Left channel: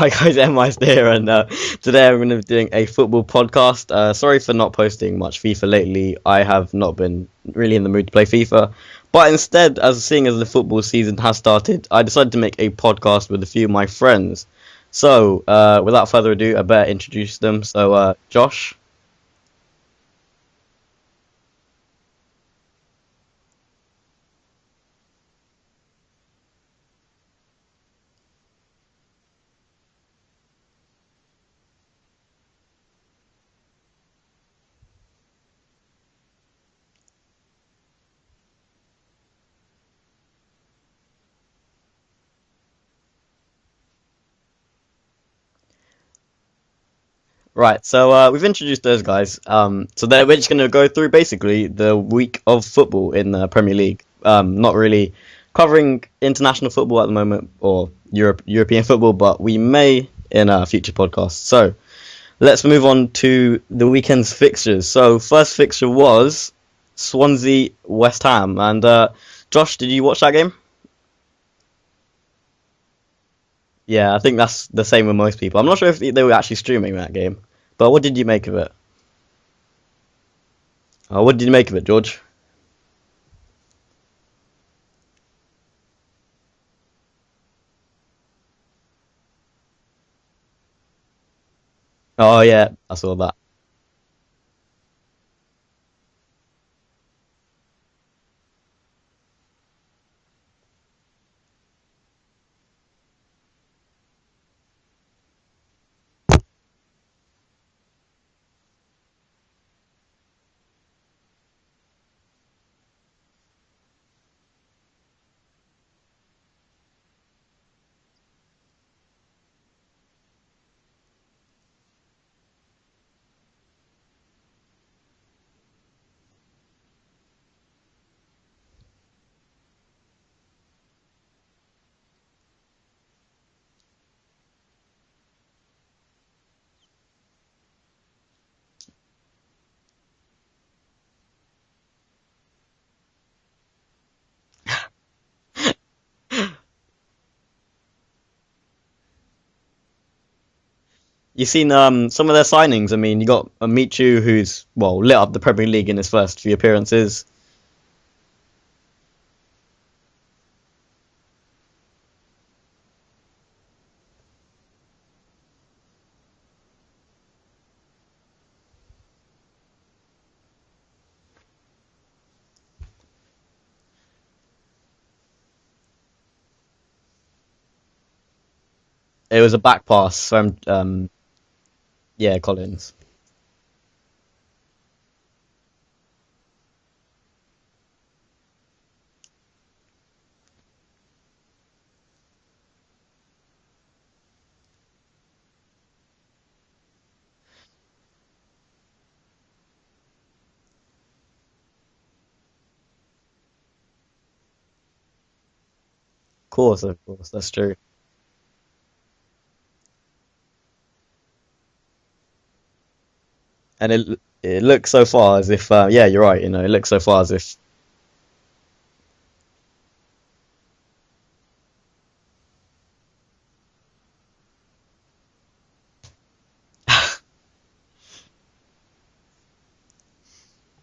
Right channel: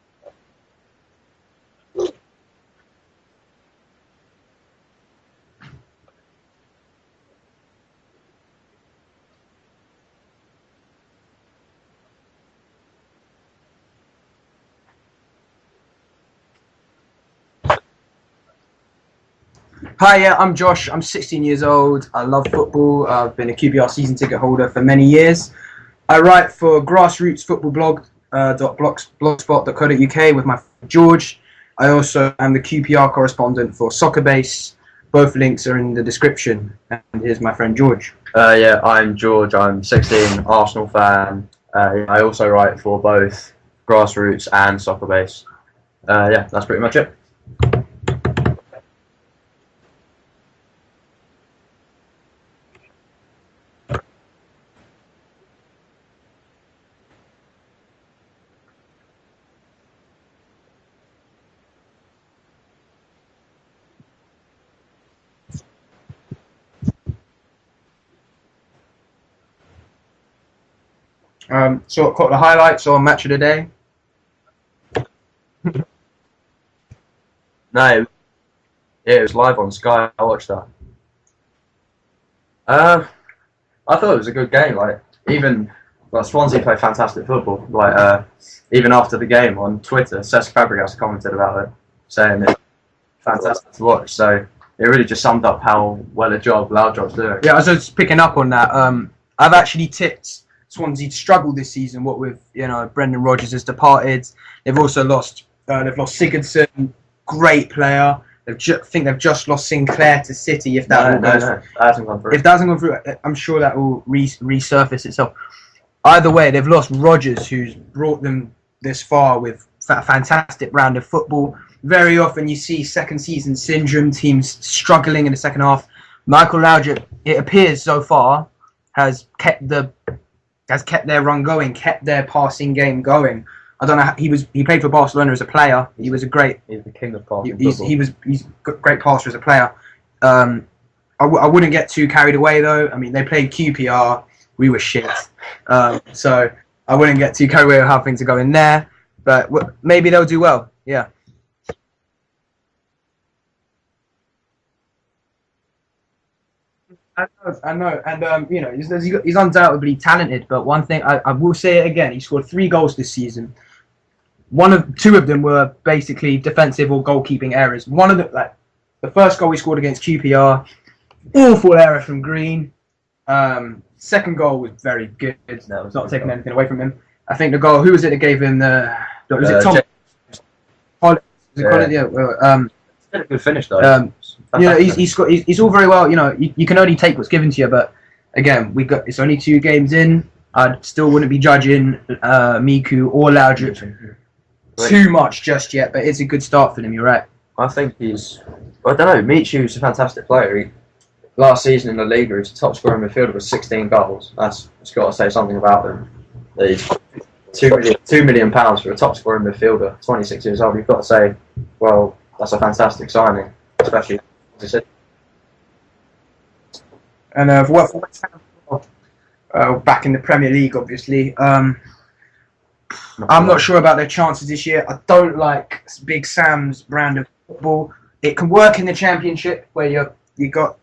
Hi guys, MI's here, and today I'm going to be doing a football podcast. Sorry for not posting much FIFA lately. I have not been really in the mood to play FIFA, but instead, seeing as the football season has started, I decided to make a podcast with a few of my friends. So, without further ado, I better introduce them. So, Josh. Hi, yeah, I'm Josh. I'm 16 years old. I love football. I've been a QPR season ticket holder for many years. I write for Grassroots Football Blog, blogspot.co.uk with my friend George. I also am the QPR correspondent for Soccerbase. Both links are in the description. And here's my friend George. Yeah, I'm George. I'm 16, Arsenal fan. I also write for both Grassroots and Soccerbase. Yeah, that's pretty much it. Right, so we've introduced those guys. We're just going to go through basically the week of football in the Premier League. Not really covering international football at the moment or European football, but we may in a future podcast. So let's move on to the weekend's fixtures. So first fixture was Swansea West Ham, and Josh, did you watch that game? Caught the highlights on Match of the Day. Yeah, I think that's the same with most people. I'm not sure if they were actually streaming that game. No, what did you make of it? Yeah, it was live on Sky. I watched that. What did you make of it, George? I thought it was a good game. Swansea play fantastic football. Even after the game on Twitter, Cesc Fabregas commented about it. Saying, oh yeah, I saw that. Fantastic to watch. So it really just summed up how well Laudrup's doing. Yeah, I was just picking up on that. I've actually tipped Swansea to struggle this season. What with Brendan Rodgers has departed. They've also lost. They've lost Sigurdsson, great player. I think they've just lost Sinclair to City. If that that hasn't gone through. If that hasn't gone through, I'm sure that will resurface itself. Either way, they've lost Rodgers, who's brought them this far with a fantastic round of football. Very often you see second season syndrome, teams struggling in the second half. Michael Laudrup, it appears so far, has kept their run going, kept their passing game going. I don't know. He played for Barcelona as a player. He was a great. He's the king of passing. He's a great passer as a player. I wouldn't get too carried away though. I mean, they played QPR. We were shit. So I wouldn't get too carried away with how things are going there. But maybe they'll do well. Yeah. You've seen some of their signings. I mean, you got Michu, who's lit up the Premier League in his first few appearances. I know, and he's undoubtedly talented. But one thing I will say it again: he scored 3 goals this season. Two of them were basically defensive or goalkeeping errors. One of them, the first goal he scored against QPR, awful error from Green. Second goal was very good. No, it's not taking anything away from him. I think the goal. Who was it that gave him the? It was a tough pass from. Collins. A good finish though. He's all very well. You can only take what's given to you. But again, it's only 2 games in. I still wouldn't be judging Miku or Laudrup too much just yet. But it's a good start for them. You're right. I think I don't know. Michu's a fantastic player. Last season in the Liga, he was the top scorer in midfielder with 16 goals. It's got to say something about him. Of course, that's true. £2 million for a top scorer in midfielder, 26 years old. You've got to say, well, that's a fantastic signing. And it looks so far as if, you're right. It looks so far as if. And back in the Premier League, obviously. I'm not sure about their chances this year. I don't like Big Sam's brand of football. It can work in the Championship where you got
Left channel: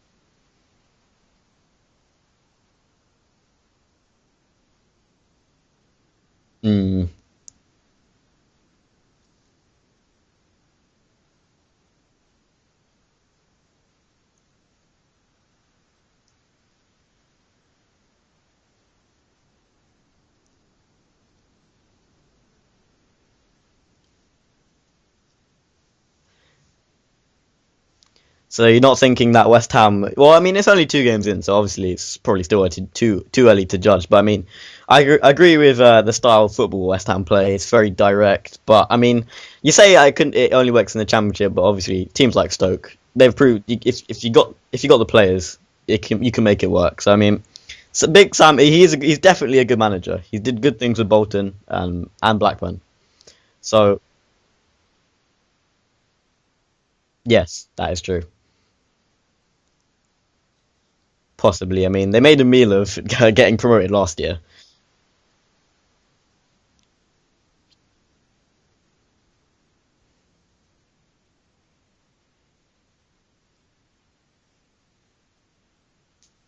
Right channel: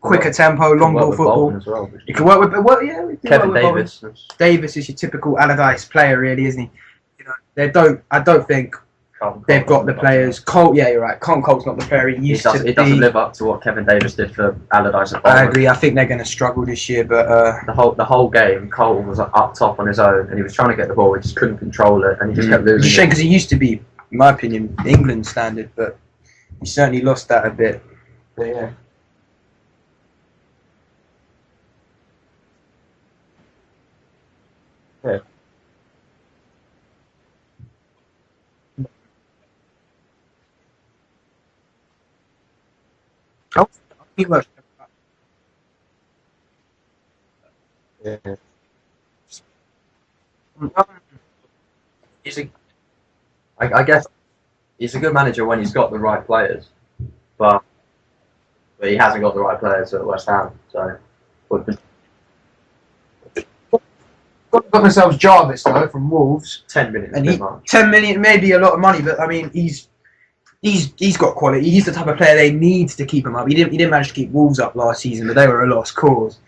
quicker tempo, long ball football. Well, you can work with Kevin Davis. Davis is your typical Allardyce player, really, isn't he? I don't think they've got the players. Colt, yeah, you're right. Colt's not the player he used to be. It doesn't live up to what Kevin Davis did for Allardyce. I agree. I think they're going to struggle this year, but the whole game, Colt was up top on his own, and he was trying to get the ball. He just couldn't control it, and he just kept losing. It's a shame because he used to be, in my opinion, England standard, but he certainly lost that a bit. So you're not thinking that West Ham? Well, I mean, it's only 2 games in, so obviously it's probably still too early to judge. But I mean, I agree with the style of football West Ham play. It's very direct. But I mean, you say it only works in the Championship, but obviously teams like Stoke, they've proved if you got the players, you can make it work. So I mean, Big Sam, he's definitely a good manager. He did good things with Bolton and Blackburn. I guess he's a good manager when he's got the right players. Yes, that is true. But he hasn't got the right players at West Ham, so possibly. I mean, they made a meal of getting promoted last year. Got themselves Jarvis though from Wolves, 10 minutes. and 10 million may be a lot of money, but I mean he's got quality. He's the type of player they need to keep him up. He didn't manage to keep Wolves up last season, but they were a lost cause.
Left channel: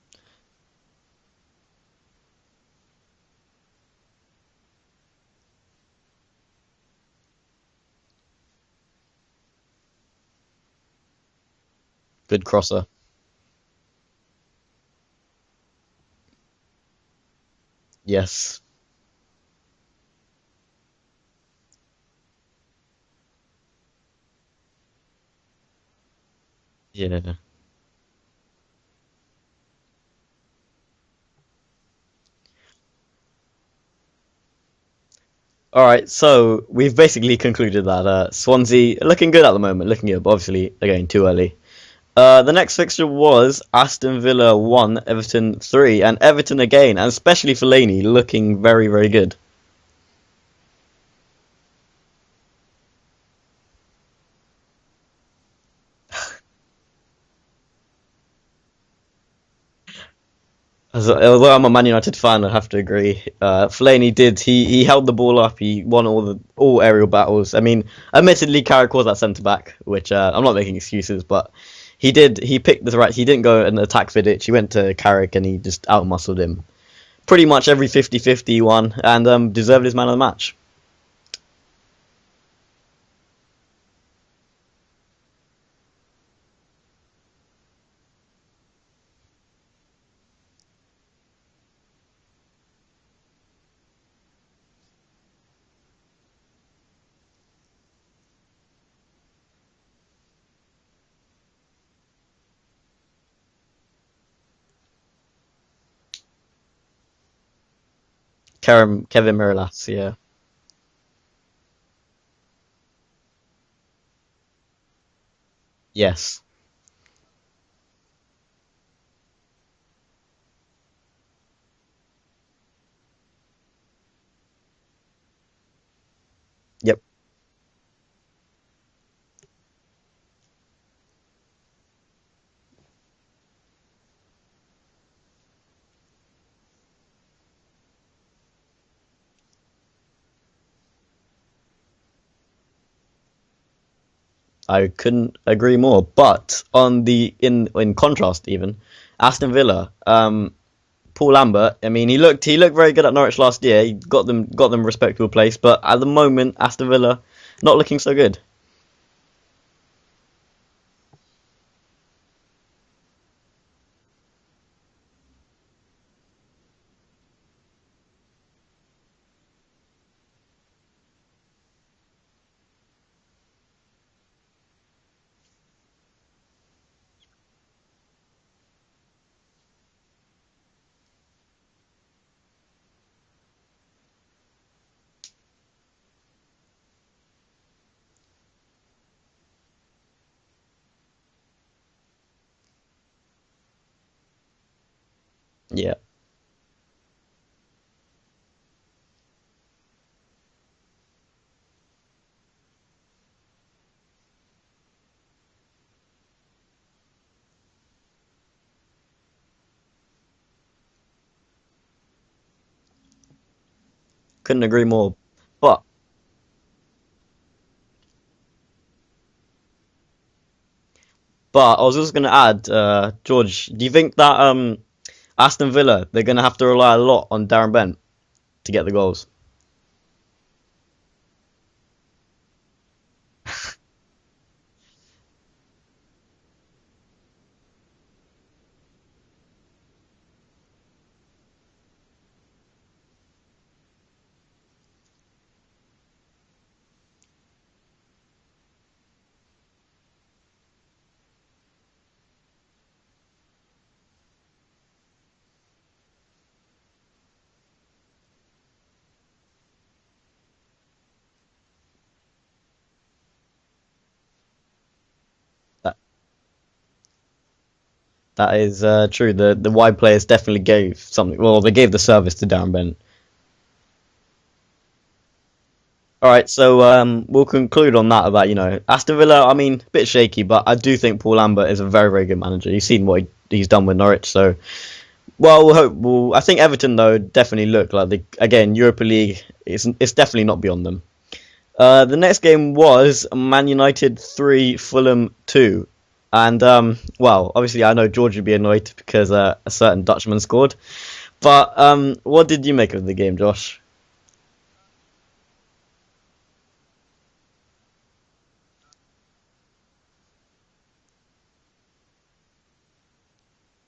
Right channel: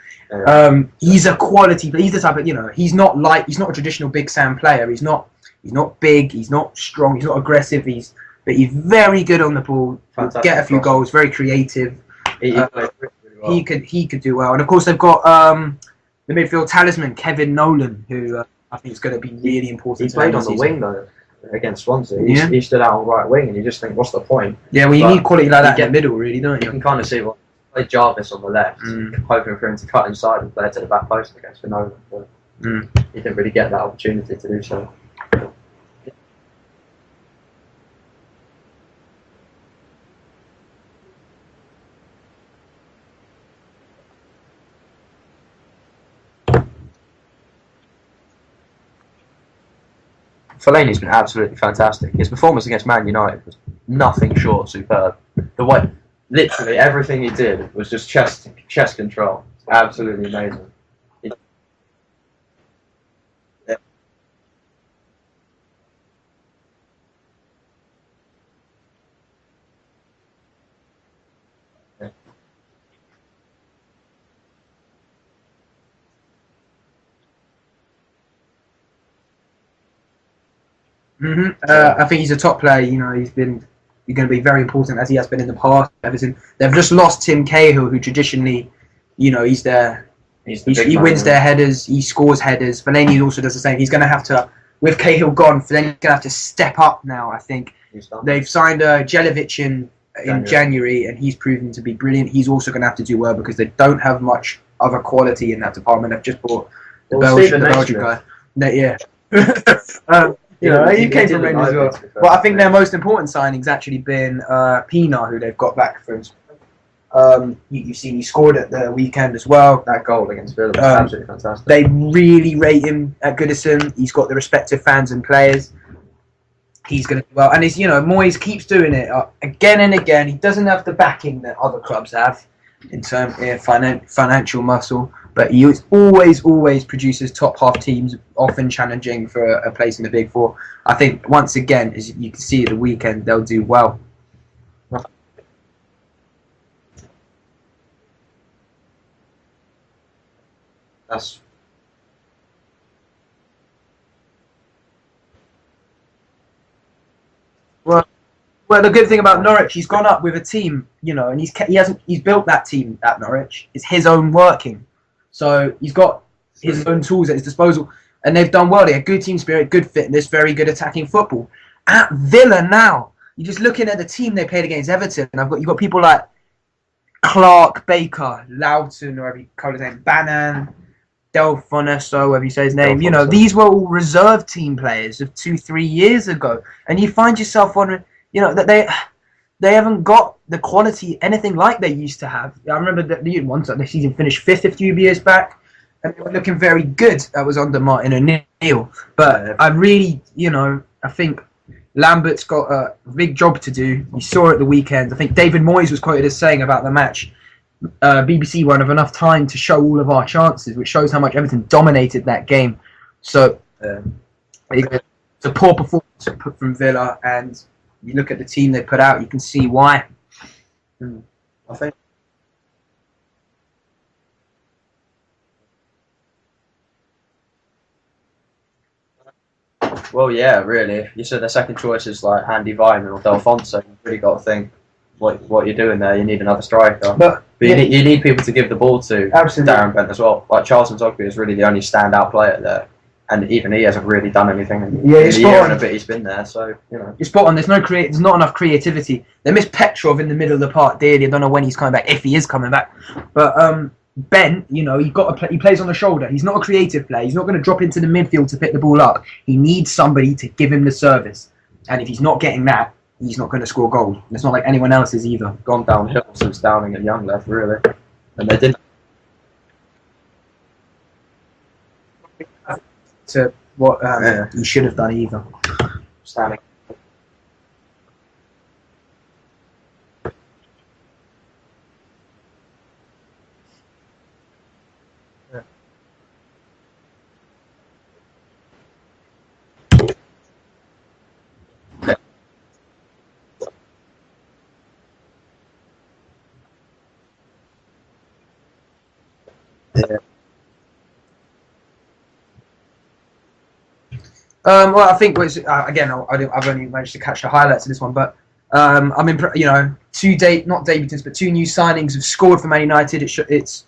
He's a quality player. He's the type of he's not a traditional Big Sam player. He's not big. He's not strong. He's not aggressive. But he's very good on the ball. Fantastic Get a few goals. Very creative. Good crosser. He could do well. And of course they've got the midfield talisman Kevin Nolan. Who, Yes. I think is going to be really important. He played on the wing though against Swansea. He stood out on right wing, and you just think, what's the point? Yeah, well, you need quality like that in the middle, really, don't You you? can kind of see what played Jarvis on the left, hoping for him to cut inside and play it to the back post against Nolan. But he didn't really get that opportunity to do so. All right, so we've basically concluded that Swansea looking good at the moment, looking good, but obviously again too early. The next fixture was Aston Villa 1, Everton 3, and Everton again, and especially Fellaini looking very, very good. Fellaini's been absolutely fantastic. His performance against Man United was nothing short of superb. The way, literally everything he did was just chest control. Absolutely amazing. Although I'm a Man United fan, I have to agree. Fellaini did. He held the ball up. He won all aerial battles. I mean, admittedly, Carrick was at centre back, which I'm not making excuses, but he did. He picked the right. He didn't go and attack Vidic. He went to Carrick and he just outmuscled him. Pretty much every 50-50 he won, and deserved his man of the match. I think he's a top player. He's going to be very important as he has been in the past. Everton. They've just lost Tim Cahill, who traditionally, he's there. He wins their headers. He scores headers. Fellaini also does the same. He's going to have to, with Cahill gone, Fellaini's going to have to step up now. I think they've signed Jelic in January, and he's proven to be brilliant. He's also going to have to do well because they don't have much other quality in that department. They've just bought the Belgian guy. Kevin Miralas, yeah. He came from Rangers as well. But I think their most important signing's actually been Pina, who they've got back. Yes. You've seen he scored at the weekend as well. That goal against Villa was absolutely fantastic. They really rate him at Goodison. He's got the respect of fans and players. Yep. He's going to do well. And Moyes keeps doing it again and again. He doesn't have the backing that other clubs have in terms of financial muscle. But he always produces top half teams, often challenging for a place in the Big Four. I think once again, as you can see at the weekend, they'll do well. I couldn't agree more. But in contrast, even Aston Villa, Paul Lambert. I mean, he looked very good at Norwich last year. He got them respectable place. But at the moment, Aston Villa not looking so good. Well, the good thing about Norwich, he's gone up with a team, and he's built that team at Norwich. It's his own working. So he's got his own tools at his disposal, and they've done well. They had good team spirit, good fitness, very good attacking football. At Villa now, you're just looking at the team they played against Everton, and you've got people like Clark, Baker, Loughton, or whatever you call his name, Bannan, Delfoneso, whatever you say his name. These were all reserve team players of 2-3 years ago, and you find yourself wondering, that they haven't got the quality, anything like they used to have. I remember that the season finished 5th a few years back. Yeah. And they were looking very good. That was under Martin O'Neill. But I really, I think Lambert's got a big job to do. You saw it at the weekend. I think David Moyes was quoted as saying about the match, BBC won't have enough time to show all of our chances, which shows how much Everton dominated that game. So couldn't agree more. It's a poor performance from Villa, and you look at the team they put out, you can see why. But I was just going to add, George, do you think that Aston Villa, they're going to have to rely a lot on Darren Bent to get the goals? Well, yeah, really. You said their second choice is like Andy Vyman or Delfonso. You've really got to think what you're doing there. You need another striker. But you need people to give the ball to Darren Bent as well. Like Charles Nzogby is really the only standout player there. And even he hasn't really done anything in the year and a bit he's been there. So, You're spot on. There's not enough creativity. They miss Petrov in the middle of the park dearly. I don't know when he's coming back, if he is coming back. But Ben, he plays on the shoulder. He's not a creative player. He's not going to drop into the midfield to pick the ball up. He needs somebody to give him the service. And if he's not getting that, he's not going to score goals. It's not like anyone else is either. Gone downhill since Downing and Young left, really. That is true. The wide players definitely gave something. Well, they gave the service to Darren Bent. To what he should have done either. All right, so we'll conclude on that about Aston Villa. I mean, a bit shaky, but I do think Paul Lambert is a very, very good manager. You've seen what he's done with Norwich, so Well, we'll hope. Well, I think Everton though definitely look like Europa League. It's definitely not beyond them. The next game was Man United 3, Fulham 2. And, well, obviously I know George would be annoyed because a certain Dutchman scored. But what did you make of the game, Josh? Well, I think again, I've only managed to catch the highlights of this one, but I'm not debutants, but two new signings have scored for Man United. It's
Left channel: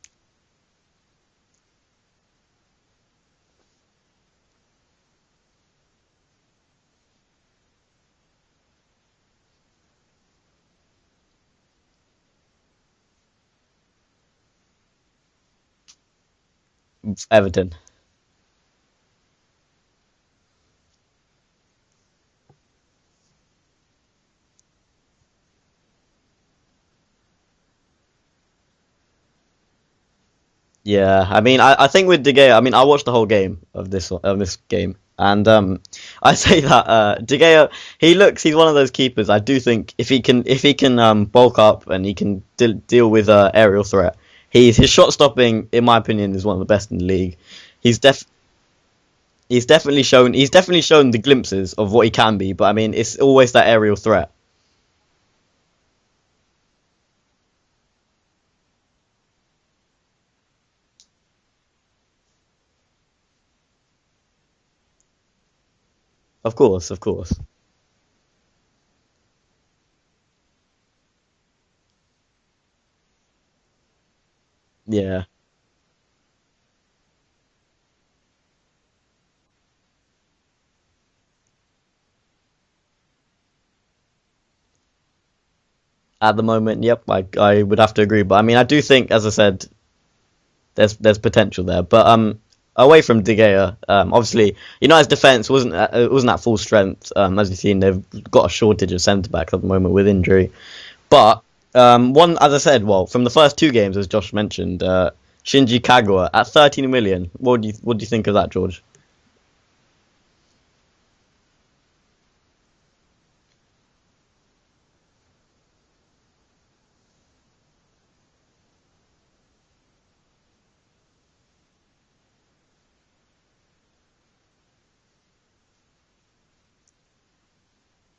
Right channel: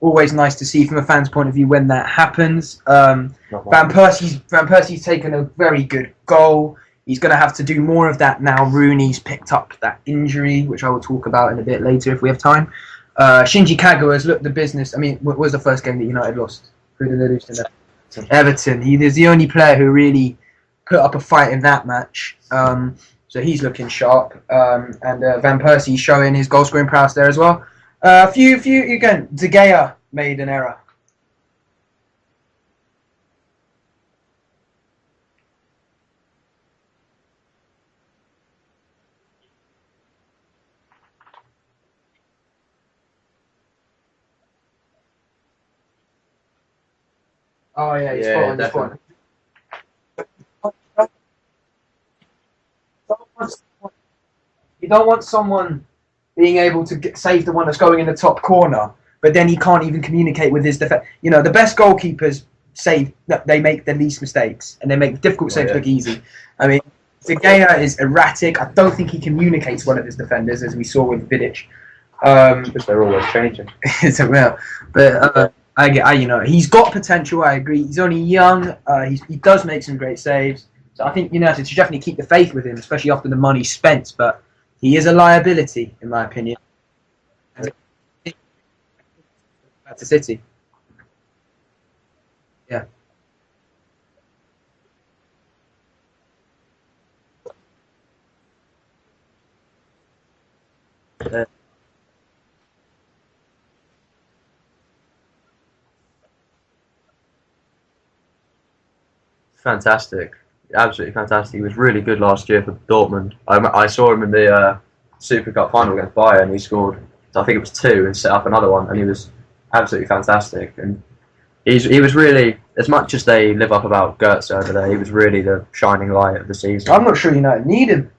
always nice to see from a fan's point of view when that happens. Van Persie's taken a very good goal. He's going to have to do more of that now. Rooney's picked up that injury, which I will talk about in a bit later if we have time. Shinji Kagawa has looked the business. I mean, what was the first game that United lost? Everton. He is the only player who really put up a fight in that match. So he's looking sharp. And Van Persie showing his goal-scoring prowess there as well. Again, De Gea made an error. Yeah, I mean, I think with De Gea, I mean, I watched the whole game of this game. And I say that De Gea, he's one of those keepers. I do think if he can bulk up and he can deal with aerial threat, his shot stopping, in my opinion, is one of the best in the league. He's definitely shown the glimpses of what he can be, but I mean, it's always that aerial threat. You don't want someone being able to save the one that's going in the top corner, but then he can't even communicate with his defense. You know, the best goalkeepers they make the least mistakes and they make difficult saves look easy. Of course. De Gea is erratic. I don't think he communicates well with his defenders, as we saw with Vidic. Because they're always changing. He's got potential. I agree. He's only young. He does make some great saves. So I think United should definitely keep the faith with him, especially after the money spent. But he is a liability in my opinion. At the moment, yep, I would have to agree. But I mean, I do think, as I said, that's a City. There's potential there, but away from De Gea, obviously United's defence wasn't at full strength. As you've seen, they've got a shortage of centre backs at the moment with injury. But one, as I said, from the first two games, as Josh mentioned, Shinji Kagawa at 13 million. What do you think of that, George? Fantastic, absolutely fantastic. He was really good last year for Dortmund. I saw him in the Super Cup final against Bayern. He scored, I think it was 2, and set up another one, and he was absolutely fantastic. And he was really, as much as they live up about Götze over there, he was really the shining light of the season. I'm not sure United need him.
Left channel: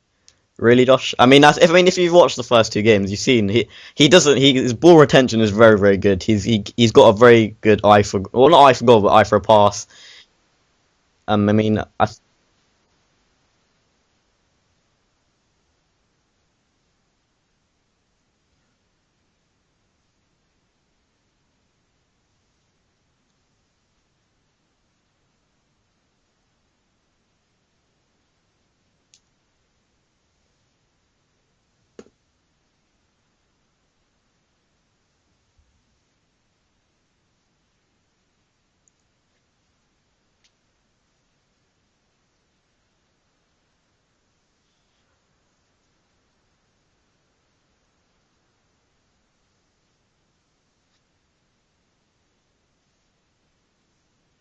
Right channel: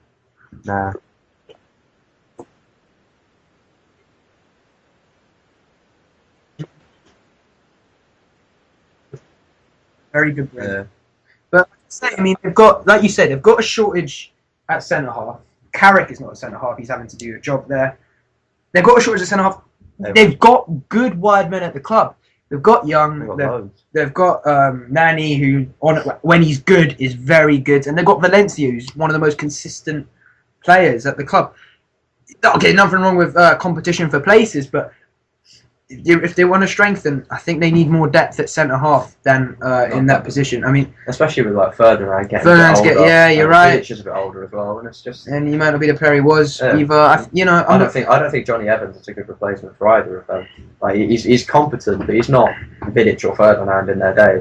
Really, Josh? I mean, if you've watched the first two games, you've seen his ball retention is very, very good. He's got a very good eye for, well, not eye for goal, but eye for a pass. Very good. I mean, they've got, like you said, they've got a shortage at centre half. Carrick is not a centre half. He's having to do a job there. They've got a shortage at centre half. They've got good wide men at the club. They've got Young. They've got Nani, who when he's good is very good, and they've got Valencia, who's one of the most consistent players at the club. Okay, nothing wrong with competition for places, but if they want to strengthen, I think they need more depth at centre half than in that position. I mean, especially with Ferdinand getting older. Yeah, you're right. Vidic is a bit older as well, and it's just. And he might not be the player he was either. I don't think Johnny Evans is a good replacement for either of them. Like he's competent, but he's not Vidic or Ferdinand in their day.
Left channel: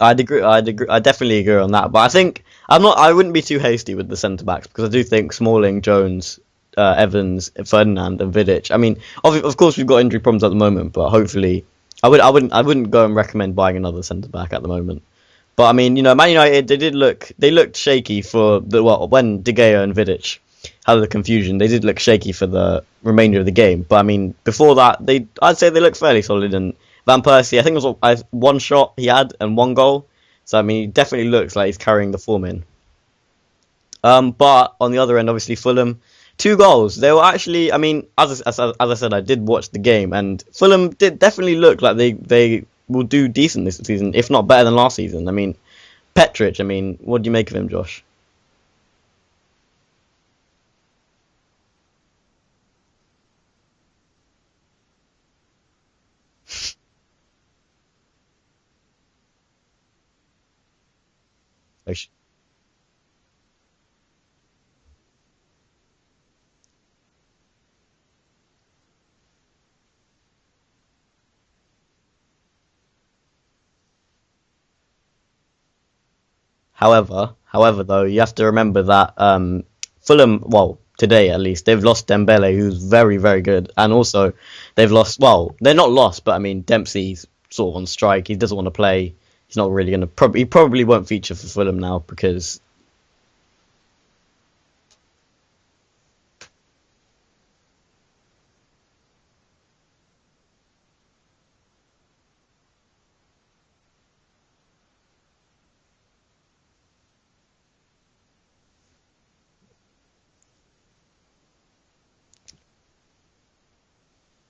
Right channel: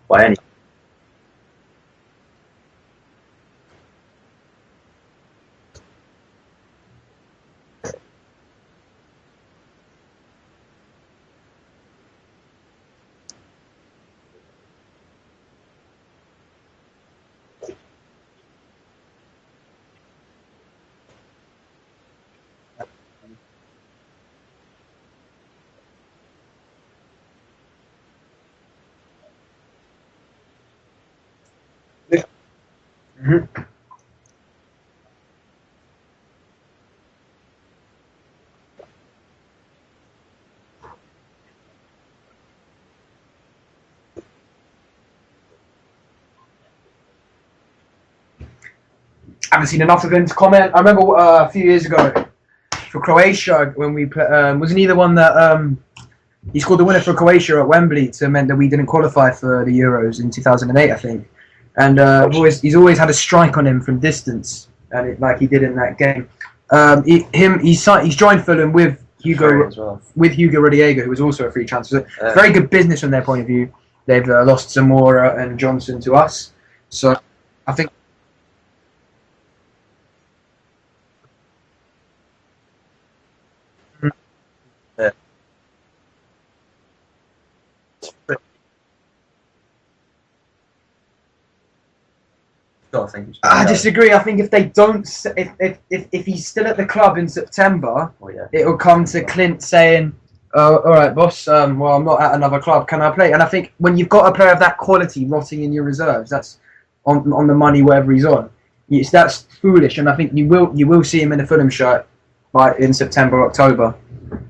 I'd agree. I definitely agree on that. But I think I wouldn't be too hasty with the centre backs because I do think Smalling, Jones, Evans, Ferdinand, and Vidic. I mean, of course we've got injury problems at the moment, but hopefully, I wouldn't go and recommend buying another centre back at the moment. But I mean, Man United they looked shaky for when De Gea and Vidic had the confusion. They did look shaky for the remainder of the game. But I mean, before that, I'd say they looked fairly solid. And Van Persie, I think it was one shot he had and one goal. So I mean, he definitely looks like he's carrying the form in. Mm-hmm. But on the other end, obviously Fulham. 2 goals. They were actually, I mean, as I said, I did watch the game, and Fulham did definitely look like they will do decent this season, if not better than last season. I mean, Petric, what do you make of him, Josh? I haven't seen enough of him to comment. I remember a few years ago for Croatia when we wasn't he the one that he scored the winner for Croatia at Wembley to meant that we didn't qualify for the Euros in 2008, I think. And he's always had a strike on him from distance. And like he did in that game, he's joined Fulham with Hugo Rodallega, who was also a free transfer. So very good business from their point of view. They've lost Zamora and Johnson to us. However, though, you have to remember that Fulham, well, today at least, they've lost Dembele, who's very, very good, and also they've lost. Well, they're not lost, but I mean Dempsey's sort of on strike. He doesn't want to play. He's not really going to. He probably won't feature for Fulham now because. I disagree. I think if they don't, if he's still at the club in September, it'll come to Clint saying, "Oh, all right, boss. Well, I'm not at another club. Can I play?" And I think when you've got a player of that quality rotting in your reserves, that's on the money wherever he's on. That's foolish, and I think you will see him in a Fulham shirt in September, October,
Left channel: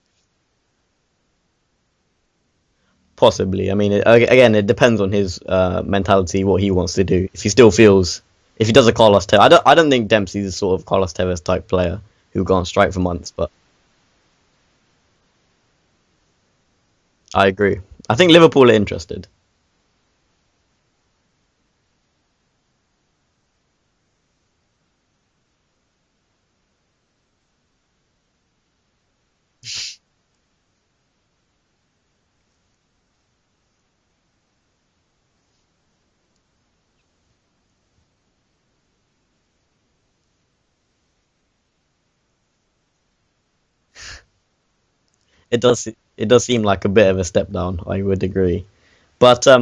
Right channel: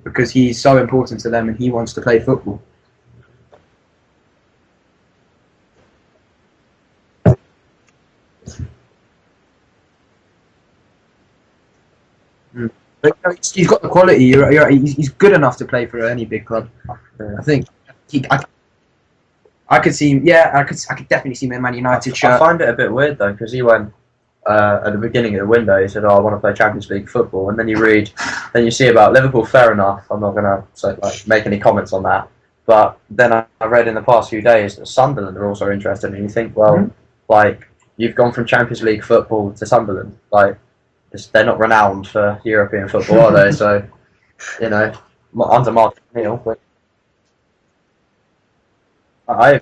because he's so important to them and he wants to play football. Possibly. I mean, again, it depends on his mentality, what he wants to do. If he still feels. If he does a Carlos Tevez, I don't think Dempsey's a sort of Carlos Tevez type player who'll go on strike for months. But he's got the quality. He's good enough to play for any big club. I agree. I think Liverpool are interested. I could see him. Yeah, I could definitely see him in Man United shirt. I find it a bit weird though because he went at the beginning of the window. He said, "Oh, I want to play Champions League football," and then you see about Liverpool. Fair enough. I'm not going to make any comments on that. But then I read in the past few days that Sunderland are also interested, and you think, well, you've gone from Champions League football to Sunderland. They're not renowned for European football, are they? So, it does seem like a bit of a step down. I would agree, but I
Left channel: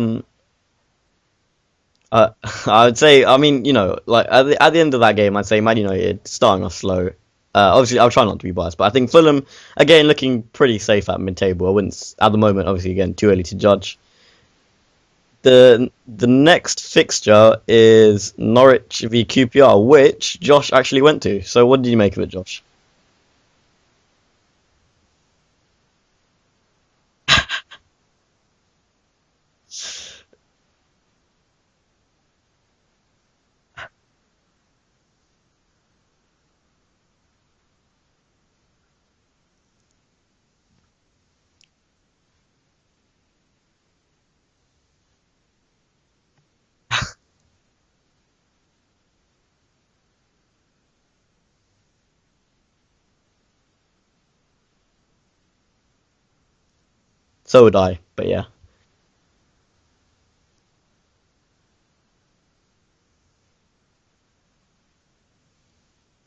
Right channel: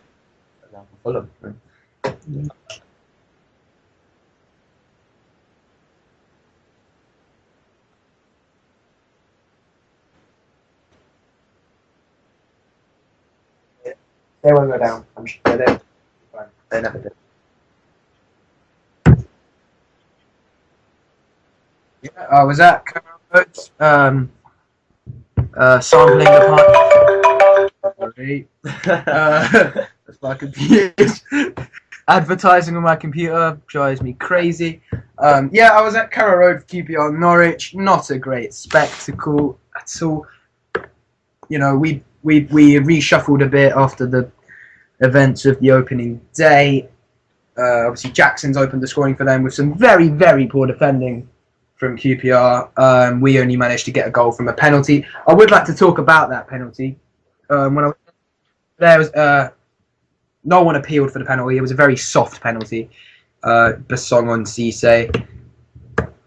would say, I mean, at the end of that game, I'd say Man United starting off slow. Obviously, I'll try not to be biased, but I think Fulham again looking pretty safe at mid-table. I wouldn't at the moment. Obviously, again, too early to judge. They won't go down. The next fixture is Norwich v QPR, which Josh actually went to. So what did you make of it, Josh? Was that sampling the part? My computer's advertising on my computer drives me crazy. I was at Carrow Road for QPR Norwich. Not a great spectacle at all. We reshuffled a bit after the events of the opening day. Obviously, Jackson's opened the scoring for them with some very, very poor defending from QPR. We only managed to get a goal from a penalty. I would like to talk about that penalty. So would I, but yeah. There was no one appealed for the penalty. It was a very soft penalty. Basong on Cisse.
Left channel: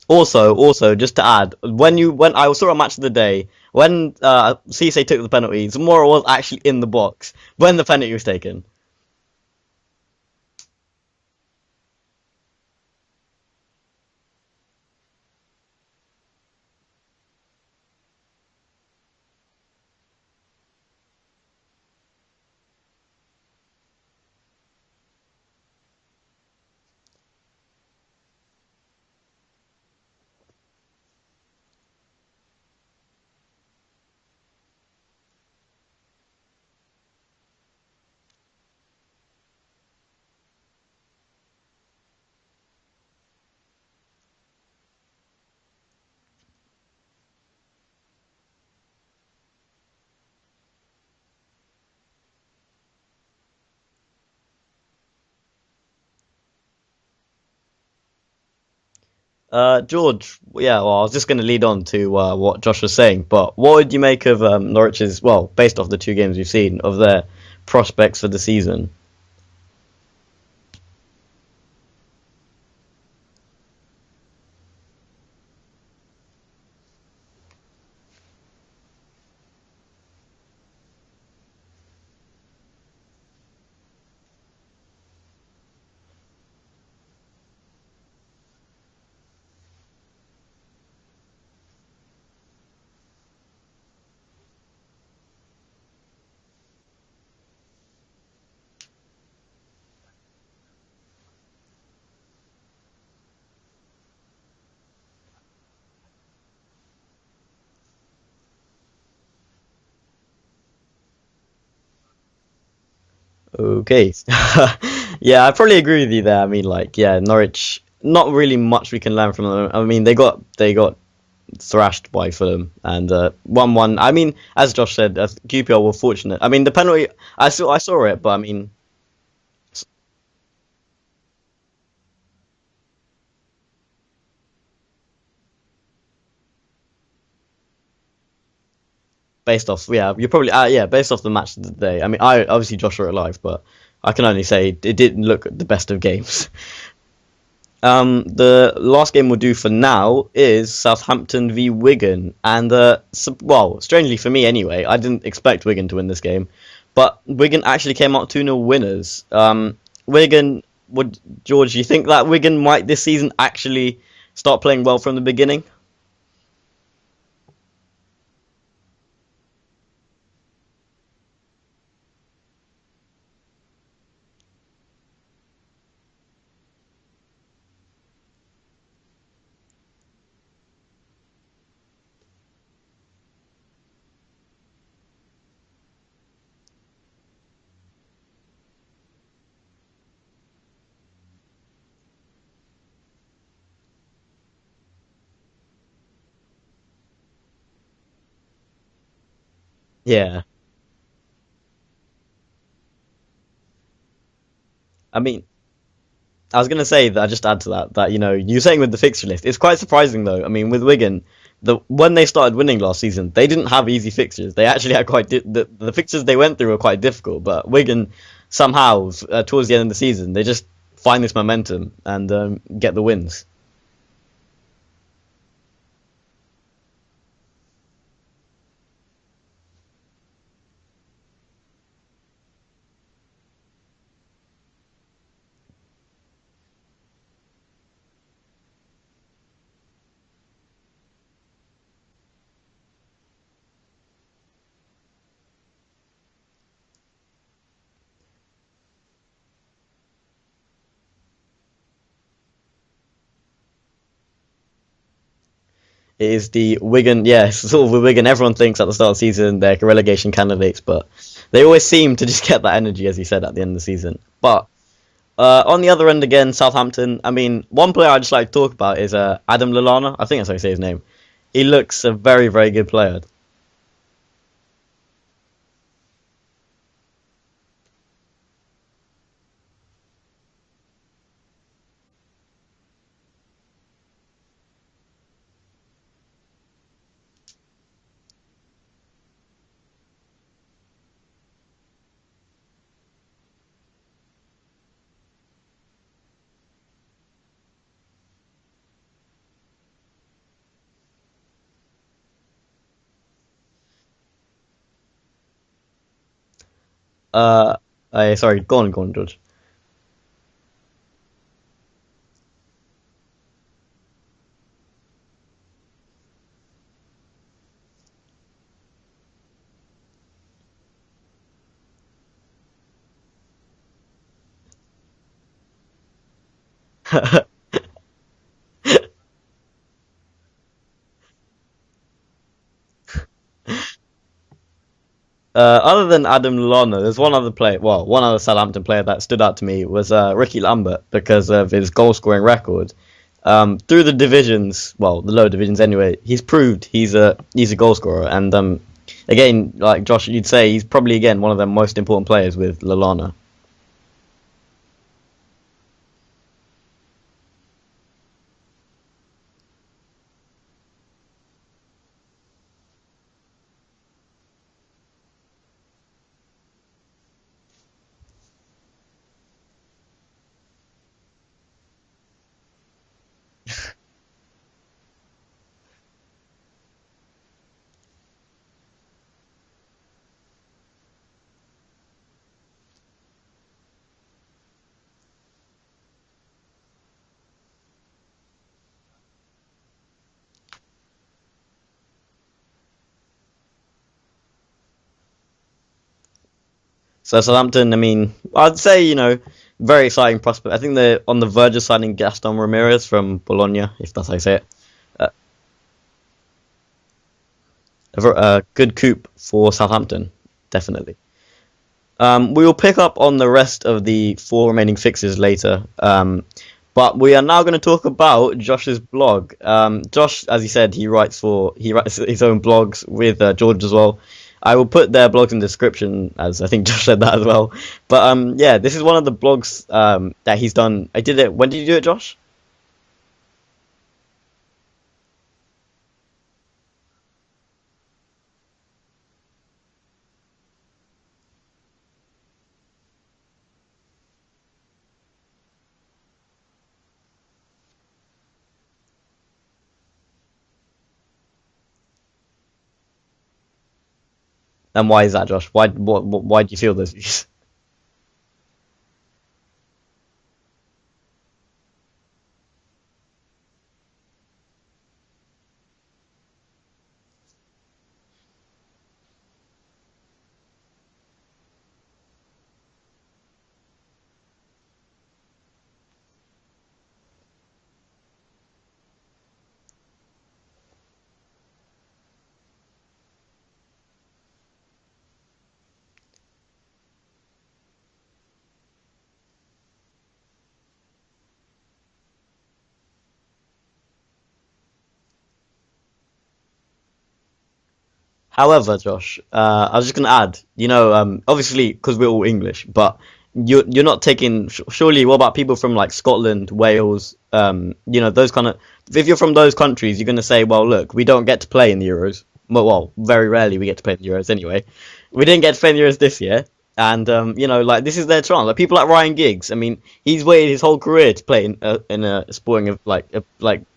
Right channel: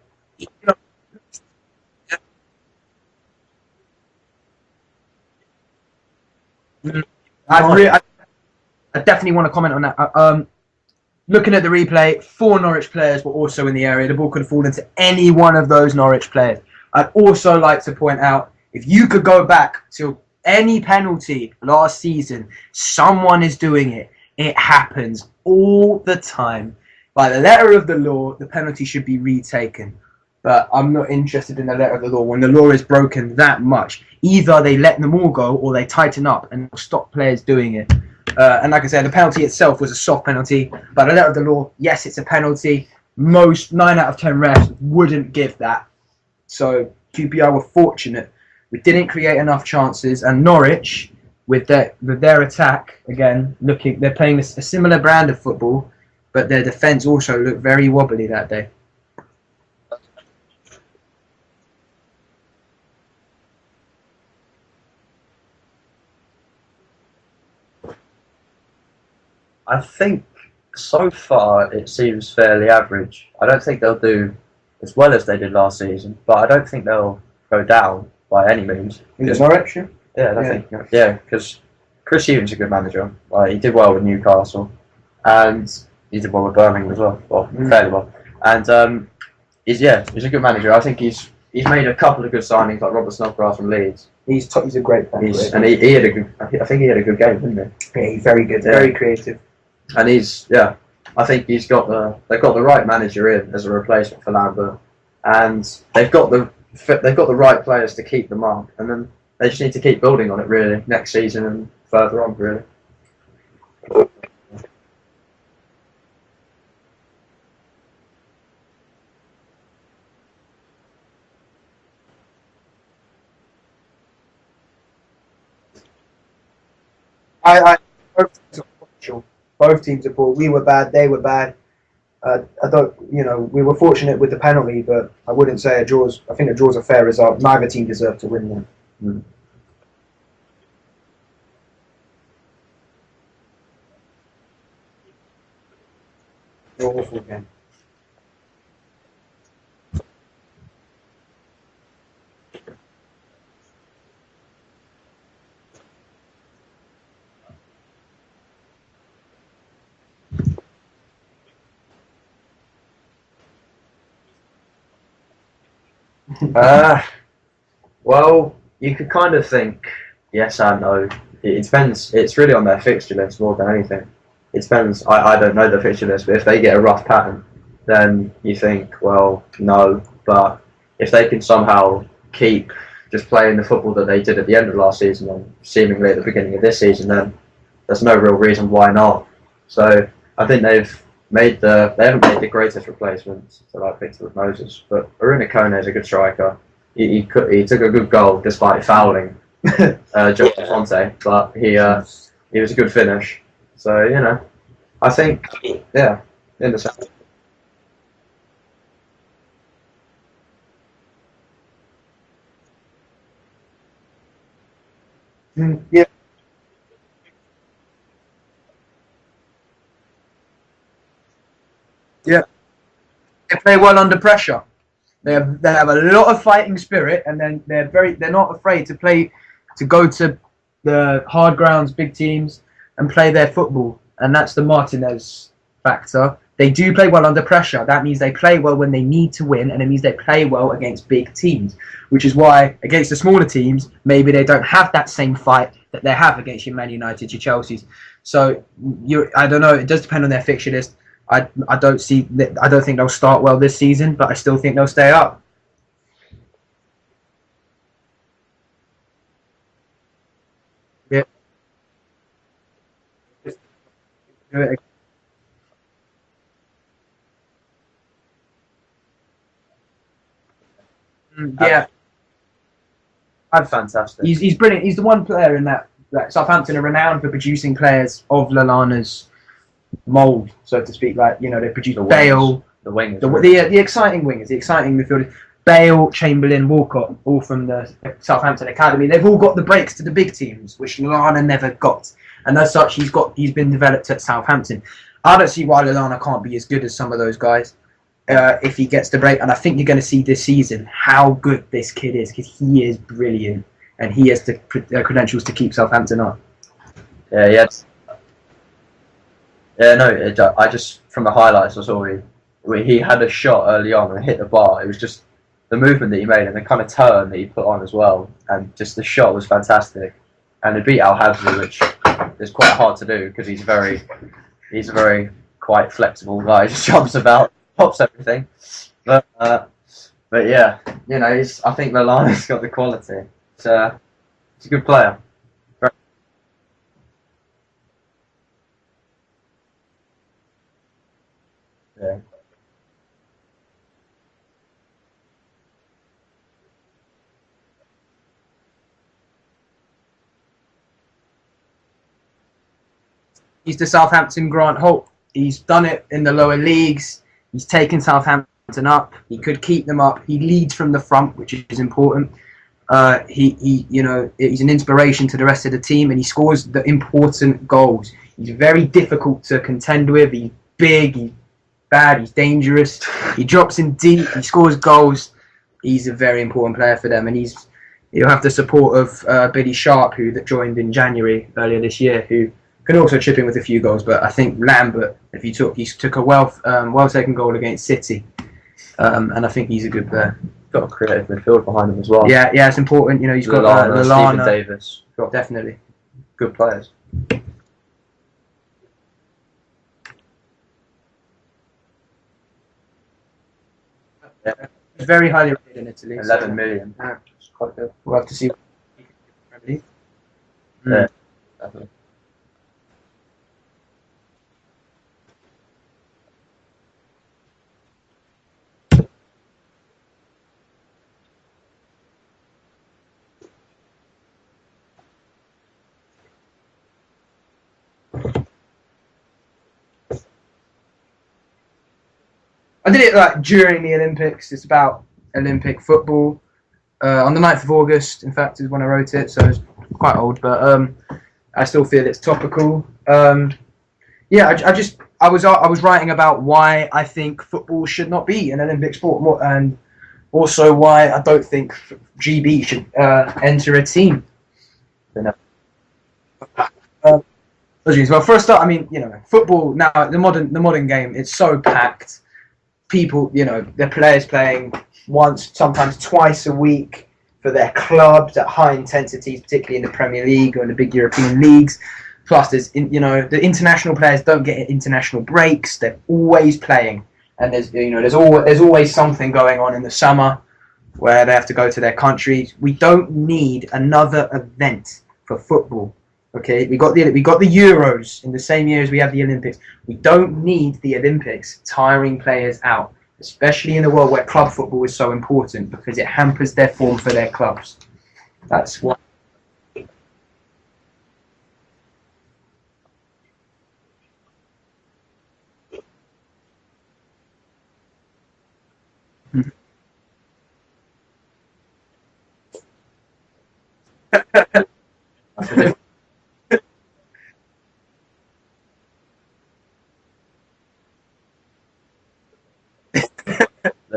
Also, just to add, when I saw a match of the day, when Cisse took the penalty, Zamora was actually in the box when the penalty was taken. I definitely want to comment on that. Looking at the replay, 4 Norwich players were also in the area. The ball could have fallen to any one of those Norwich players. I'd also like to point out, if you could go back to any penalty last season, someone is doing it. It happens all the time. By the letter of the law, the penalty should be retaken. But I'm not interested in the letter of the law. When the law is broken that much, either they let them all go or they tighten up and stop players doing it. And like I said, the penalty itself was a soft penalty. By the letter of the law, yes, it's a penalty. Most 9 out of 10 refs wouldn't give that. So QPR were fortunate. We didn't create enough chances. And Norwich, with their attack, again, they're playing a similar brand of football, but their defence also looked very wobbly that day. George, I was just going to lead on to what Josh was saying, but what would you make of Norwich's, based off the 2 games we've seen, of their prospects for the season? I think so far it seems fairly average. I don't think they'll do as well as they did last season, but I don't think they'll go down by any means. Is Norwich? Yeah, I think, because Chris Hughton's a good manager. He did well with Newcastle, and he did well with Birmingham as well. Fairly well. And he's a good manager. I think he's made a couple of good signings, like Robert Snodgrass from Leeds. He's a great player. And he had a good. I think he had a good game, didn't he? Yeah, he's very good, very creative. And I think they've got the right manager in as a replacement for Lambert, and they've got the right players to keep them up, and then they just need to keep building on it really next season and further on really. Okay, I probably agree with you there. I mean, Norwich, not really much we can learn from them. I mean, they got thrashed by Fulham and 1-1. I mean, as Josh said, QPR were fortunate. I mean, the penalty, I saw it, but I mean, both teams are poor. We were bad, they were bad. We were fortunate with the penalty, but I wouldn't say a draw's. I think a draw's a fair result. Neither team deserved to win them. Based off, you're probably based off the match of the day. I mean, obviously Josh were alive, but I can only say it didn't look the best of games. Awful game. The last game we'll do for now is Southampton v Wigan, and strangely for me anyway, I didn't expect Wigan to win this game, but Wigan actually came out 2-0 winners. Wigan, George, you think that Wigan might this season actually start playing well from the beginning? Well, you could kind of think yes and no. It depends. It's really on their fixture list more than anything. It depends. I don't know the fixture list, but if they get a rough pattern, then you think, well, no. But if they can somehow keep just playing the football that they did at the end of last season and seemingly at the beginning of this season, then there's no real reason why not. So I think they haven't made the greatest replacements to like Victor Moses, but Aruna Kone is a good striker. He took a good goal despite fouling Jorge Fonte, but he was a good finish. So I think. I was going to say that I just add to that you're saying with the fixture list, it's quite surprising though. I mean, with Wigan, when they started winning last season, they didn't have easy fixtures. They actually had the fixtures they went through were quite difficult. But Wigan somehow towards the end of the season, they just find this momentum and get the wins. They play well under pressure. They have a lot of fighting spirit, and then they're not afraid to go to the hard grounds, big teams, and play their football. And that's the Martinez factor. They do play well under pressure. That means they play well when they need to win, and it means they play well against big teams, which is why against the smaller teams, maybe they don't have that same fight that they have against your Man United, your Chelseas. So I don't know. It does depend on their fixture list. I don't think they'll start well this season, but I still think they'll stay up. It is the Wigan, sort of with Wigan. Everyone thinks at the start of the season they're relegation candidates, but they always seem to just get that energy, as you said, at the end of the season. But on the other end again, Southampton. I mean, one player I just like to talk about is Adam Lallana. I think that's how you say his name. He looks a very, very good player. Fantastic. He's brilliant. He's the one player in that Southampton are renowned for producing players of Lallana's mould, so to speak. Like they produce Bale, the wingers, the exciting wingers, the exciting midfielders. Bale, Chamberlain, Walcott, all from the Southampton academy. They've all got the breaks to the big teams, which Lallana never got, and as such, he's been developed at Southampton. I don't see why Lallana can't be as good as some of those guys if he gets the break. And I think you're going to see this season how good this kid is, because he is brilliant and he has the credentials to keep Southampton up. Sorry, go on, George. Yeah, no, I just from the highlights I saw he had a shot early on and hit the bar. It was just the movement that he made and the kind of turn that he put on as well, and just the shot was fantastic. And he beat Al Hadley, which is quite hard to do because he's a very quite flexible guy. He just jumps about, pops everything. But yeah, I think Lallana's got the quality. He's a good player. Other than Adam Lallana, there's one other Southampton player that stood out to me was Ricky Lambert because of his goal-scoring record. Through the divisions, the lower divisions anyway, he's proved he's a goal scorer. And again, like Josh, you'd say he's probably again one of the most important players with Lallana. He's the Southampton Grant Holt. He's done it in the lower leagues. He's taken Southampton up. He could keep them up. He leads from the front, which is important. He's an inspiration to the rest of the team, and he scores the important goals. He's very difficult to contend with. He's big, he's bad, he's dangerous. He drops in deep, he scores goals. He's a very important player for them, and he'll have the support of Billy Sharp, who joined in January earlier this year, who can also chip in with a few goals. But I think Lambert, he took a well-taken goal against City, and I think he's a good player. Got a creative midfield behind him as well. Yeah, it's important. He's got Lallana, Stephen Davis. Definitely Good players. So Southampton, I mean, I'd say very exciting prospect. I think they're on the verge of signing Gaston Ramirez from Bologna, if that's how you say it. It's very highly rated in Italy. 11 million. It's quite good. Good coup for Southampton, definitely. Yeah, definitely. We will pick up on the rest of the 4 remaining fixes later. But we are now going to talk about Josh's blog. Josh, as he said, he writes his own blogs with George as well. I will put their blogs in the description, as I think Josh said that as well. But this is one of the blogs that he's done. I did it. When did you do it, Josh? I did it during the Olympics. It's about Olympic football. On the 9th of August, in fact, is when I wrote it. So it's quite old, but I still feel it's topical. I was writing about why I think football should not be an Olympic sport, and also why I don't think GB should enter a team. And why is that, Josh? Why do you feel those views? Well, for a start, I mean, football now, the modern game, it's so packed. People, the players playing once, sometimes twice a week for their clubs at high intensities, particularly in the Premier League or in the big European leagues. Plus, the international players don't get international breaks. They're always playing, and there's always something going on in the summer where they have to go to their countries. We don't need another event for football. Okay, we got the Euros in the same year as we have the Olympics. We don't need the Olympics tiring players out, especially in a world where club football is so important because it hampers their form for their clubs. However, Josh, I was just going to add, obviously because we're all English, but you're not taking. Surely, what about people from like Scotland, Wales? Those kind of. If you're from those countries, you're going to say, well, look, we don't get to play in the Euros. Well, very rarely we get to play in the Euros anyway. We didn't get to play in the Euros this year, and this is their chance. Like people like Ryan Giggs. I mean, he's waited his whole career to play in a sporting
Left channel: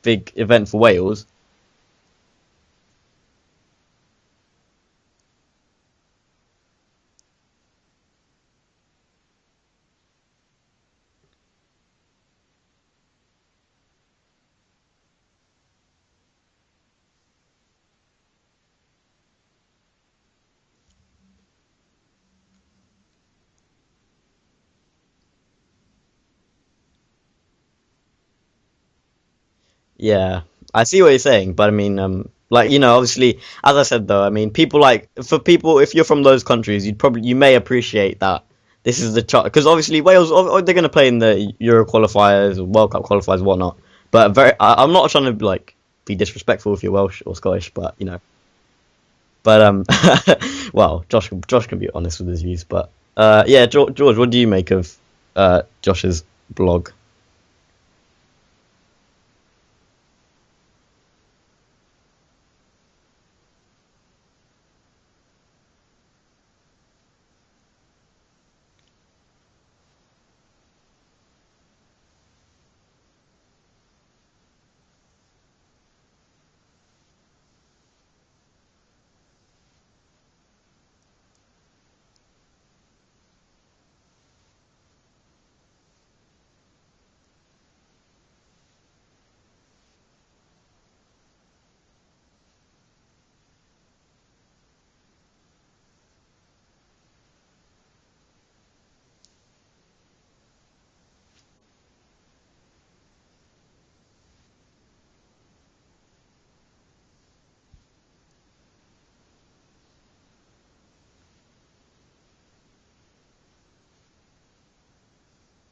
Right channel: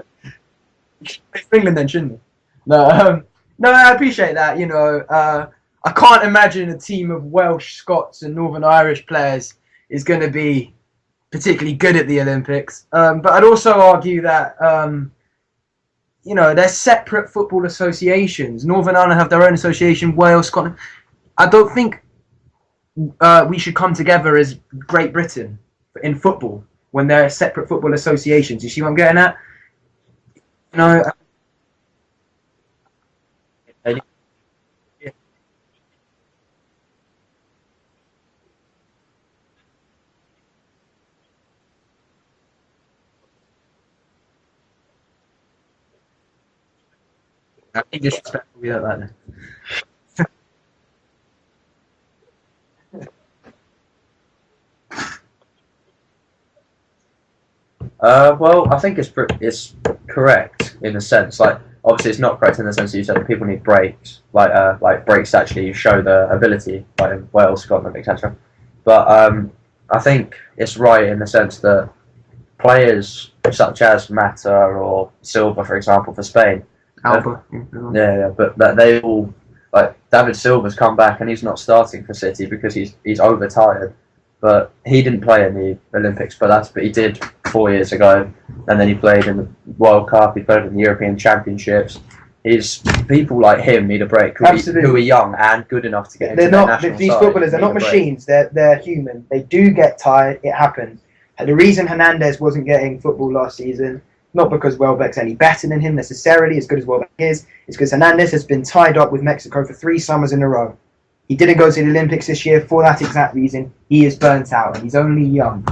big event for Wales. For England, then, shouldn't he? No, I appreciate that. I can't imagine a team of Welsh, Scots, and Northern Irish players is going to be particularly good at the Olympics. But I'd also argue that they're separate football associations. Northern Ireland have their own association. Wales, Scotland. I don't think we should come together as Great Britain in football when they're separate football associations. You see what I'm getting at? Yeah, I see what you're saying, but I mean, obviously, as I said though, I mean, if you're from those countries, you may appreciate that this is the because obviously Wales, they're going to play in the Euro qualifiers or World Cup qualifiers, and whatnot. But I'm not trying to be disrespectful if you're Welsh or Scottish. But, disrespectful, we don't like that. But well, Josh can be honest with his views. But George, what do you make of Josh's blog? Well, I think it's correct in a sense. Like, obviously, it's not correct in the sense that you said that people need breaks. Like breaks actually show their ability, like in Wales, Scotland, etc. But I think it's right in the sense that players such as Mata or Silva, for example, for Spain. Alba. But they all, like David Silva's come back and he's not starting for City because he's overtired. But he didn't play in the Olympics, but he did 4 years ago, and then he played in the World Cup. He played in the European Championships. People like him need a break who are young and good enough to get into the national these side. footballers are not machines. They're human. They do get tired. It happens. And the reason Hernandez wasn't getting football last season, not because Welbeck's any better than him necessarily, as good as Welbeck is, it's because Hernandez has been tied up with Mexico for 3 summers in a row. He didn't go to the Olympics this year for that exact reason. He is burnt out and he's only young.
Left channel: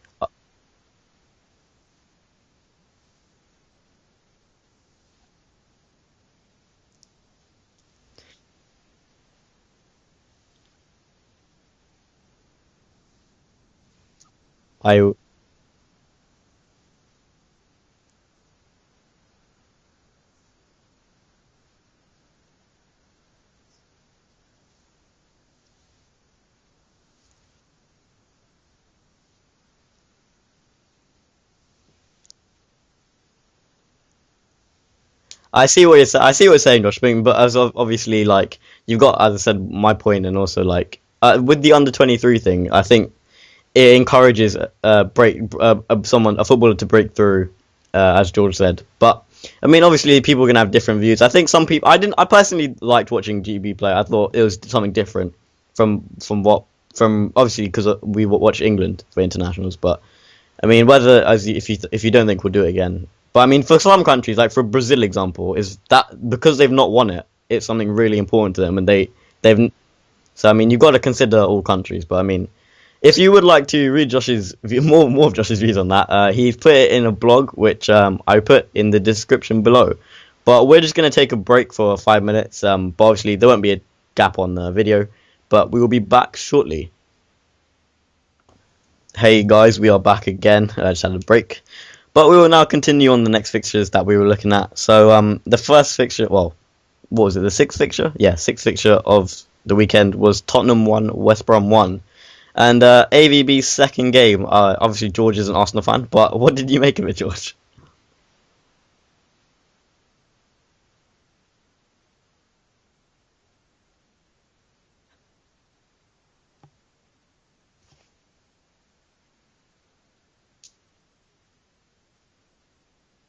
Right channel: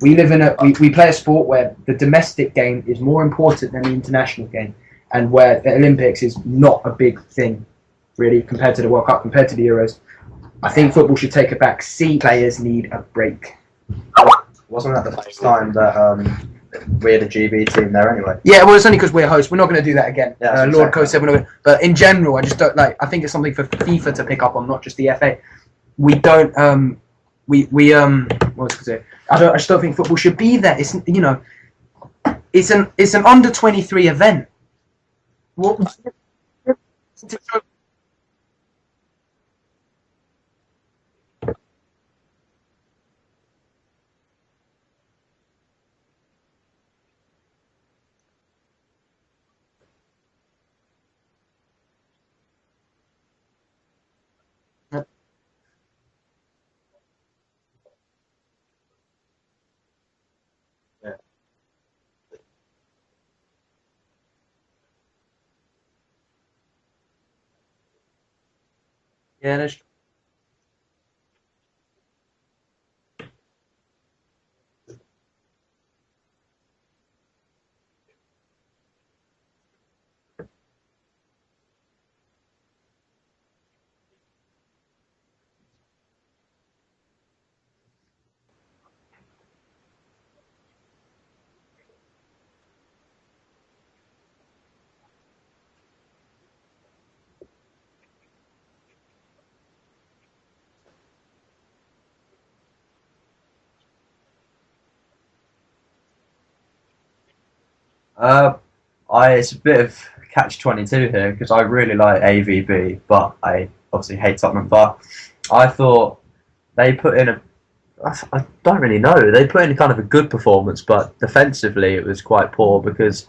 We play a sport where the domestic game is more important than the international game, and where the Olympics is not a big thing, really, compared to the World Cup, compared to the Euros. I think football should take a back seat. Players need a break. Wasn't that the first time that we had a GB team there anyway? Yeah, well, it's only because we're hosts. We're not going to do that again. Yeah, Lord Coe said we're not going to. But in general, I just don't like. I think it's something for FIFA to pick up on, not just the FA. We don't. What was I going to say? I just don't think football should be there. It's an under 23 event. I see what you're saying, Josh. But as obviously, like you've got, as I said, my point, and also like with the under 23 thing, I think it encourages a footballer to break through, as George said. But I mean, obviously, people are gonna have different views. I think some people. I personally liked watching GB play. I thought it was something different from obviously because we watch England for internationals. But I mean, if you don't think we'll do it again. But I mean, for some countries, like for Brazil, example, is that because they've not won it, it's something really important to them, and they've. So I mean, you've got to consider all countries. But I mean, if you would like to read more of Josh's views on that, he's put it in a blog, which I put in the description below. But we're just going to take a break for 5 minutes. But obviously, there won't be a gap on the video, but we will be back shortly. Hey guys, we are back again. I just had a break. But we will now continue on the next fixtures that we were looking at. So the first fixture, well, what was it, the sixth fixture? Yeah, sixth fixture of the weekend was Tottenham 1, West Brom 1. And AVB's second game, obviously George is an Arsenal fan, but what did you make of it, George? It's a bit of catch-22 here, because I really like AVB, but I obviously hate Tottenham, but I thought they put in I don't really know. They put in kind of a good performance, but defensively it was quite poor because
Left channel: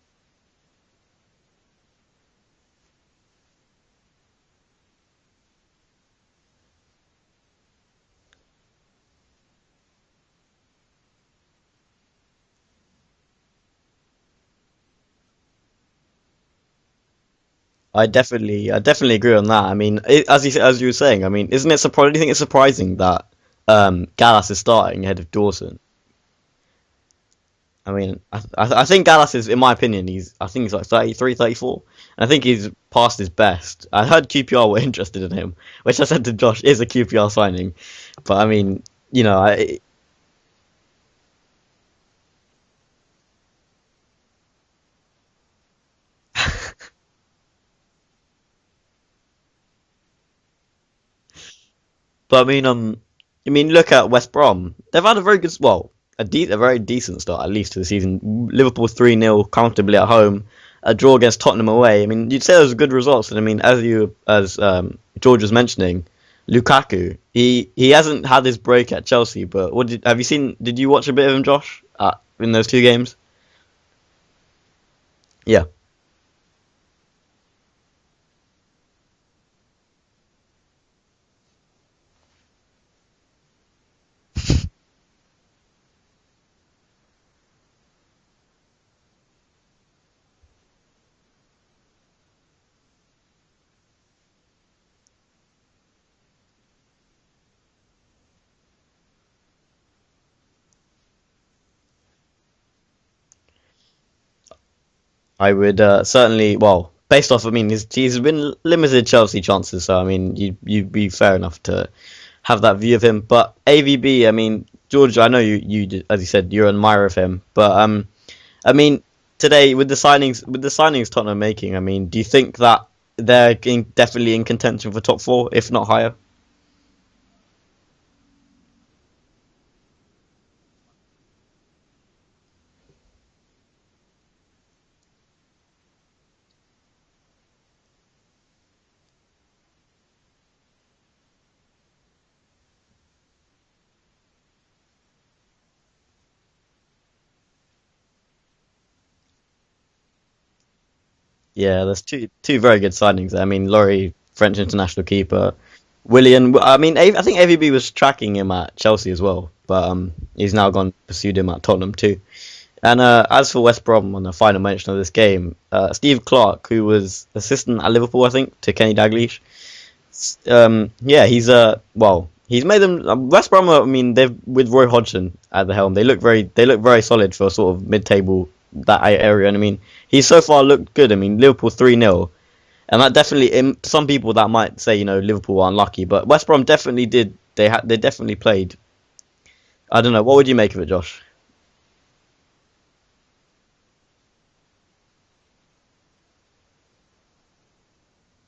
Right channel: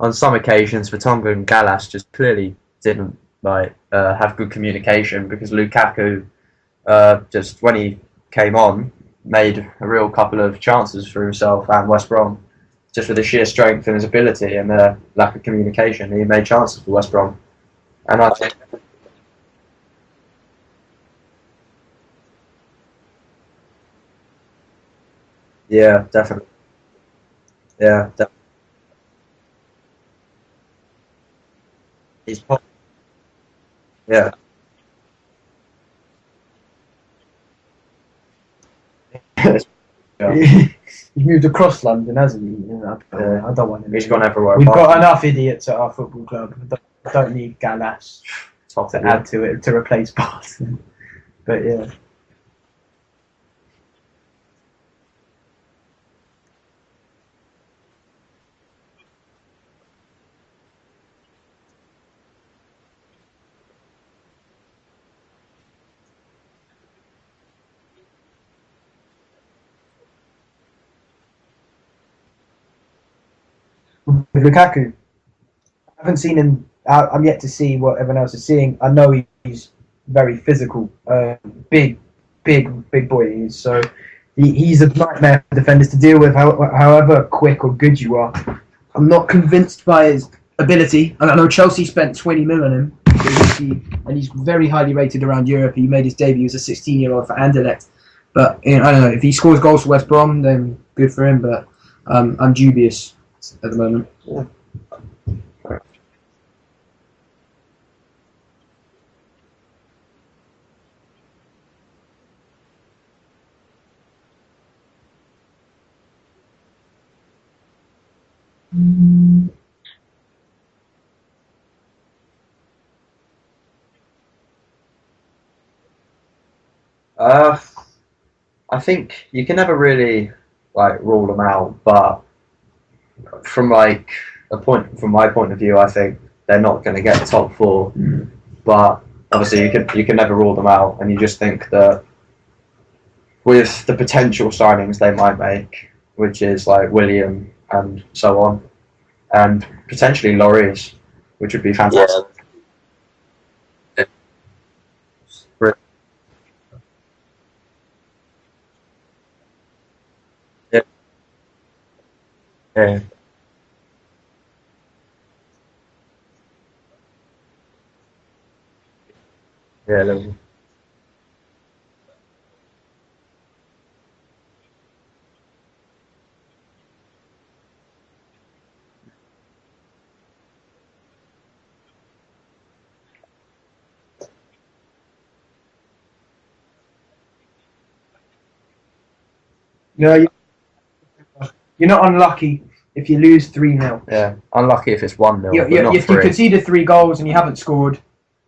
on some occasions Vertonghen and Gallas just clearly didn't have good communication because Lukaku just when he came on made a real couple of chances for himself and West Brom just with his sheer strength and his ability and the lack of communication. He made chances for West Brom. I definitely agree on that. I mean, as you were saying, I mean, isn't it surprising? Do you think it's surprising that Gallas is starting ahead of Dawson? Yeah, definitely. Yeah, I think Gallas is, in my opinion, I think he's like 33, 34. And I think he's past his best. I heard QPR were interested in him, which I said to Josh is a QPR signing. But I mean, you know, He's moved across London, hasn't he? You know, I don't want him. He's gone everywhere. We've got enough idiots at our football club. I don't need Gallas to add to it to replace Barton. But yeah. But I mean, look at West Brom. They've had a very good, a very decent start at least to the season. Liverpool 3-0 comfortably at home. A draw against Tottenham away. I mean, you'd say those are good results. And I mean, as George was mentioning, Lukaku, he hasn't had his break at Chelsea, but did you watch a bit of him, Josh, in those 2 games? With Lukaku? Yeah. I haven't seen him. I'm yet to see what everyone else is seeing. I know he's very physical, big boy. So he's a nightmare for defenders to deal with, however quick or good you are. I'm not convinced by his ability. And I know Chelsea spent 20 million on him. And he's very highly rated around Europe. He made his debut as a 16-year-old for Anderlecht. But I don't know, if he scores goals for West Brom, then good for him. But I'm dubious at the moment. I would certainly, based off, I mean, he's been limited Chelsea chances, so I mean, you'd be fair enough to have that view of him. But AVB, I mean, George, I know you as you said, you're an admirer of him. But I mean, today with the signings Tottenham are making, I mean, do you think that they're definitely in contention for top 4, if not higher? I think you can never really rule them out, but from my point of view, I think they're not going to get top 4. But obviously, you can never rule them out, and you just think that with the potential signings they might make, which is like William and so on, and potentially Lloris, which would be fantastic. Two very good signings. I mean, Lloris, French international keeper. William, I mean, I think AVB was tracking him at Chelsea as well, but he's now gone pursued him at Tottenham too. Yeah. And as for West Brom, on the final mention of this game, Steve Clarke, who was assistant at Liverpool, I think, to Kenny Dalglish. He's made them. West Brom, I mean, they've with Roy Hodgson at the helm. They look very solid for sort of mid-table that area. And I mean, he's so far looked good. I mean, Liverpool 3-0, and that definitely. Some people that might say, Liverpool are unlucky, but West Brom definitely did. They definitely played. I don't know. What would you make of it, Josh? You're not unlucky if you lose 3-0. Yeah, unlucky if it's 1-0. If you conceded 3 goals and you haven't scored,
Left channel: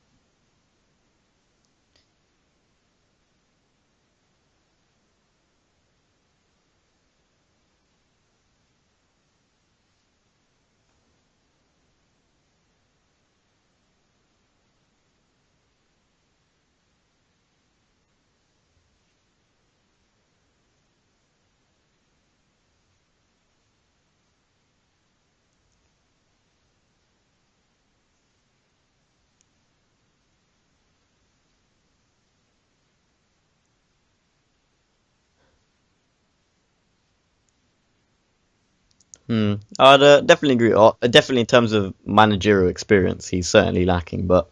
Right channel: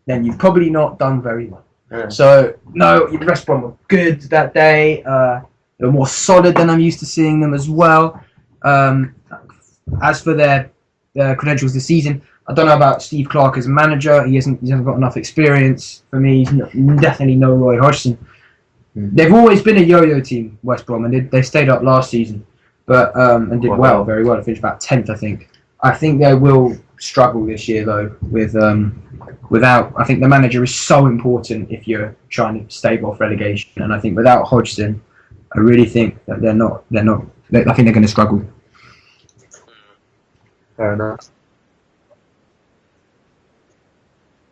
then you've probably not done very well. Yeah. So, no, West Brom were good that day. They were more solid than I'm used to seeing them as well. As for their credentials this season, I don't know about Steve Clarke as a manager. He hasn't got enough experience for me. He's definitely no Roy Hodgson. They've always been a yo-yo team, West Brom, and they stayed up last season, but and did very well. They finished about 10th, I think. I think they will struggle this year though without. I think the manager is so important if you're trying to stave off relegation, and I think without Hodgson, I really think that they're not. I think they're going to struggle. I'd definitely agree. Definitely in terms of managerial experience, he's certainly lacking. But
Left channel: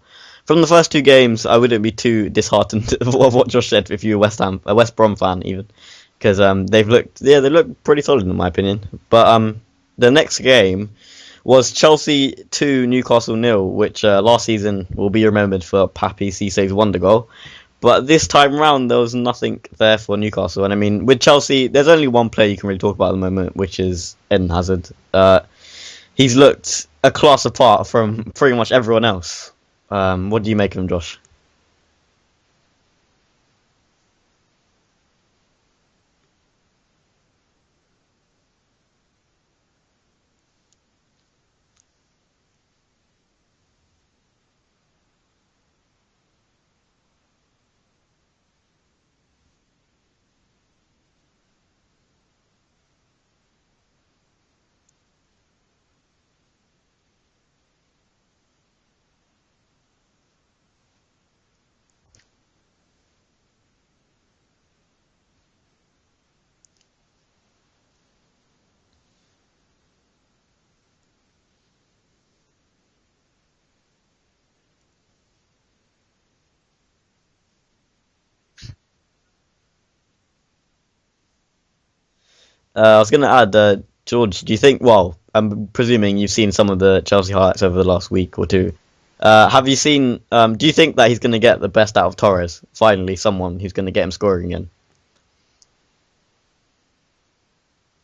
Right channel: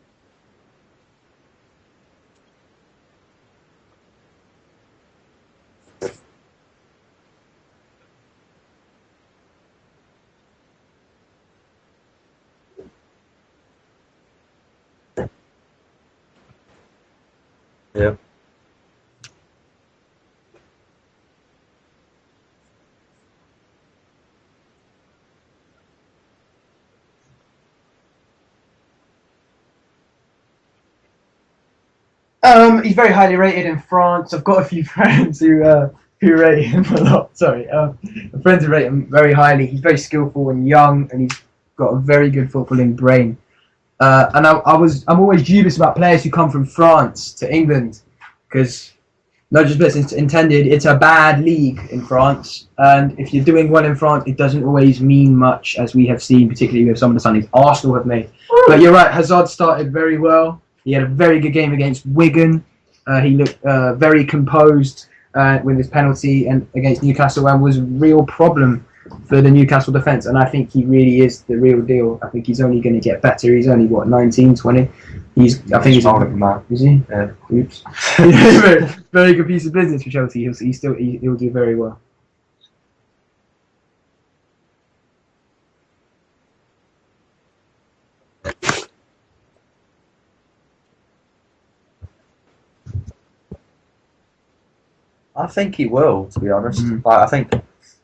from the first 2 games, I wouldn't be too disheartened of what Josh said if you're a West Brom fan even, because they look pretty solid in my opinion. But the next game was Chelsea 2, Newcastle 0, which last season will be remembered for Papi Cissé's wonder goal. But this time round, there was nothing there for Newcastle. And I mean, with Chelsea, there's only one player you can really talk about at the moment, which is Eden Hazard. He's looked a class apart from pretty much everyone else. What do you make of him, Josh? He's very highly rated in France. I've got a few friends who rate him a lot. Sorry, friends who rate him very highly. He's very skillful and young, and he's got a very good footballing brain. And I'm always dubious about players who come from France to England, because no disrespect intended, it's a bad league in France, and if you're doing well in France, it doesn't always mean much, as we have seen, particularly with some of the signings Arsenal have made. But you're right, Hazard started very well. He had a very good game against Wigan. He looked very composed with his penalty and against Newcastle, and was a real problem for the Newcastle defence. And I think he really is the real deal. I think he's only going to get better. He's only, 19, 20? I think he's older than that. Is he? Yeah. Oops. very, very good piece of business for Chelsea. He'll do very well. I was going to add, George, do you think, well, I'm presuming you've seen some of the Chelsea highlights over the last week or two. Have you seen, do you think that he's going to get the best out of Torres? Finally, someone who's going to get him scoring again? I think he will, to be honest. I think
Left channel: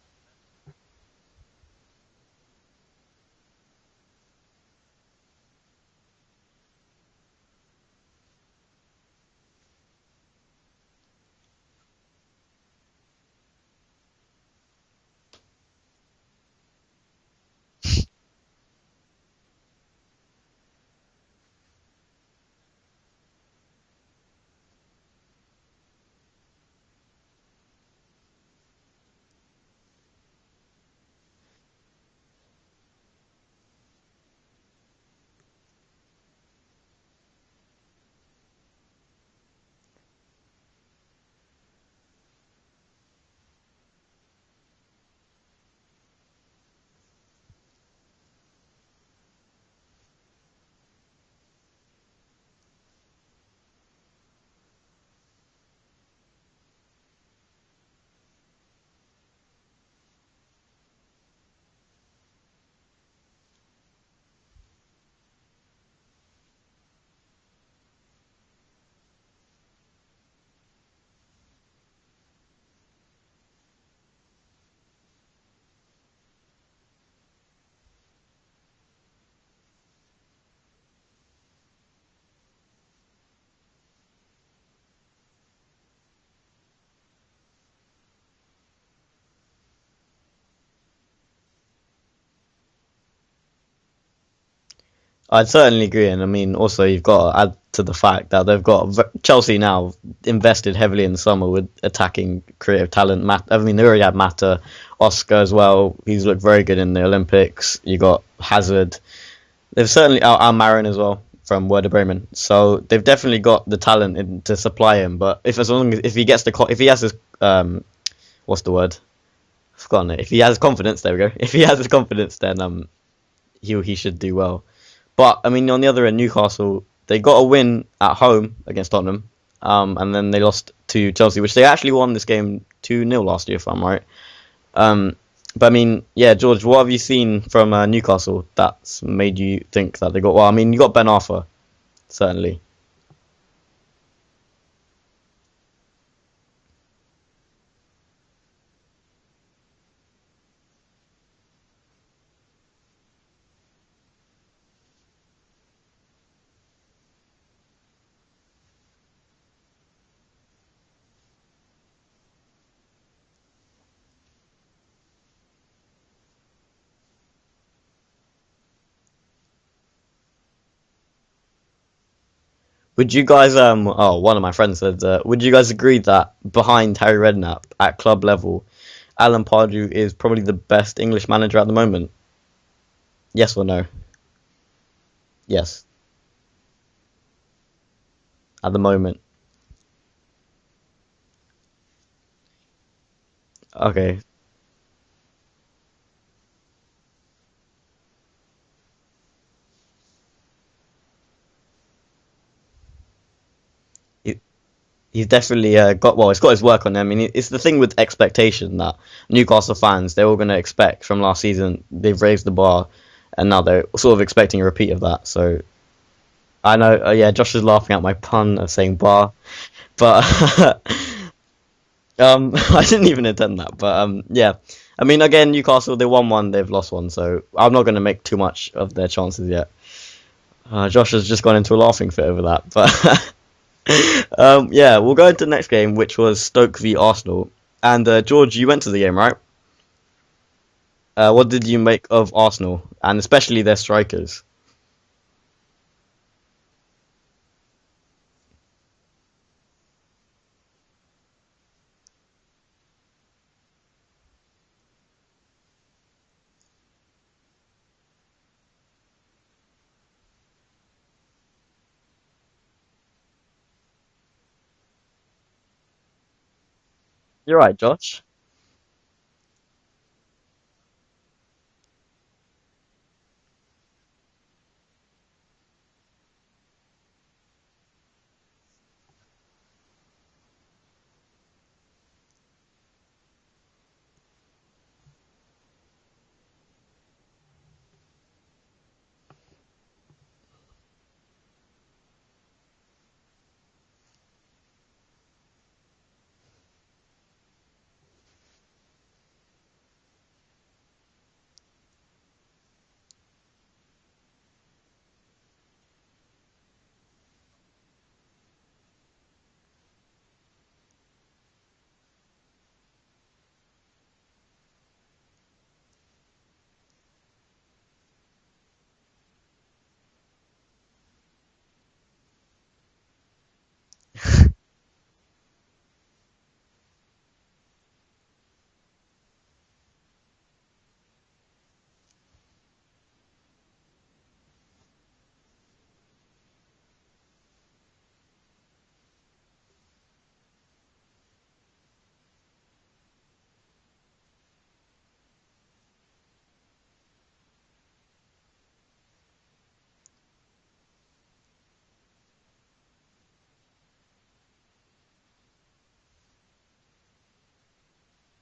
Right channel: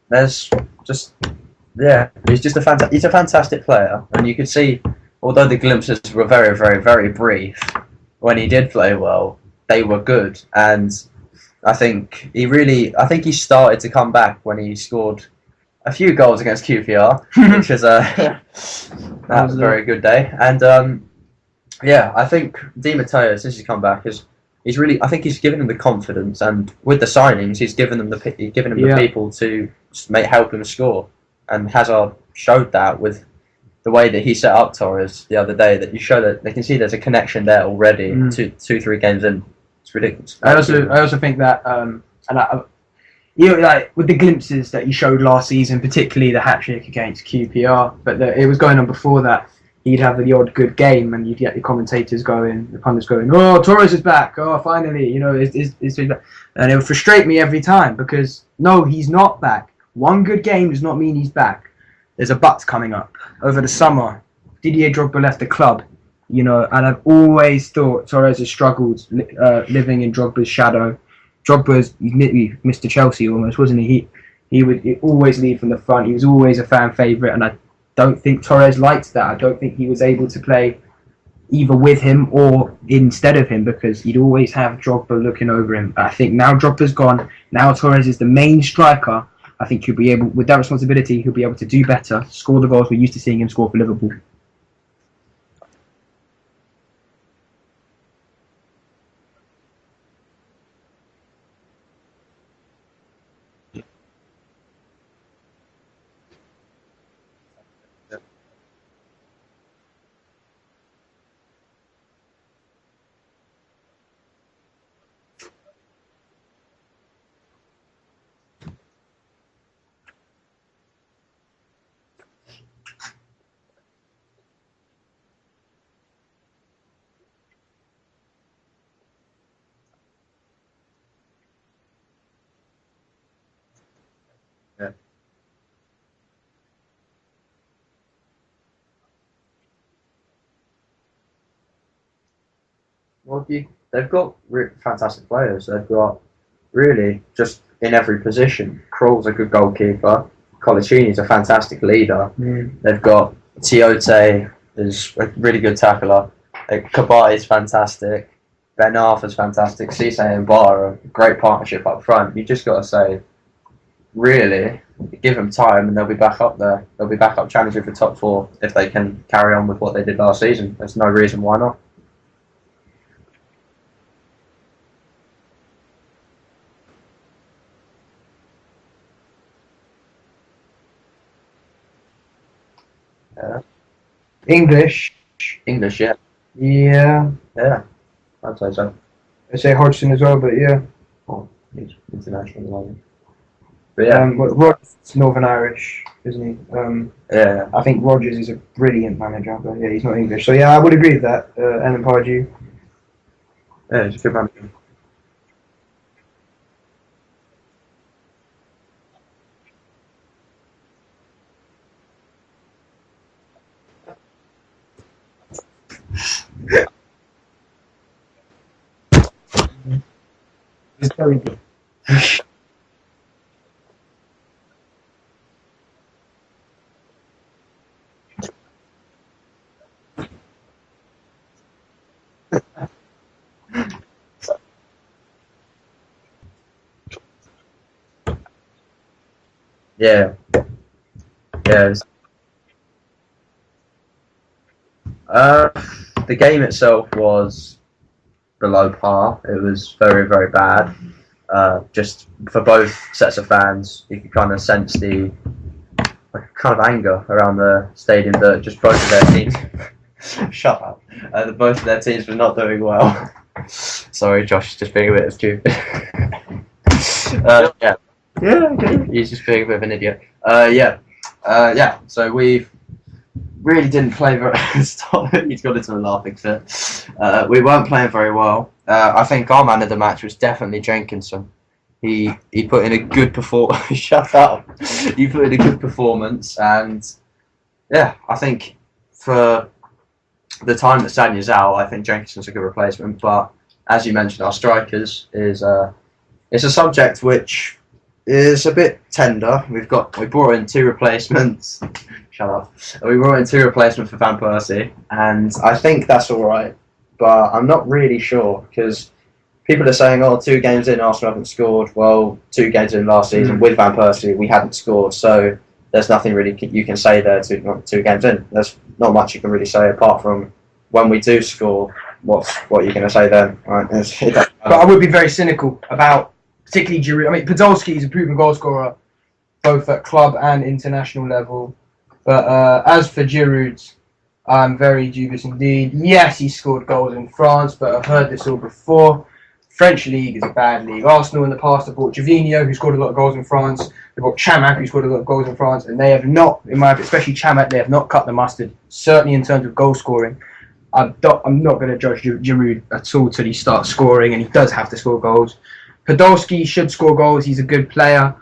there's just, he's just he's a fantastic player. And you could see, although the glimpses were very, very, very brief, when he did play well, they were good. And I think he started to come back when he scored a few goals against QPR, which is that was a very good day. And I think Di Matteo, since he's come back, I think he's given them the confidence, and with the signings, he's given them the people to help him score. And Hazard showed that with the way that he set up Torres the other day. That you show that they can see there's a connection there already. 2-3 games in, it's ridiculous. I also think that like with the glimpses that he showed last season, particularly the hat-trick against QPR, but it was going on before that. He'd have the odd good game, and you'd get the commentators going, the pundits going, "Oh, Torres is back! Oh, finally!" And it would frustrate me every time, because no, he's not back. One good game does not mean he's back. There's a but coming up over the summer. Didier Drogba left the club, and I've always thought Torres has struggled living in Drogba's shadow. Drogba's Mr. Chelsea almost, wasn't he? He would always lead from the front. He was always a fan favourite, and I don't think Torres liked that. I don't think he was able to play either with him or instead of him, because he'd always have Drogba looking over him. I think now Drogba's gone. Now Torres is the main striker. I think he'll be able, with that responsibility, he'll be able to do better, score the goals we're used to seeing him score for Liverpool. I'd certainly agree, and I mean, also you've got to add to the fact that they've got Chelsea now invested heavily in the summer with attacking creative talent. I mean, they already had Mata, Oscar as well. He's looked very good in the Olympics. You got Hazard. They've certainly Marin as well from Werder Bremen. So they've definitely got the talent to supply him. But if he has his what's the word? I've forgotten it. If he has confidence, there we go. If he has his confidence, then he should do well. But I mean, on the other end, Newcastle, they got a win at home against Tottenham, and then they lost to Chelsea, which they actually won this game 2-0 last year, if I'm right. But I mean, yeah, George, what have you seen from Newcastle that's made you think that they got? Well, I mean, you got Ben Arthur, certainly. Well, they've got fantastic players. They've got really just in every position. Krul's a good goalkeeper. Colaccini's a fantastic leader. They've got Tiote is a really good tackler. Kabay is fantastic. Ben Arthur's fantastic. Cisse and Bar are a great partnership up front. You just got to say, really, give them time and they'll be back up there. They'll be back up challenging for top 4 if they can carry on with what they did last season. There's no reason why not. Would you guys, one of my friends said, would you guys agree that behind Harry Redknapp at club level, Alan Pardew is probably the best English manager at the moment? Yes or no? English? Yes. English, yeah. Yeah. Yeah. At the moment. I say Hodgson as well, but yeah. Oh, he's international at the moment. Okay. Yeah. Rodgers is Northern Irish, isn't he? Yeah. I think Rodgers is a brilliant manager, but yeah, he's not English. So yeah, I would agree with that. Alan Pardew. Yeah, he's a good manager. He's definitely he's got his work on him. I mean, it's the thing with expectation that Newcastle fans, they're all going to expect from last season. They've raised the bar, and now they're sort of expecting a repeat of that. So I know, Josh is laughing at my pun of saying bar, but I didn't even intend that. But yeah, I mean, again, Newcastle, they won one, they've lost one, so I'm not going to make too much of their chances yet. Josh has just gone into a laughing fit over that, but. We'll go into the next game, which was Stoke v Arsenal. And George, you went to the game, right? Yeah. What did you make of Arsenal, and especially their strikers? The game itself was below par. It was very, very bad. Just for both sets of fans, you could kind of sense the kind of anger around the stadium that just both of their teams. Shut up. Both of their teams were not doing well. Sorry, Josh, just being a bit stupid. Josh. Yeah, okay. He's just being a bit of an idiot. Yeah. So we really didn't play very. Stop it. He's got into a laughing fit. We weren't playing very well. I think our man of the match was definitely Jenkinson. He put in a good performance. Shut up. He put in a good performance, and yeah, I think for the time that Sanya's out, I think Jenkinson's a good replacement. But as you mentioned, our strikers is it's a subject which is a bit tender. We brought in 2 replacements. Shut up. We brought in 2 replacements for Van Persie, and I think that's all right. But I'm not really sure because people are saying, "Oh, 2 games in, Arsenal haven't scored." Well, 2 games in last season with Van Persie, we hadn't scored. So there's nothing really you can say there. 2 games in, there's not much you can really say apart from when we do score. What are you going to say then? Right? But I would be very cynical about particularly Giroud. I mean, Podolski is a proven goal scorer, both at club and international level. But as for Giroud, I'm very dubious indeed. Yes, he scored goals in France, but I've heard this all before. French league is a bad league. Arsenal in the past have bought Jovino, who scored a lot of goals in France. They've got Chamak, who scored a lot of goals in France, and they have not, in my opinion, especially Chamak, they have not cut the mustard. Certainly in terms of goal scoring. I'm not going to judge Giroud at all till he starts scoring, and he does have to score goals. Podolski should score goals. He's a good player.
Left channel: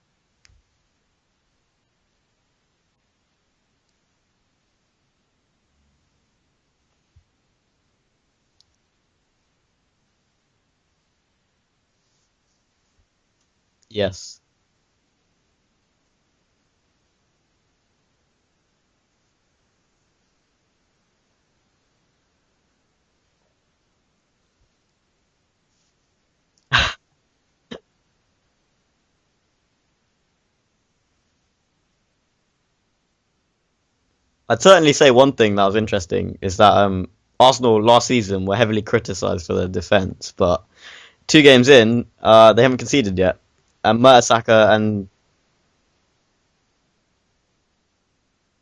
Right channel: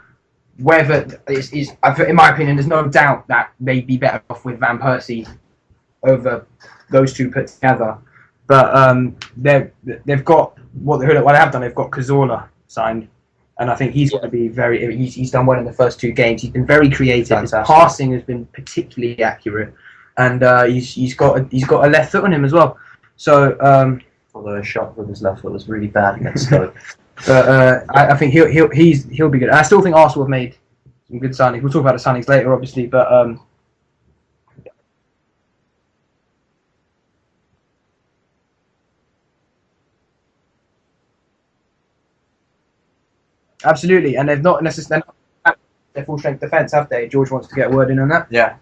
Whether in my opinion, there's no doubt that they'd be better off with Van Persie over those 2 put together. But they've got what they have done. They've got Cazorla signed, and I think he's going to be very. He's done well in the first 2 games. He's been very creative. Fantastic. His passing has been particularly accurate, and he's got a left foot on him as well. So although a shot with his left foot was really bad against Stoke. But I think he'll be good. And I still think Arsenal have made some good signings. We'll talk about the signings later, obviously. But I'd certainly say one thing that was interesting is that Arsenal last season were heavily criticised for their defence, but 2 games in, they haven't conceded yet. Absolutely, and they've not necessarily their full strength defence, have they? George wants to get a word in on that. Yeah,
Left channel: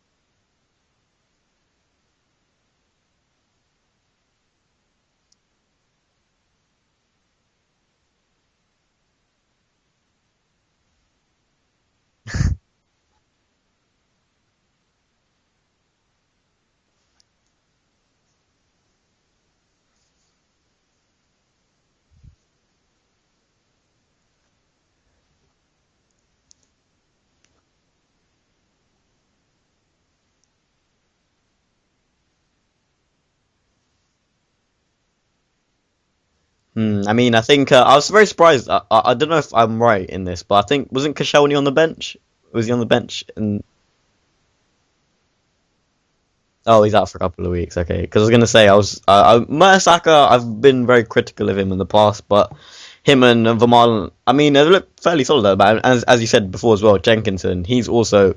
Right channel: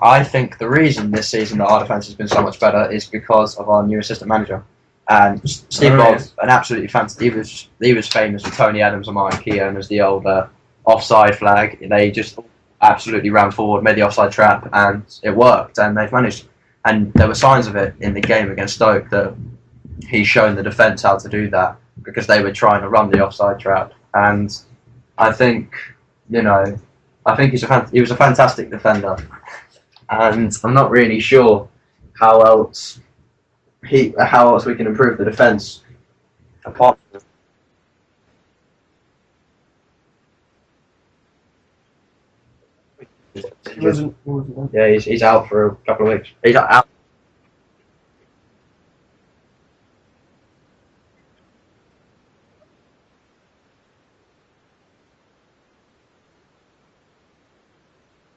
I think the reason this season that our defence has been so much better is because of our new assistant manager. And Steve Ball's an absolutely fantastic. He was famous with Tony Adams and Martin Keown as the old offside flag. They just absolutely ran forward, made the offside trap, and it worked. And they've managed. And there were signs of it in the game against Stoke that he's shown the defence how to do that because they were trying to run the offside trap. And I think he was a fantastic defender. And I'm not really sure how else we can improve the defence. I mean, I think I was very surprised. I don't know if I'm right in this, but I think wasn't Koscielny on the bench? Was he on the bench? Yeah, he's out for a couple of weeks. He's out for a couple of weeks. Okay, because I was gonna say Mertesacker. I've been very critical of him in the past, but him and Vermaelen, I mean, they look fairly solid though. But as you said before as well, Jenkinson, he's also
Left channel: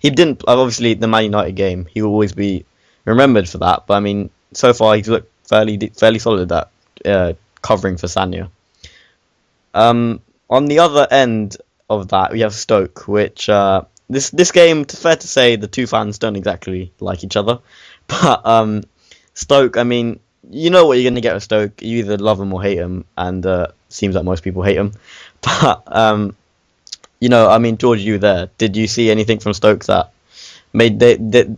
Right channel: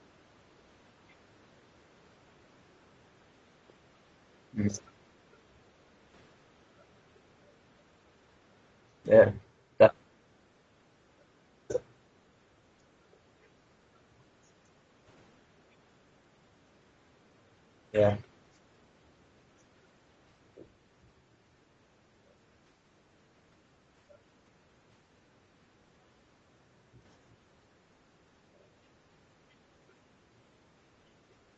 he didn't obviously the Man United game. He will always be remembered for that. But I mean, so far he's looked fairly solid at covering for Sanya. Yeah. On the other end of that, we have Stoke, which this game, fair to say, the 2 fans don't exactly like each other. Yeah. But Stoke, I mean, you know what you're going to get with Stoke. You either love them or hate them, and seems like most people hate them. But I mean, George, you were there. Did you see anything from Stoke that made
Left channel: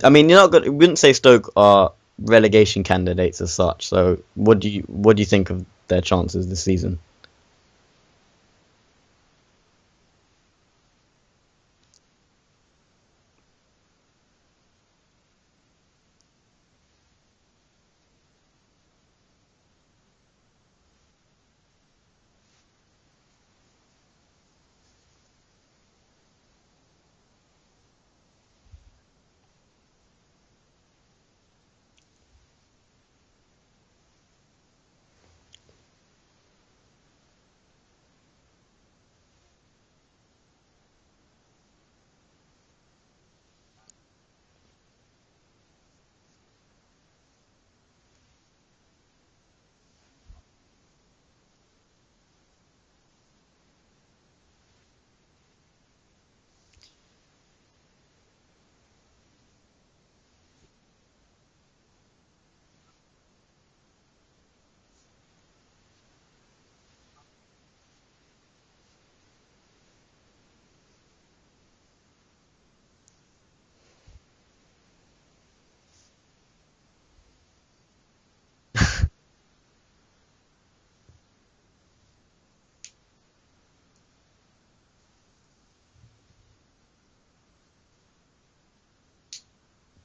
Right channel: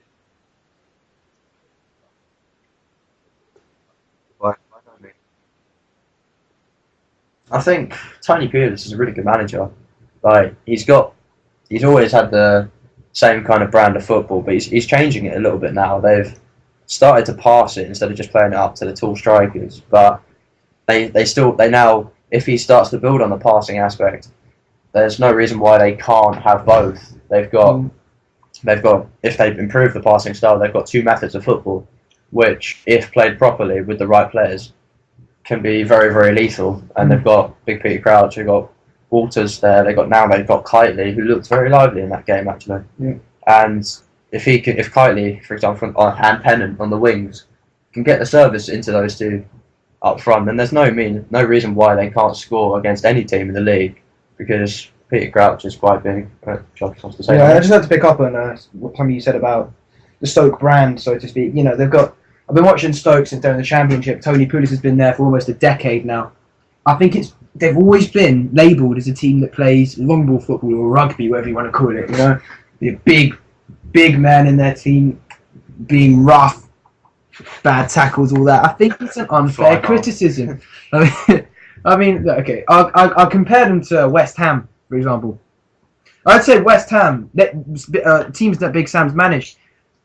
I mean, you're not good. We wouldn't say Stoke are relegation candidates as such. So, what do you think of their chances this season? I think Tony Pulis is a really good manager. Like he's always had the same kind of brand of football, but he's changing it a little bit now. They've started to pass it instead of just playing it up to the tall strikers. But they now, if he starts to build on the passing aspect, there's no reason why they can't have both. They've got if they improve the passing style, they've got 2 methods of football, which if played properly with the right players, can be very, very lethal. And they've got Big Peter Crouch, they've got Walters there, they've got Kitely, who looked very lively in that game actually. Yeah. And if Kitely, for example, and Pennant on the wings can get the service into those two up front, then there's no reason why they can't score against any team in the league, because Peter Crouch is quite big. Josh wants to say I just had to pick up on something you said about the Stoke brand, so to speak. I've been watching Stoke since they're in the Championship. Tony Pulis has been there for almost a decade now. I think they've always been labelled as a team that plays long ball football or rugby, whatever you want to call it. The big men in their team being rough, bad tackles, all that. I think it's an unfair criticism. I mean, okay, I'll compare them to West Ham, for example. I'd say West Ham, teams that Big Sam's managed,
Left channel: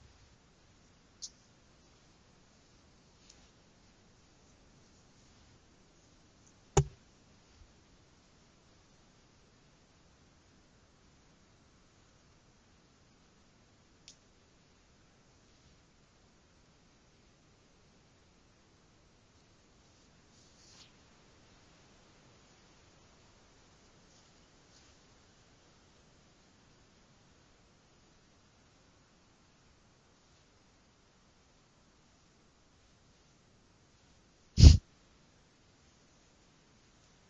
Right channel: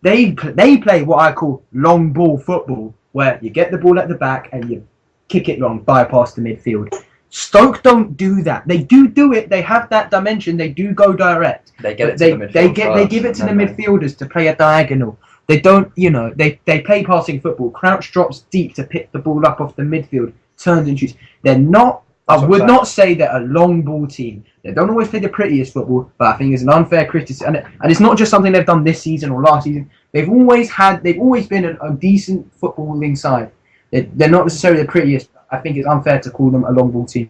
they play what I call long ball football, where you get the ball at the back and you kick it long, bypass the midfield. Stoke don't do that. They do it. They have that dimension. They do go direct. They get it to the midfield. They give it to the midfielders to play a diagonal. They don't, they play passing football. Crouch drops deep to pick the ball up off the midfield, turns and shoots. They're not. I would not say they're a long ball team. They don't always play the prettiest football, but I think it's an unfair criticism, and it's not just something they've done this season or last season. They've always been a decent footballing side. They're not necessarily the prettiest. I think it's unfair to call them a long ball team.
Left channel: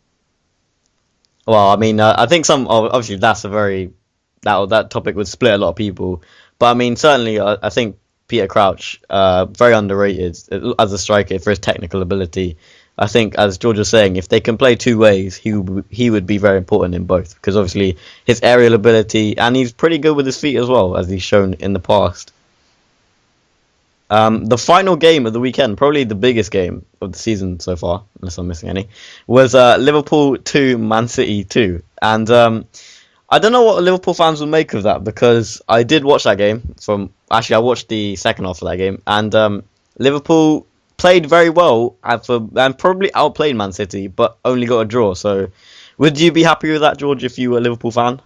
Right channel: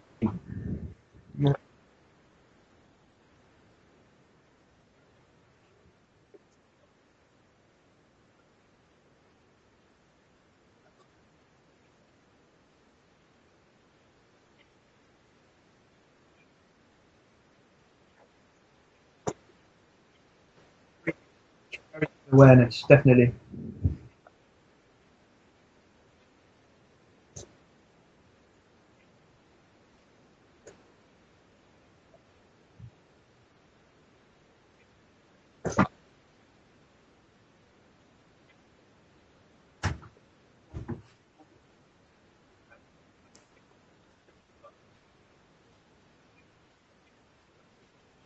Well, I mean, I think obviously that's that topic would split a lot of people, but I mean, certainly I think Peter Crouch, very underrated as a striker for his technical ability. I think, as George was saying, if they can play two ways, he would be very important in both, because obviously his aerial ability, and he's pretty good with his feet as well, as he's shown in the past. Awareness, definitely. The final game of the weekend, probably the biggest game of the season so far, unless I'm missing any, was Liverpool 2, Man City 2. And I don't know what Liverpool fans will make of that, because I did watch that game. I watched the second half of that game, and Liverpool played very well and probably outplayed Man City, but only got a draw. So would you be happy with that, George, if you were a Liverpool fan?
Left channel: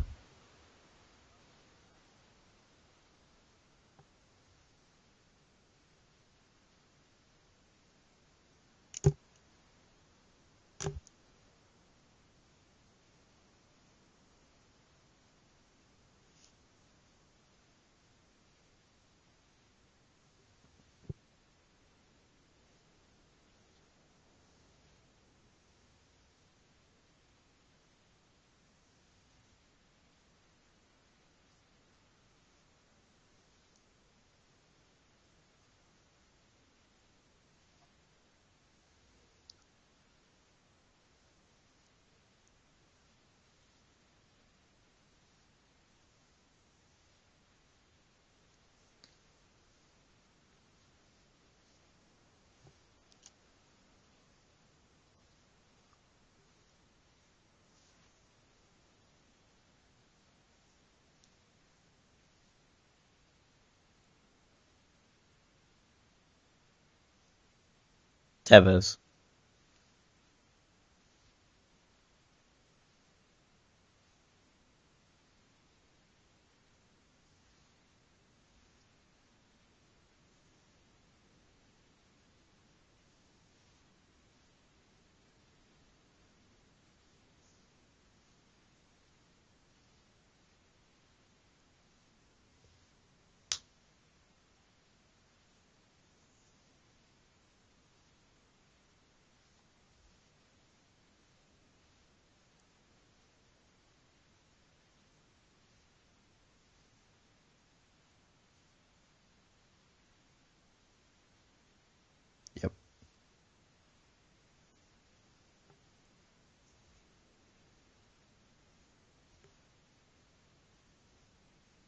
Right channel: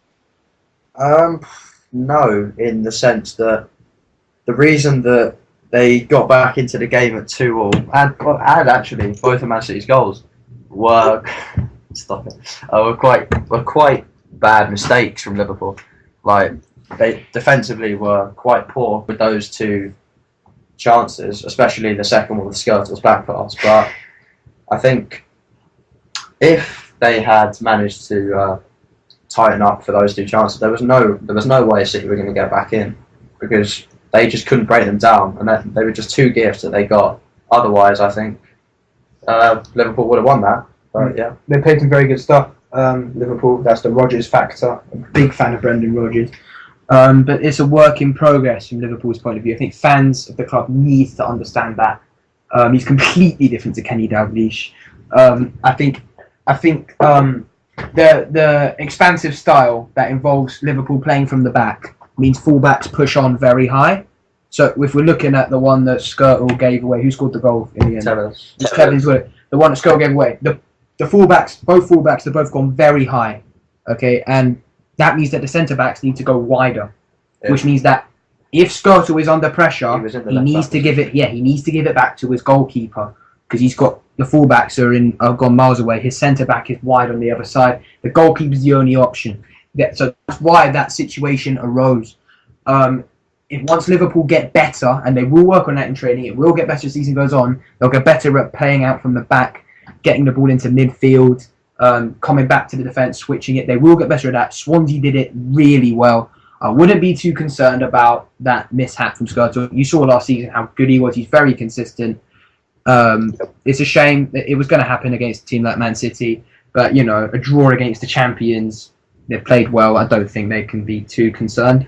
No, in the sense that the reason that they got back into the game at 2-2, and actually both of Man City's goals were quite bad mistakes from Liverpool. Like, they defensively were quite poor with those two chances, especially the second one with Skrtel's back pass. But I think if they had managed to tighten up for those two chances, there was no way City were going to get back in, because they just couldn't break them down, and they were just two gifts that they got. Otherwise, I think Liverpool would have won that. But yeah, they played some very good stuff. Liverpool, that's the Rodgers factor. I'm a big fan of Brendan Rodgers. But it's a work in progress from Liverpool's point of view. I think fans of the club need to understand that. He's completely different to Kenny Dalglish. I think the expansive style that involves Liverpool playing from the back means fullbacks push on very high. So if we're looking at the one that Skrtel gave away, who scored the goal in the end? Tevez. The one that Skrtel gave away. The fullbacks, both fullbacks, they've both gone very high. Okay, and that means that the centre-backs need to go wider, which means that if Skrtel is under pressure, he needs to give it back to his goalkeeper, because he's got the fullbacks are gone miles away. His centre-back is wide on the other side. The goalkeeper's the only option. So that's why that situation arose. Once Liverpool get better, and they will work on that in training, it will get better as the season goes on. They'll get better at playing out from the back, getting the ball into midfield, coming back to the defence, switching it. They will get better at that. Swansea did it really well. I wouldn't be too concerned about that mishap from Skrtel. You saw last season how good he was. He's very consistent. It's a shame that it was going to happen against a team like Man City, but a draw against the champions, they've played well. I don't think they can be too concerned.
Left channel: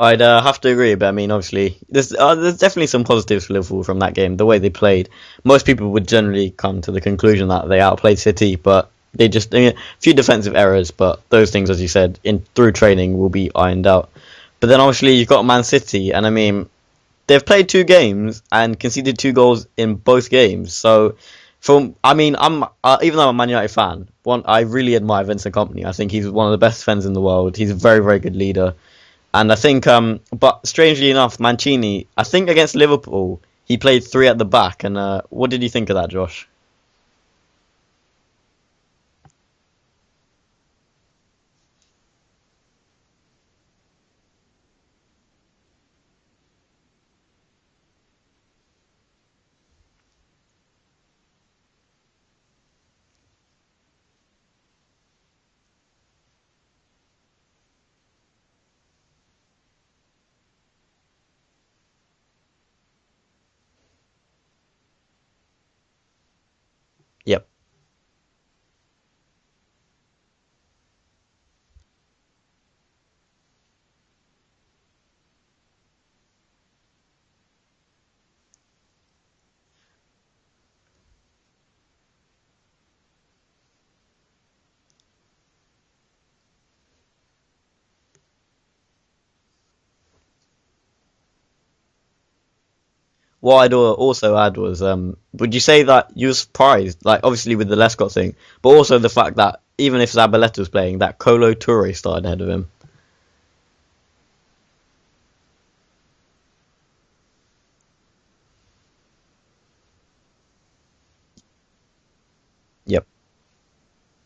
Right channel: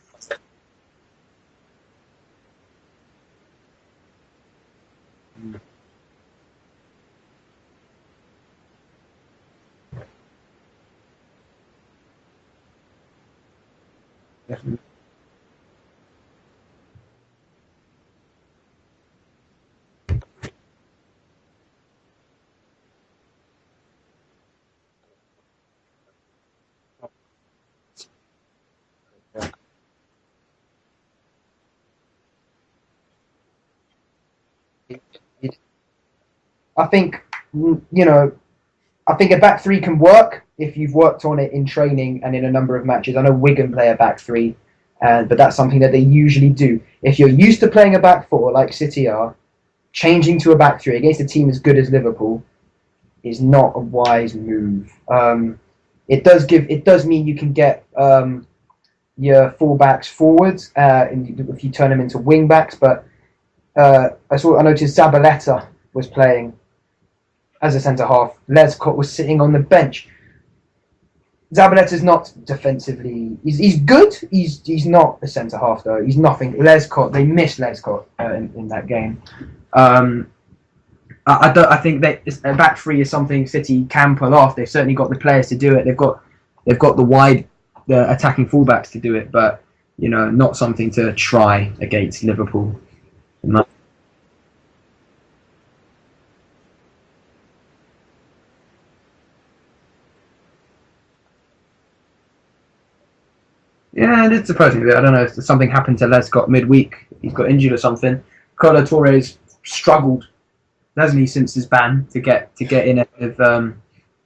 I'd have to agree, but I mean, obviously, there's definitely some positives for Liverpool from that game. The way they played, most people would generally come to the conclusion that they outplayed City, but they just a few defensive errors. But those things, as you said, through training will be ironed out. Yeah. But then obviously you've got Man City, and I mean, they've played 2 games and conceded 2 goals in both games. So, I'm even though I'm a Man United fan, I really admire Vincent Kompany. I think he's one of the best defenders in the world. He's a very, very good leader. And I think, but strangely enough, Mancini, I think against Liverpool, he played 3 at the back. And what did you think of that, Josh? I think, I think a back 3 can work if you've worked on it in training and in a number of matches. I know Wigan play a back 3. but that's something that they usually do. If you're used to playing a back four like City are, changing to a back three against a team as good as Liverpool is not a wise move. It does mean you can get your fullbacks forwards if you turn them into wing backs. But I noticed Zabaleta was playing as a centre half. Lescott was sitting on the bench. Zabaleta's not defensively. He's good. He's not a centre half though. He's nothing. Lescott. They missed Lescott in that game. I think that a back three is something City can pull off. They've certainly got the players to do it. They've got the attacking fullbacks to do it, but not something to try against Liverpool. What I'd also add was, would you say that you were surprised, like obviously with the Lescott thing, but also the fact that even if Zabaleta was playing, that Kolo Touré started ahead of him? Yeah, it did surprise me a bit. I don't know if something happened to Lescott midweek. He's got injured or something. Kolo Touré's struggled, hasn't he, since his ban to get in ahead of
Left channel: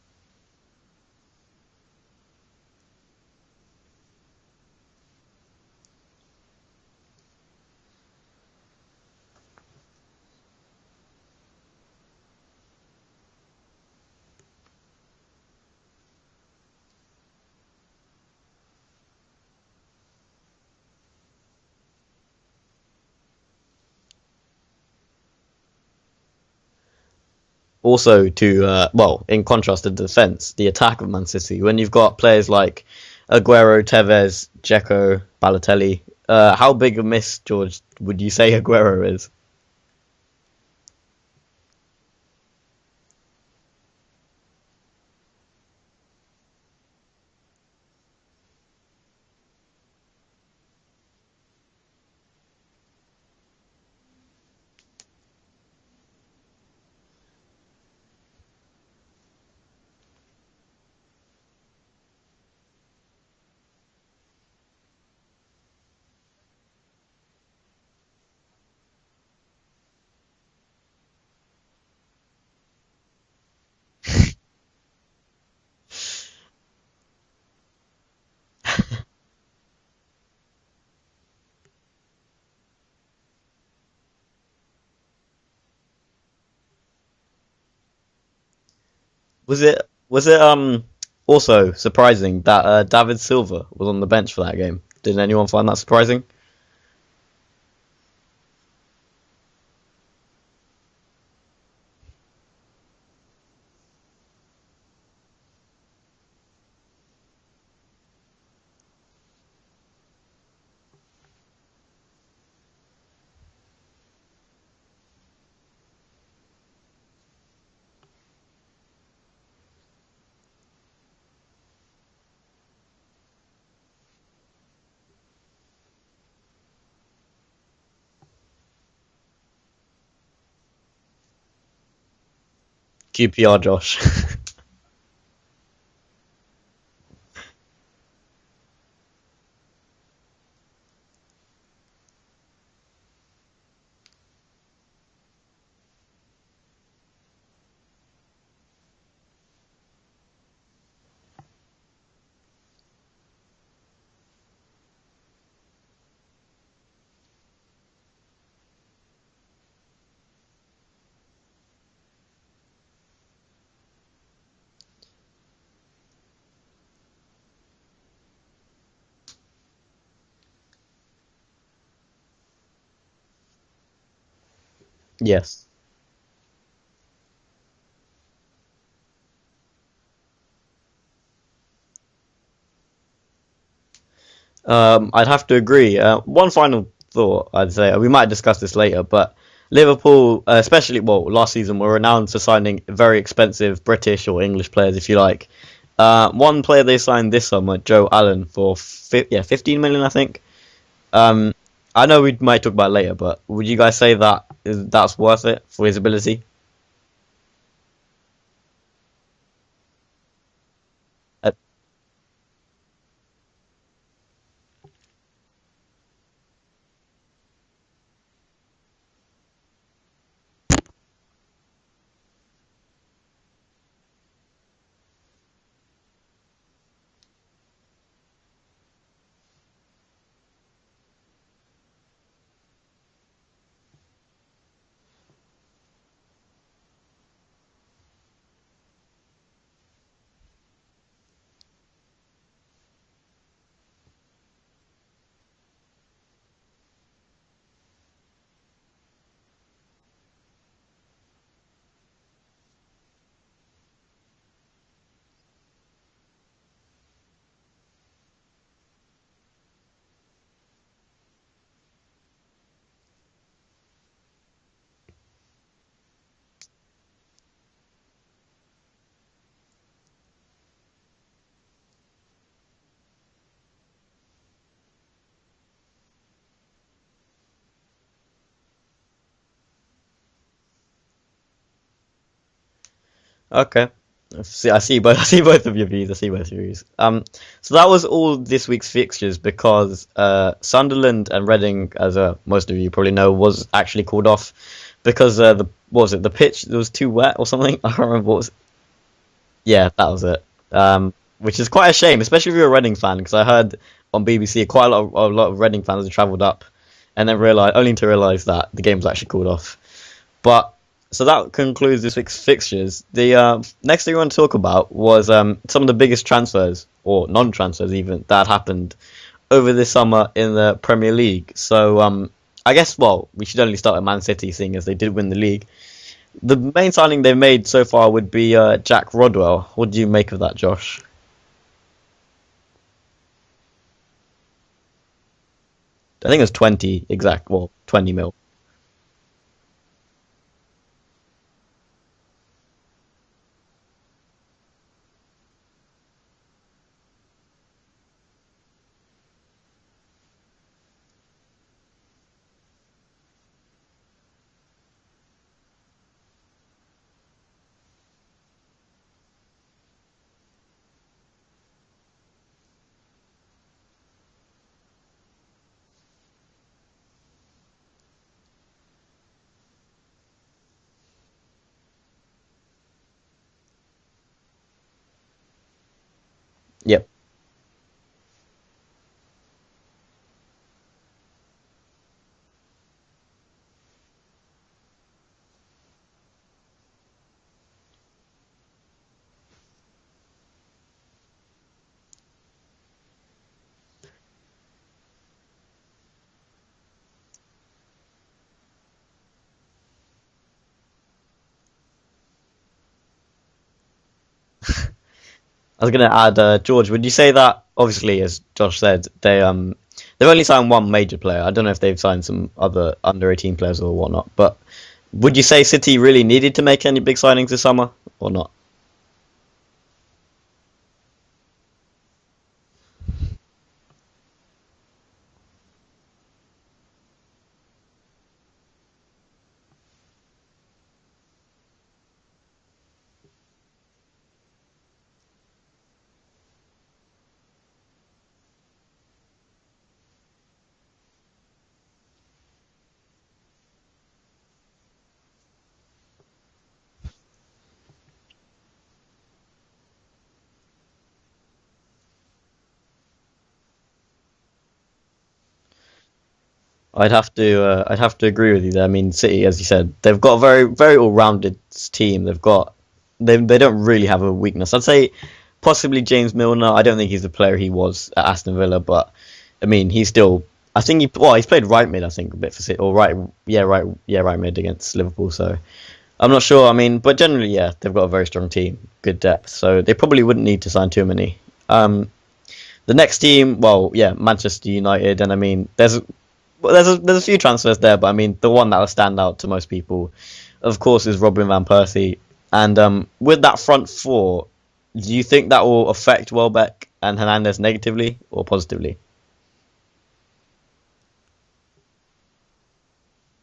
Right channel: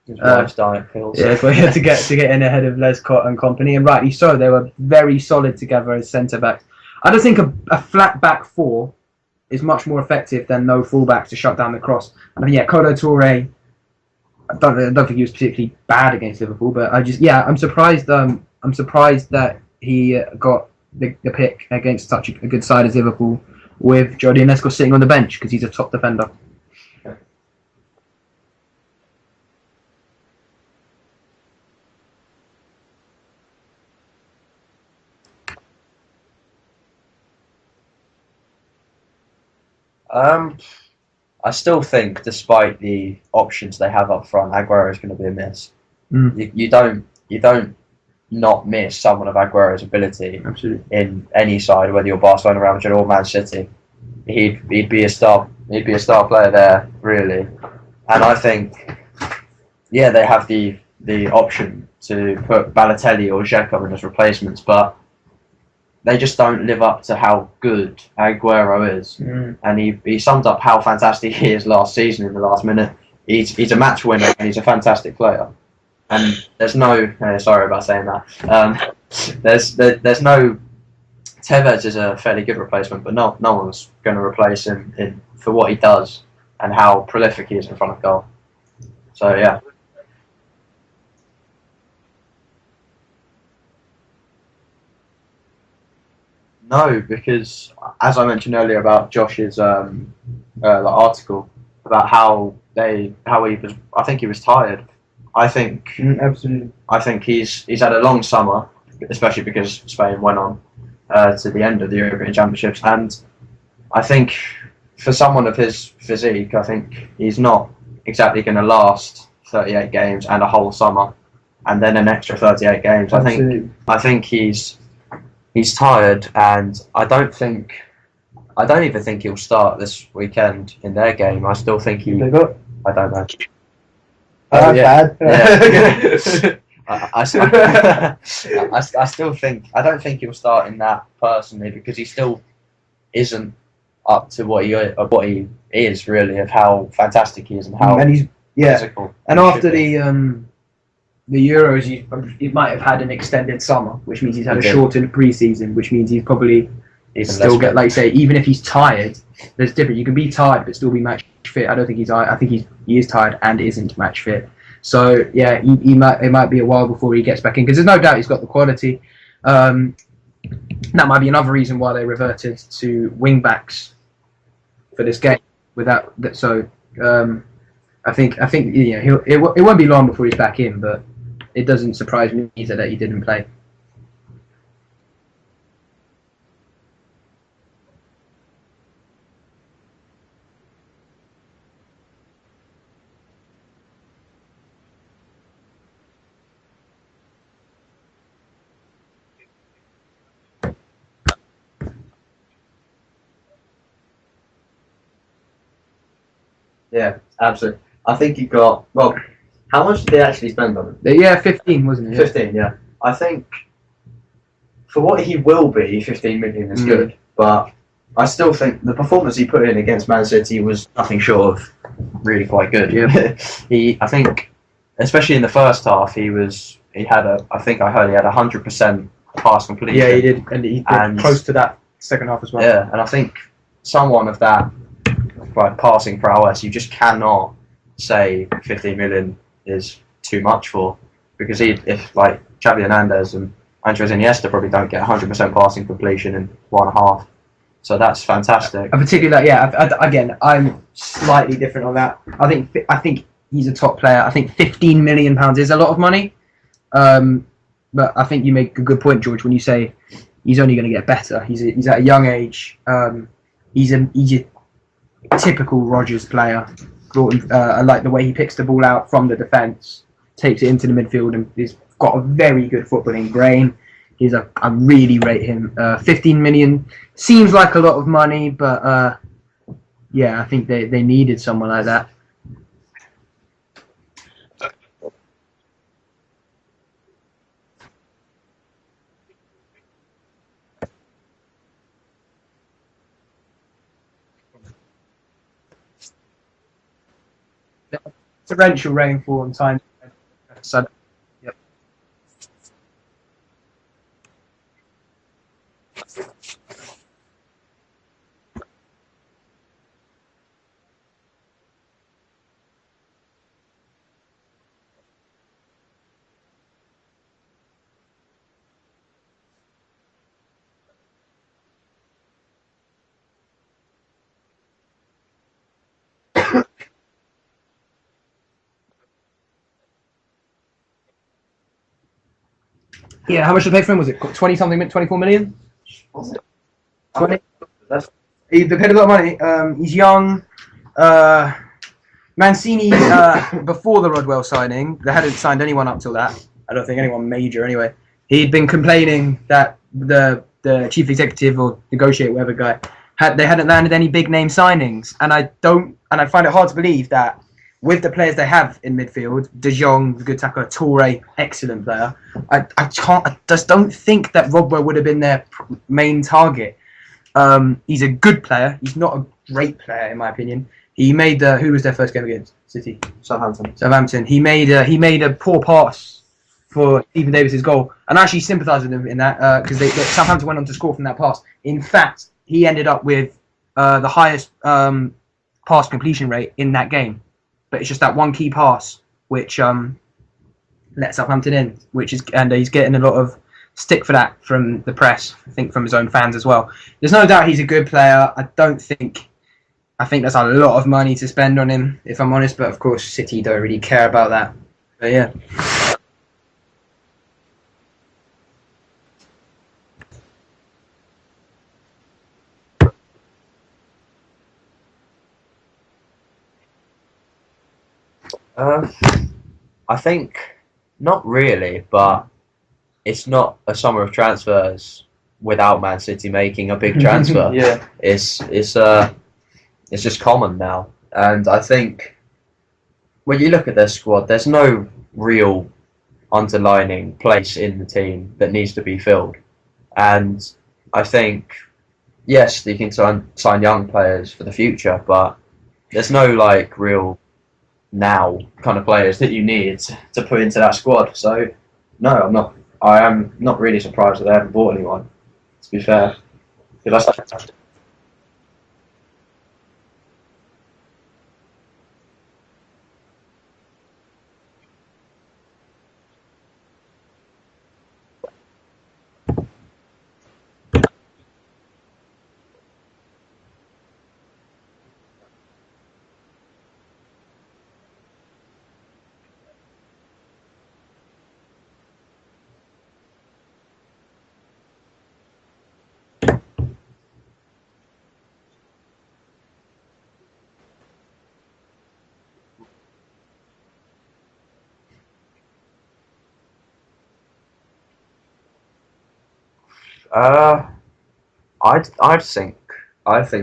his wife's diet pills. Yeah, to get in ahead of Lescott and company, and rightly so. They were very solid together as centre backs. I don't think a flat back four is much more effective than no fullbacks to shut down the cross. I mean, Kolo Touré, I don't think he was particularly bad against Liverpool, but I'm surprised. I'm surprised that he got the pick against such a good side as Liverpool, with Jordi Lescott sitting on the bench because he's a top defender. Also, in contrast to the defence, the attack of Man City, when you've got players like Aguero, Tevez, Dzeko, Balotelli, how big a miss, George, would you say Aguero is? I still think, despite the options they have up front, Aguero is going to be a miss. You don't not miss someone of Aguero's ability. Absolutely. In any side, whether you're Barcelona, Real Madrid, or Man City. He'd be a star. He'd be a star player there, really. And I think, they have the option to put Balotelli or Dzeko in as replacements, but they just don't live up to how good Aguero is. And he summed up how fantastic he is last season in the last minute. He's a match winner and he's a fantastic player. And there's no sorry about saying that. There's no Tevez is a fairly good replacement, but no one's going to replace him for what he does and how prolific he is in front of goal. So yeah. Was it also surprising that David Silva was on the bench for that game? Did anyone find that surprising? No, because as I mentioned earlier about Josh's article about how he was, I think he was tired. I think absolutely. I think he's had a long summer, especially because Spain went on to the end of the European Championships, and I think for someone of his physique, I think he's not exactly going to last 38 games and a whole summer, and then an extra 38 games. Absolutely. I think he's tired, and I don't even think he'll start this weekend in their game. I still think I don't know. QPR, Josh. Bad. Yeah. I still think I don't think he'll start in that personally, because he still isn't up to what he is really, of how fantastic he is and how he's physical. And after the Euros, he might have had an extended summer, which means he's had a shortened pre-season, which means he's probably still get, like you say, even if he's tired, there's different. You can be tired but still be match fit. I don't think I think he is tired and isn't match fit. So yeah, it might be a while before he gets back in, because there's no doubt he's got the quality. That might be another reason why they reverted to wing backs for this game. Yes. Without that, so I think it won't be long before he's back in, but it doesn't surprise me either that he didn't play. I'd have to agree. One final thought, I'd say, we might discuss this later, but Liverpool, especially last season, were renowned for signing very expensive British or English players, if you like. One player they signed this summer, Joe Allen, for 15 million, I think. I know we might talk about it later, but would you guys say that's worth it for his ability? Yeah, absolutely. I think he got, how much did they actually spend on him? Yeah, 15, wasn't it? 15, yeah. I think for what he will be, 15 million is good, but I still think the performance he put in against Man City was nothing short of really quite good. Yeah. I think, especially in the first half, I heard he had 100% pass completion. Yeah, he did, and he did close to that second half as well. Yeah, and I think someone of that passing prowess, you just cannot say 15 million is too much for, because if like Xavi Hernandez and Andres Iniesta probably don't get 100% passing completion in 1.5. So that's fantastic. And particularly, again, I'm slightly different on that. I think he's a top player. I think £15 million is a lot of money. But I think you make a good point, George, when you say he's only going to get better. He's at a young age. He's a typical Rodgers player. I like the way he picks the ball out from the defence, takes it into the midfield, and he's got a very good footballing brain. I really rate him. 15 million seems like a lot of money, but I think they needed someone like that. Okay. I see both of your views. So that was all this week's fixtures, because Sunderland and Reading, as most of you probably know, was actually called off because the pitch was too wet or something. I can't remember what was it. Torrential rainfall and time. Yeah, that was it. Which is quite a shame, especially if you're a Reading fan, because I heard on BBC quite a lot of Reading fans have travelled up, and then only to realise that the game was actually called off. But so that concludes this week's fixtures. The next thing we want to talk about was some of the biggest transfers, or non-transfers even, that happened over this summer in the Premier League. So I guess, we should only start at Man City, seeing as they did win the league. The main signing they've made so far would be Jack Rodwell. What do you make of that, Josh? Yeah, how much did they pay for him? Was it 20-something, 24 million? I think it was 20, 20 mil. They paid a lot of money. He's young. Mancini, before the Rodwell signing, they hadn't signed anyone up till that. I don't think anyone major anyway. He'd been complaining that the chief executive or negotiator, whatever guy, they hadn't landed any big name signings. And I find it hard to believe that with the players they have in midfield, De Jong, the good tackler, Toure, excellent player. I just don't think that Rodwell would have been their main target. He's a good player. He's not a great player in my opinion. He made who was their first game against? City. Southampton. He made a poor pass for Stephen Davis's goal, and I actually sympathise with him in that because Southampton went on to score from that pass. In fact, he ended up with the highest pass completion rate in that game, but it's just that one key pass which let Southampton in, and he's getting a lot of stick for that from the press. I think from his own fans as well. There's no doubt he's a good player. I think that's a lot of money to spend on him, if I'm honest. But of course, City don't really care about that. But yeah, I was going to add, George. Would you say that obviously, as Josh said, they've only signed one major player. I don't know if they've signed some other under-18 players or whatnot. But would you say City really needed to make any big signings this summer or not? I think not really, but it's not a summer of transfers without Man City making a big transfer. Yeah, it's just common now, and I think when you look at their squad, there's no real underlining place in the team that needs to be filled, and I think yes, you can sign young players for the future, but there's no real now kind of players that you need to put into that squad. So no, I am not really surprised that they haven't bought anyone, to be fair. I'd have to agree with you there. I mean, City, as you said, they've got a very, very all-rounded team. They don't really have a weakness. I'd say possibly James Milner. I don't think he's the player he was at Aston Villa, but I mean, he's still. I think he's played right mid. I think a bit for City, or right mid against Liverpool. So I'm not sure. I mean, but generally, yeah, they've got a very strong team, good depth. So they probably wouldn't need to sign too many. The next team, Manchester United, and I mean, there's a few transfers there, but I mean, the one that will stand out to most people, of course, is Robin van Persie. And with that front four, do you think that will affect Welbeck and Hernandez negatively or positively? I think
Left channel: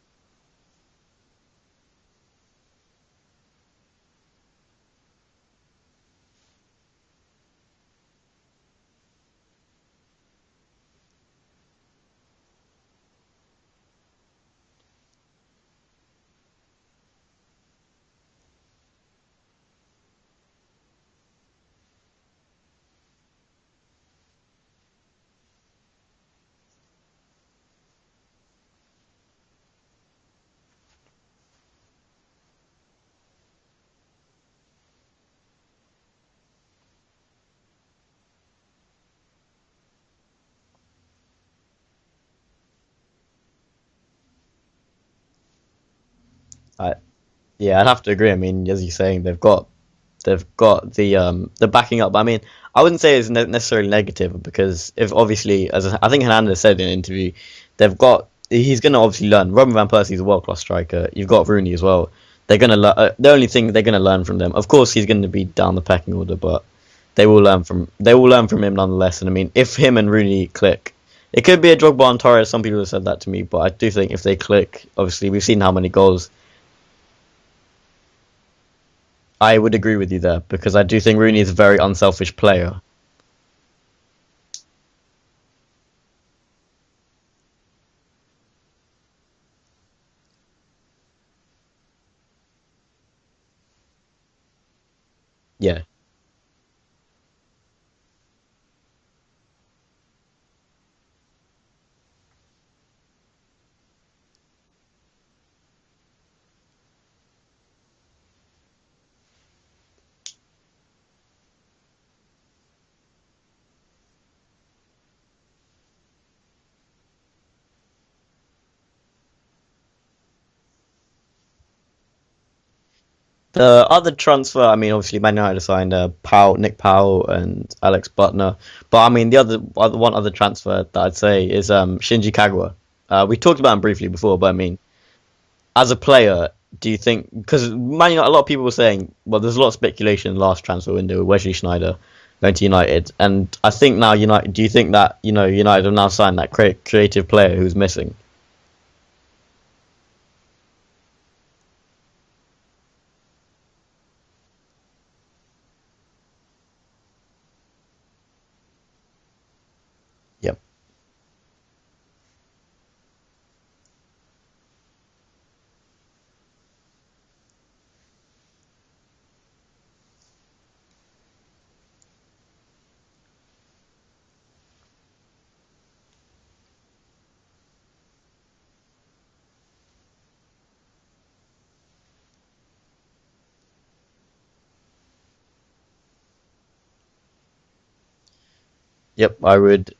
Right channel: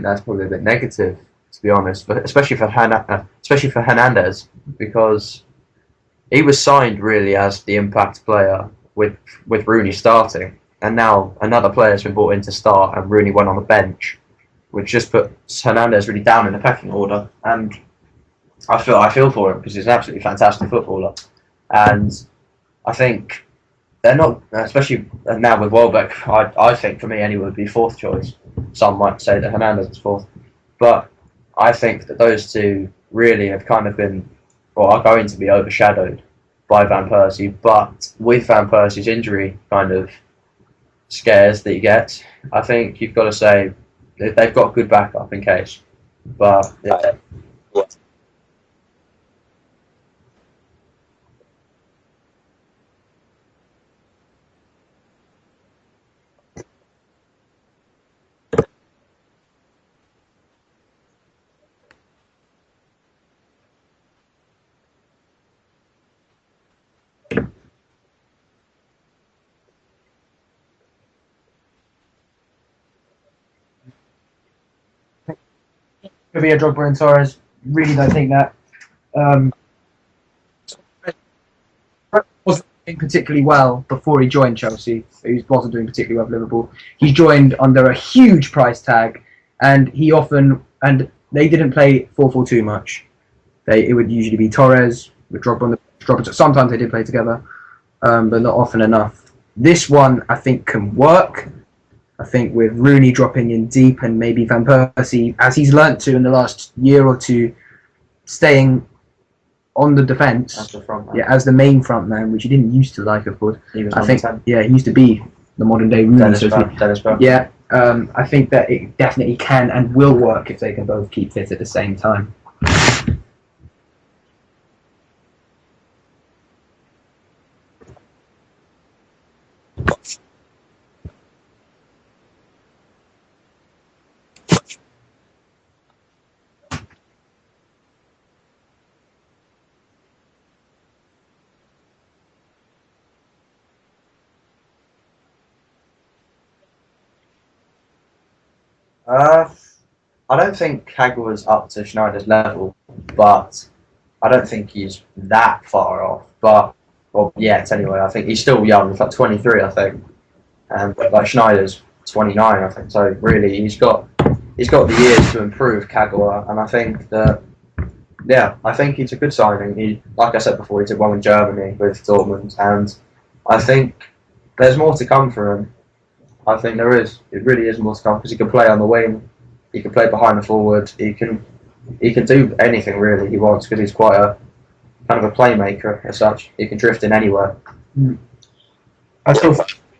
that's probably a bit negative, to be honest, but especially for Hernandez, because he was signed really as the impact player with Rooney starting, and now another player has been brought in to start, and Rooney went on the bench, which just puts Hernandez really down in the pecking order. And I feel for him because he's an absolutely fantastic footballer, and I think they're not, especially now with Welbeck. I think for me anyway would be fourth choice. Some might say that Hernandez is fourth, but I think that those two really have kind of been, or are going to be overshadowed by Van Persie. But with Van Persie's injury kind of scares that he gets, I think you've got to say they've got good backup in case. But yeah, I'd have to agree. I mean, as you're saying, they've got the backing up. I mean, I wouldn't say it's necessarily negative because if obviously, as I think Hernandez said in an interview, he's going to obviously learn. Robin van Persie is a world class striker. You've got Rooney as well. They're going to learn. The only thing they're going to learn from them, of course, he's going to be down the pecking order, but they will learn from him nonetheless. And I mean, if him and Rooney click, it could be a Drogba and Torres. Some people have said that to me, but I do think if they click, obviously we've seen how many goals. Could be a Drogba and Torres. Really don't think that. I would agree with you there because I do think Rooney is a very unselfish player. Doing particularly well before he joined Chelsea. He wasn't doing particularly well for Liverpool. He joined under a huge price tag, and they didn't play 4-4-2 much. It would usually be Torres with Drogba. Drogba. Sometimes they did play together, but not often enough. This one I think can work. I think with Rooney dropping in deep and maybe Van Persie, as he's learnt to in the last year or two, staying on the defence, as the main front man, which he didn't used to like, of course. He used to be the modern day Rooney. I think that it definitely can and will work if they can both keep fit at the same time. The other transfer, I mean, obviously Man United signed Nick Powell and Alex Butner, but I mean the one other transfer that I'd say is Shinji Kagawa. We talked about him briefly before, but I mean, as a player, do you think, because Man United, a lot of people were saying, well, there's a lot of speculation last transfer window with Wesley Sneijder going to United, and I think now United. Do you think that United have now signed that creative player who's missing? I don't think Kagawa's up to Schneider's level, but I don't think he's that far off. But yet anyway, I think he's still young. He's like 23, I think. Yep. And like Schneider's 29, I think. So really, he's got the years to improve, Kagawa, and I think that, I think he's a good signing. He, like I said before, he did well in Germany with Dortmund, and I think there's more to come for him. I think there is. It really is more to come because he can play on the wing, he can play behind the forward, he can do anything really he wants because he's quite a kind of a playmaker as such. He can drift in anywhere. Yep, I would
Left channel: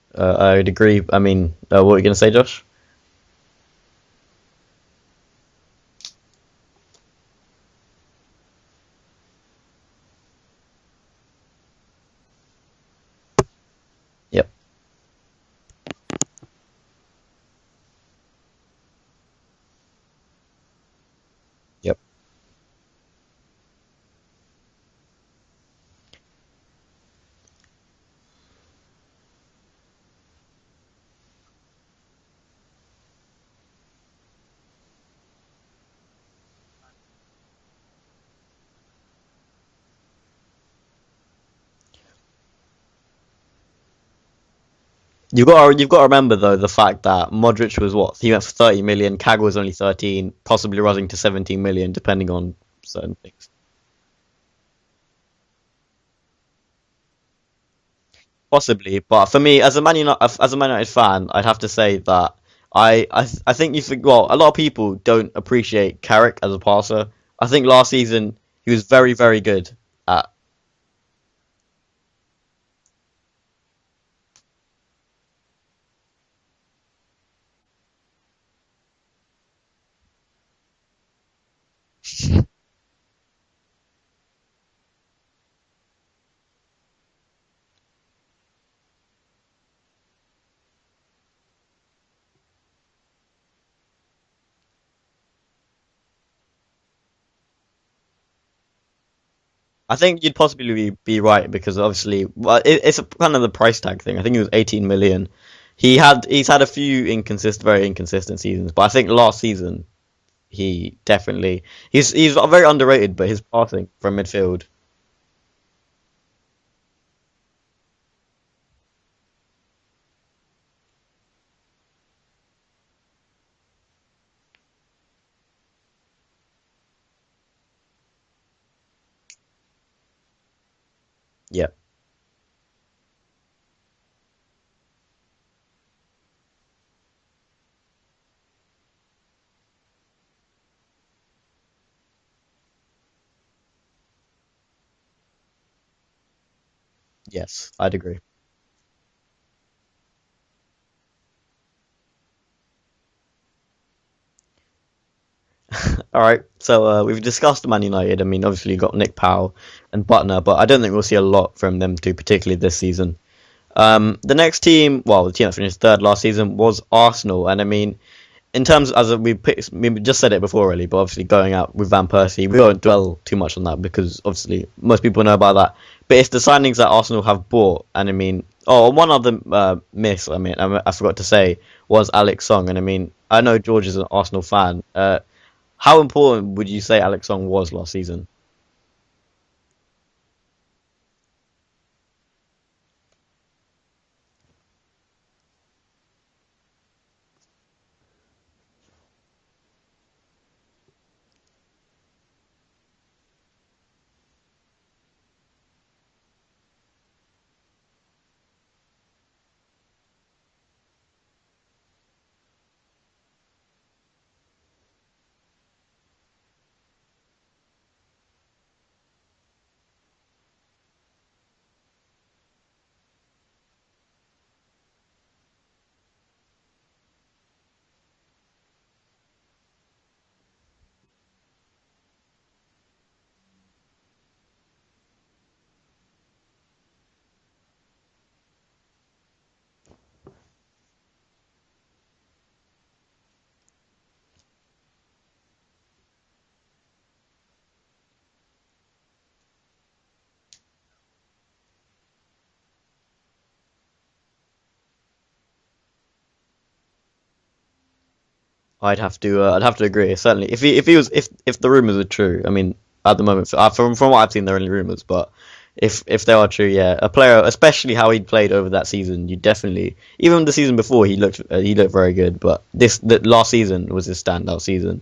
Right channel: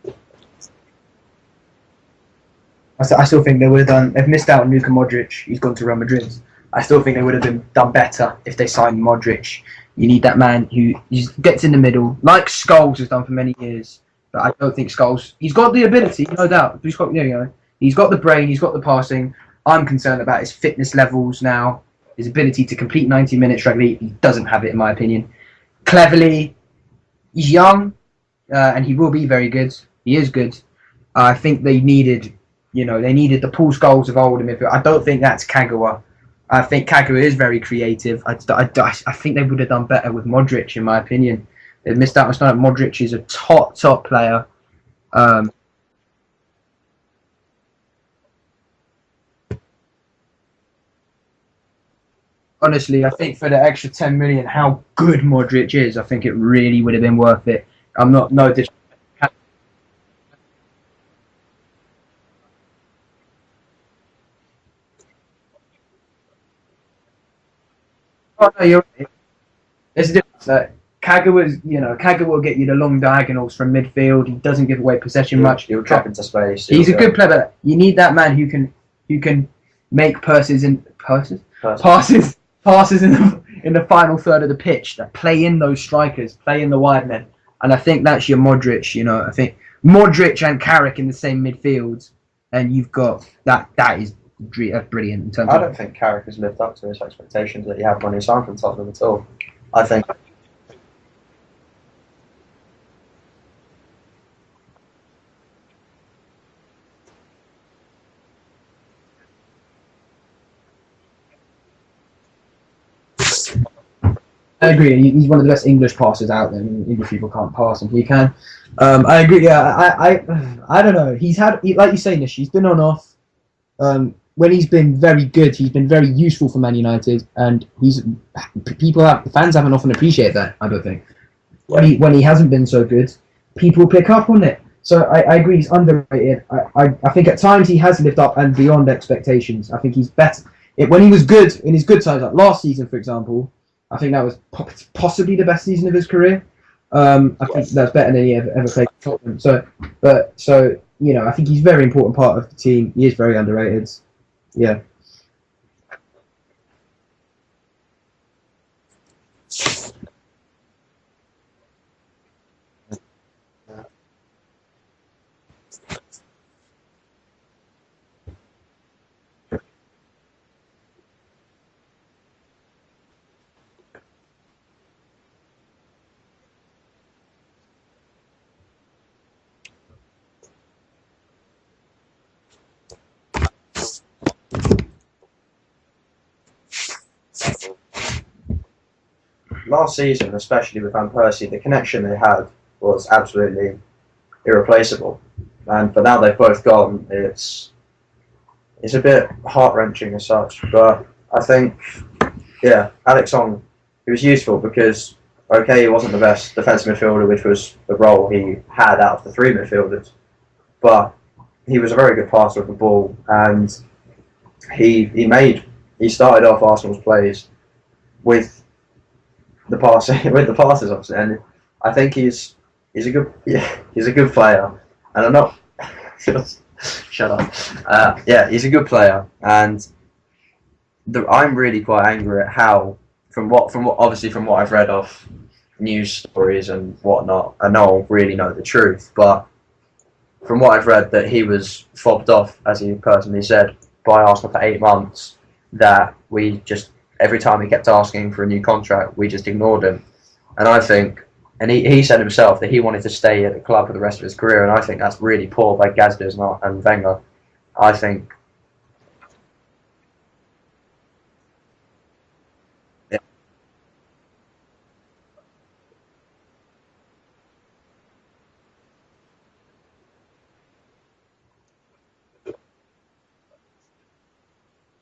agree. I mean, what were you going to say, Josh? I still think they would have done. They've missed out on Luka Modric. He's gone to Real Madrid. I still think they would have done better if they signed Modric. You need that man who gets in the middle, like Scholes has done for many years. Yep. I don't think Scholes. He's got the ability, no doubt. He's got the brain. He's got the passing. I'm concerned about his fitness levels now. Yep. His ability to complete 90 minutes regularly. He doesn't have it, in my opinion. Cleverly, he's young, and he will be very good. He is good. I think they needed the Paul Scholes of old. I don't think that's Kagawa. I think Kagawa is very creative. I think they would have done better with Modric, in my opinion. They've missed out on starting. Modric is a top player. You've got to remember though the fact that Modric was he went for 30 million. Kagawa was only 13, possibly rising to 17 million, depending on. Honestly, I think for the extra 10 million, how good Modric is, I think it really would have been worth it. I'm not possibly, but for me, as a Man United fan, I'd have to say that I think a lot of people don't appreciate Carrick as a passer. I think last season he was very, very good. Kagawa will get you the long diagonals from midfield. He doesn't give away possession much. He'll drop into space. He's a good player. But you need that man who can make passes in the final third of the pitch. That play in those strikers, play in the wide men. And I think that's your Modric. I think Modric and Carrick in the same midfield, and you've got that. That is brilliant. I don't think Carrick has lived up to his expectations that he had when he signed from Tottenham at all. I think you'd possibly be right because obviously, it's kind of the price tag thing. I think it was 18 million. He's had a few very inconsistent seasons, but I think last season he's very underrated, but his passing from midfield. I agree. He's one of the best English passers out there. English people can't pass him. He can. I agree. Yeah, I don't know. He's had, like you say, Nish, he's been on off. When he's been very good, he's been very useful for Man United, and fans haven't often appreciated that. I don't think. Yeah. When he hasn't been so good, people pick up on it. So I agree he's underrated. I think at times he has lived up and beyond expectations. I think he's better. When he was good, in his good times, like last season, for example, I think that was possibly the best season of his career. I think that's better than he ever played for Tottenham. So I think he's a very important part of the team. He is very underrated. Yeah. All right, so we've discussed Man United. I mean, obviously you've got Nick Powell and Butner, but I don't think we'll see a lot from them two, particularly this season. The next team, the team that finished third last season was Arsenal, and I mean, in terms as we just said it before, really, but obviously going out with Van Persie, we won't dwell too much on that because obviously most people know about that. But it's the signings that Arsenal have bought, and I mean, one other miss. I mean, I forgot to say was Alex Song, and I mean, I know George is an Arsenal fan. How important would you say Alex Song was last season? Last season, especially with Van Persie, the connection they had was absolutely irreplaceable. But now they've both gone, it's a bit heart-wrenching as such. But I think, Alex Song, he was useful because, he wasn't the best defensive midfielder, which was the role he had out of the three midfielders. But he was a very good passer of the ball, and he started off Arsenal's plays with the passes, obviously, and I think he's a good player, and I'm not shut up. He's a good player, and I'm really quite angry at how from what I've read of news stories and whatnot, I don't really know the truth, but from what I've read, that he was fobbed off, as he personally said, by Arsenal for 8 months, that we just, every time he kept asking for a new contract, we just ignored him. And I think, and he said himself that he wanted to stay at the club for the rest of his career, and I think that's really poor by Gazdes and Wenger. I think I'd have to agree. Certainly, if the rumors are true, I mean, at the moment, from what I've seen, they're only rumors, but if they are true, a player, especially how he played over that season, you definitely, even the season before, he looked very good, but the last season was his standout season.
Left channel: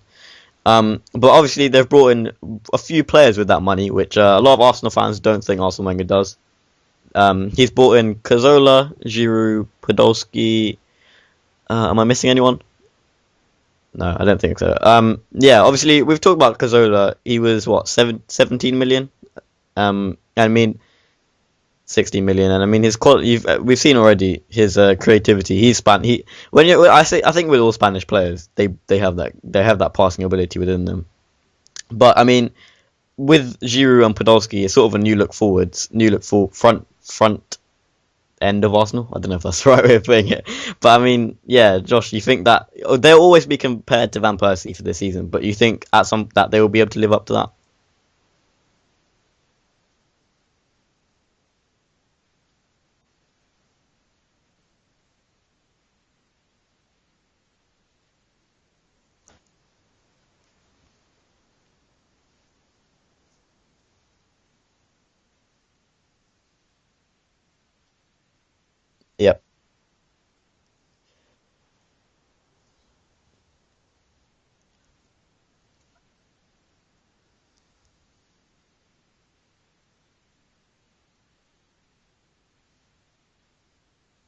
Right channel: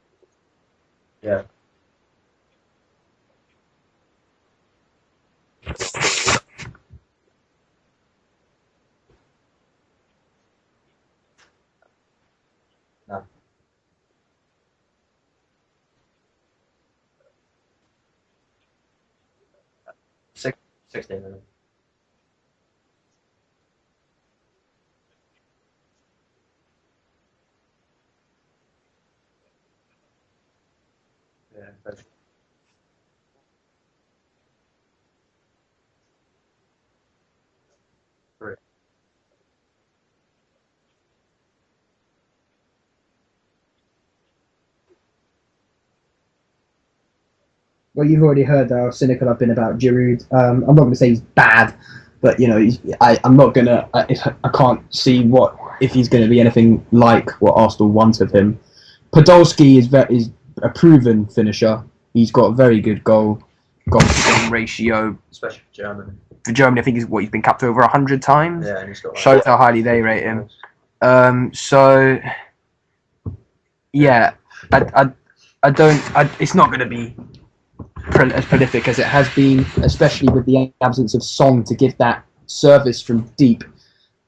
But obviously they've brought in a few players with that money, which a lot of Arsenal fans don't think Arsene Wenger does. He's brought in Cazorla, Giroud, Podolski. Am I missing anyone? No, I don't think so. Obviously we've talked about Cazorla. He was 17 million. I mean, 60 million, and I mean his quality. We've seen already his creativity. I think with all Spanish players, they have that passing ability within them. Yeah, but I mean, with Giroud and Podolski, it's sort of a new look front end of Arsenal. I don't know if that's the right way of putting it, but I mean, Josh, you think that they'll always be compared to Van Persie for this season, but you think that they will be able to live up to that? Well, you've already heard how cynical I've been about Giroud. I'm not going to say he's bad, but I'm not going to. I can't see if he's going to be anything like what Arsenal want of him. Podolski is a proven finisher. He's got a very good goal ratio, especially for Germany. For Germany, I think he's been capped over 100 times. Yeah, and he's got. Shows how highly they rate him. It's not going to be as prolific as it has been, especially with the absence of Song to give that service from deep.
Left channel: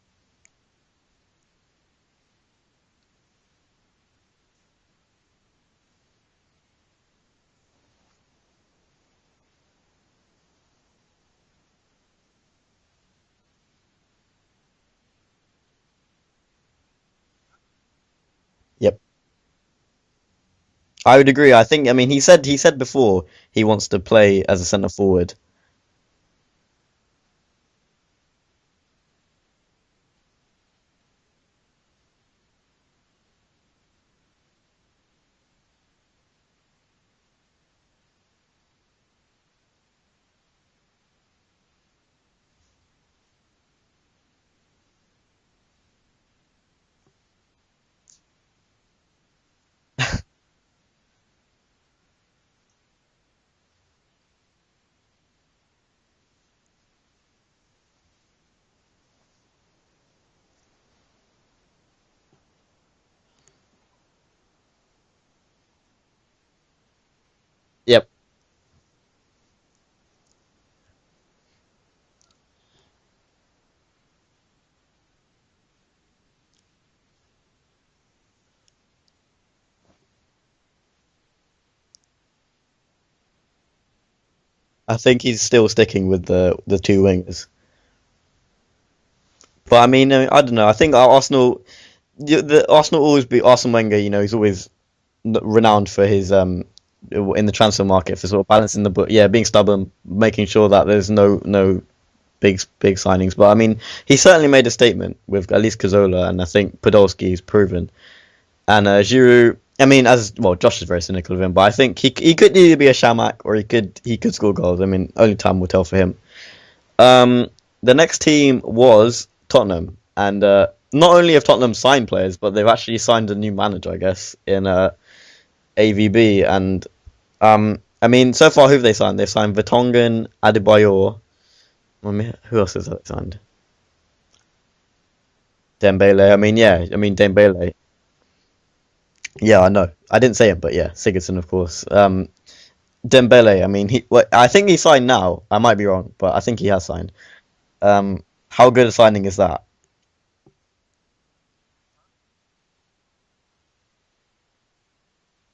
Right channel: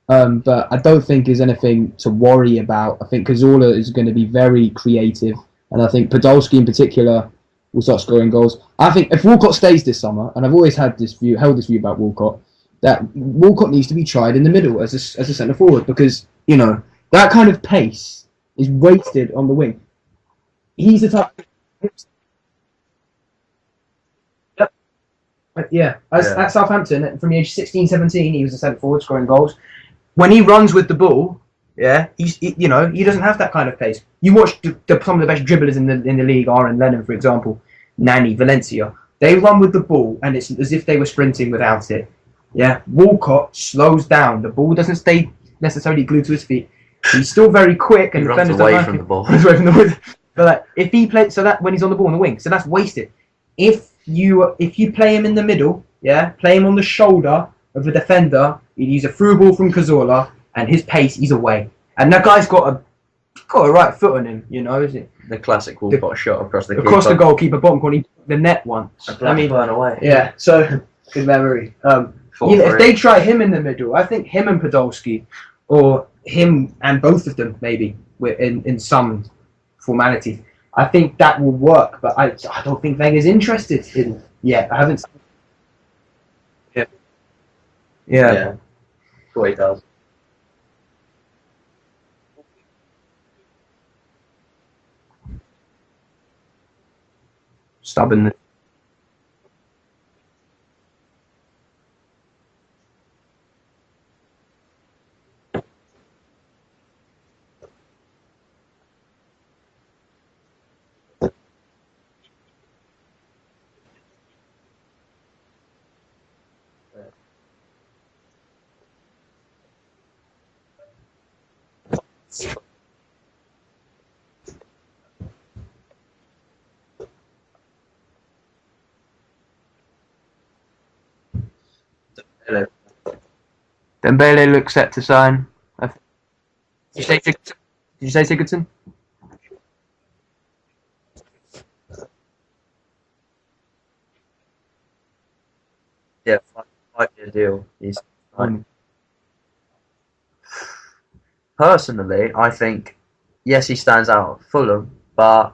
But I don't think there's anything to worry about. I think Cazorla is going to be very creative, and I think Podolski in particular will start scoring goals. I think if Walcott stays this summer, and I've always held this view about Walcott, that Walcott needs to be tried in the middle as a centre forward, because that kind of pace is wasted on the wing. I would agree. I think. I mean, he said before he wants to play as a centre forward. At Southampton, from the age of 16, 17, he was a centre forward scoring goals. When he runs with the ball, he doesn't have that kind of pace. You watch some of the best dribblers in the league, Aaron Lennon, for example, Nani, Valencia. They run with the ball, and it's as if they were sprinting without it. Yeah, Walcott slows down. The ball doesn't stay necessarily glued to his feet. He's still very quick, and he runs away from the ball. But if he plays, so that when he's on the ball in the wing, so that's wasted. If you play him in the middle, play him on the shoulder of a defender, you use a through ball from Cazorla, and his pace, he's away. And that guy's got a right foot on him, is it? The classic Walcott shot across the goalkeeper bottom corner, the net once. Burn away. Yeah, so good memory. If they try him in the middle, I think him and Podolski, or him and both of them maybe in some formality, I think that will work. But I don't think Wenger's interested in yet. I think he's still sticking with the two wingers. Yeah. But I mean, I don't know. I think Arsenal always be Arsene Wenger. You know, he's always renowned for his in the transfer market, sort of balancing the book. Yeah, being stubborn, making sure that there's no big signings. But I mean, he certainly made a statement with at least Cazorla, and I think Podolski's proven. And Giroud, I mean, as well, Josh is very cynical of him, but I think he could either be a Shamak or he could score goals. I mean, only time will tell for him. The next team was Tottenham, and not only have Tottenham signed players, but they've actually signed a new manager, I guess, in AVB. And I mean, so far, who have they signed? They've signed Vertonghen, Adebayor. Who else has that signed? Dembele looks set to sign. Dembele. I mean, yeah. I mean, Dembele. Did you say Sigurdsson? Yeah, I know. I didn't say it, but yeah, Sigurdsson, of course. Dembele, I mean, I think he signed now. I might be wrong, but I think he has signed. How good a signing is that? Personally, I think, yes, he stands out at Fulham, but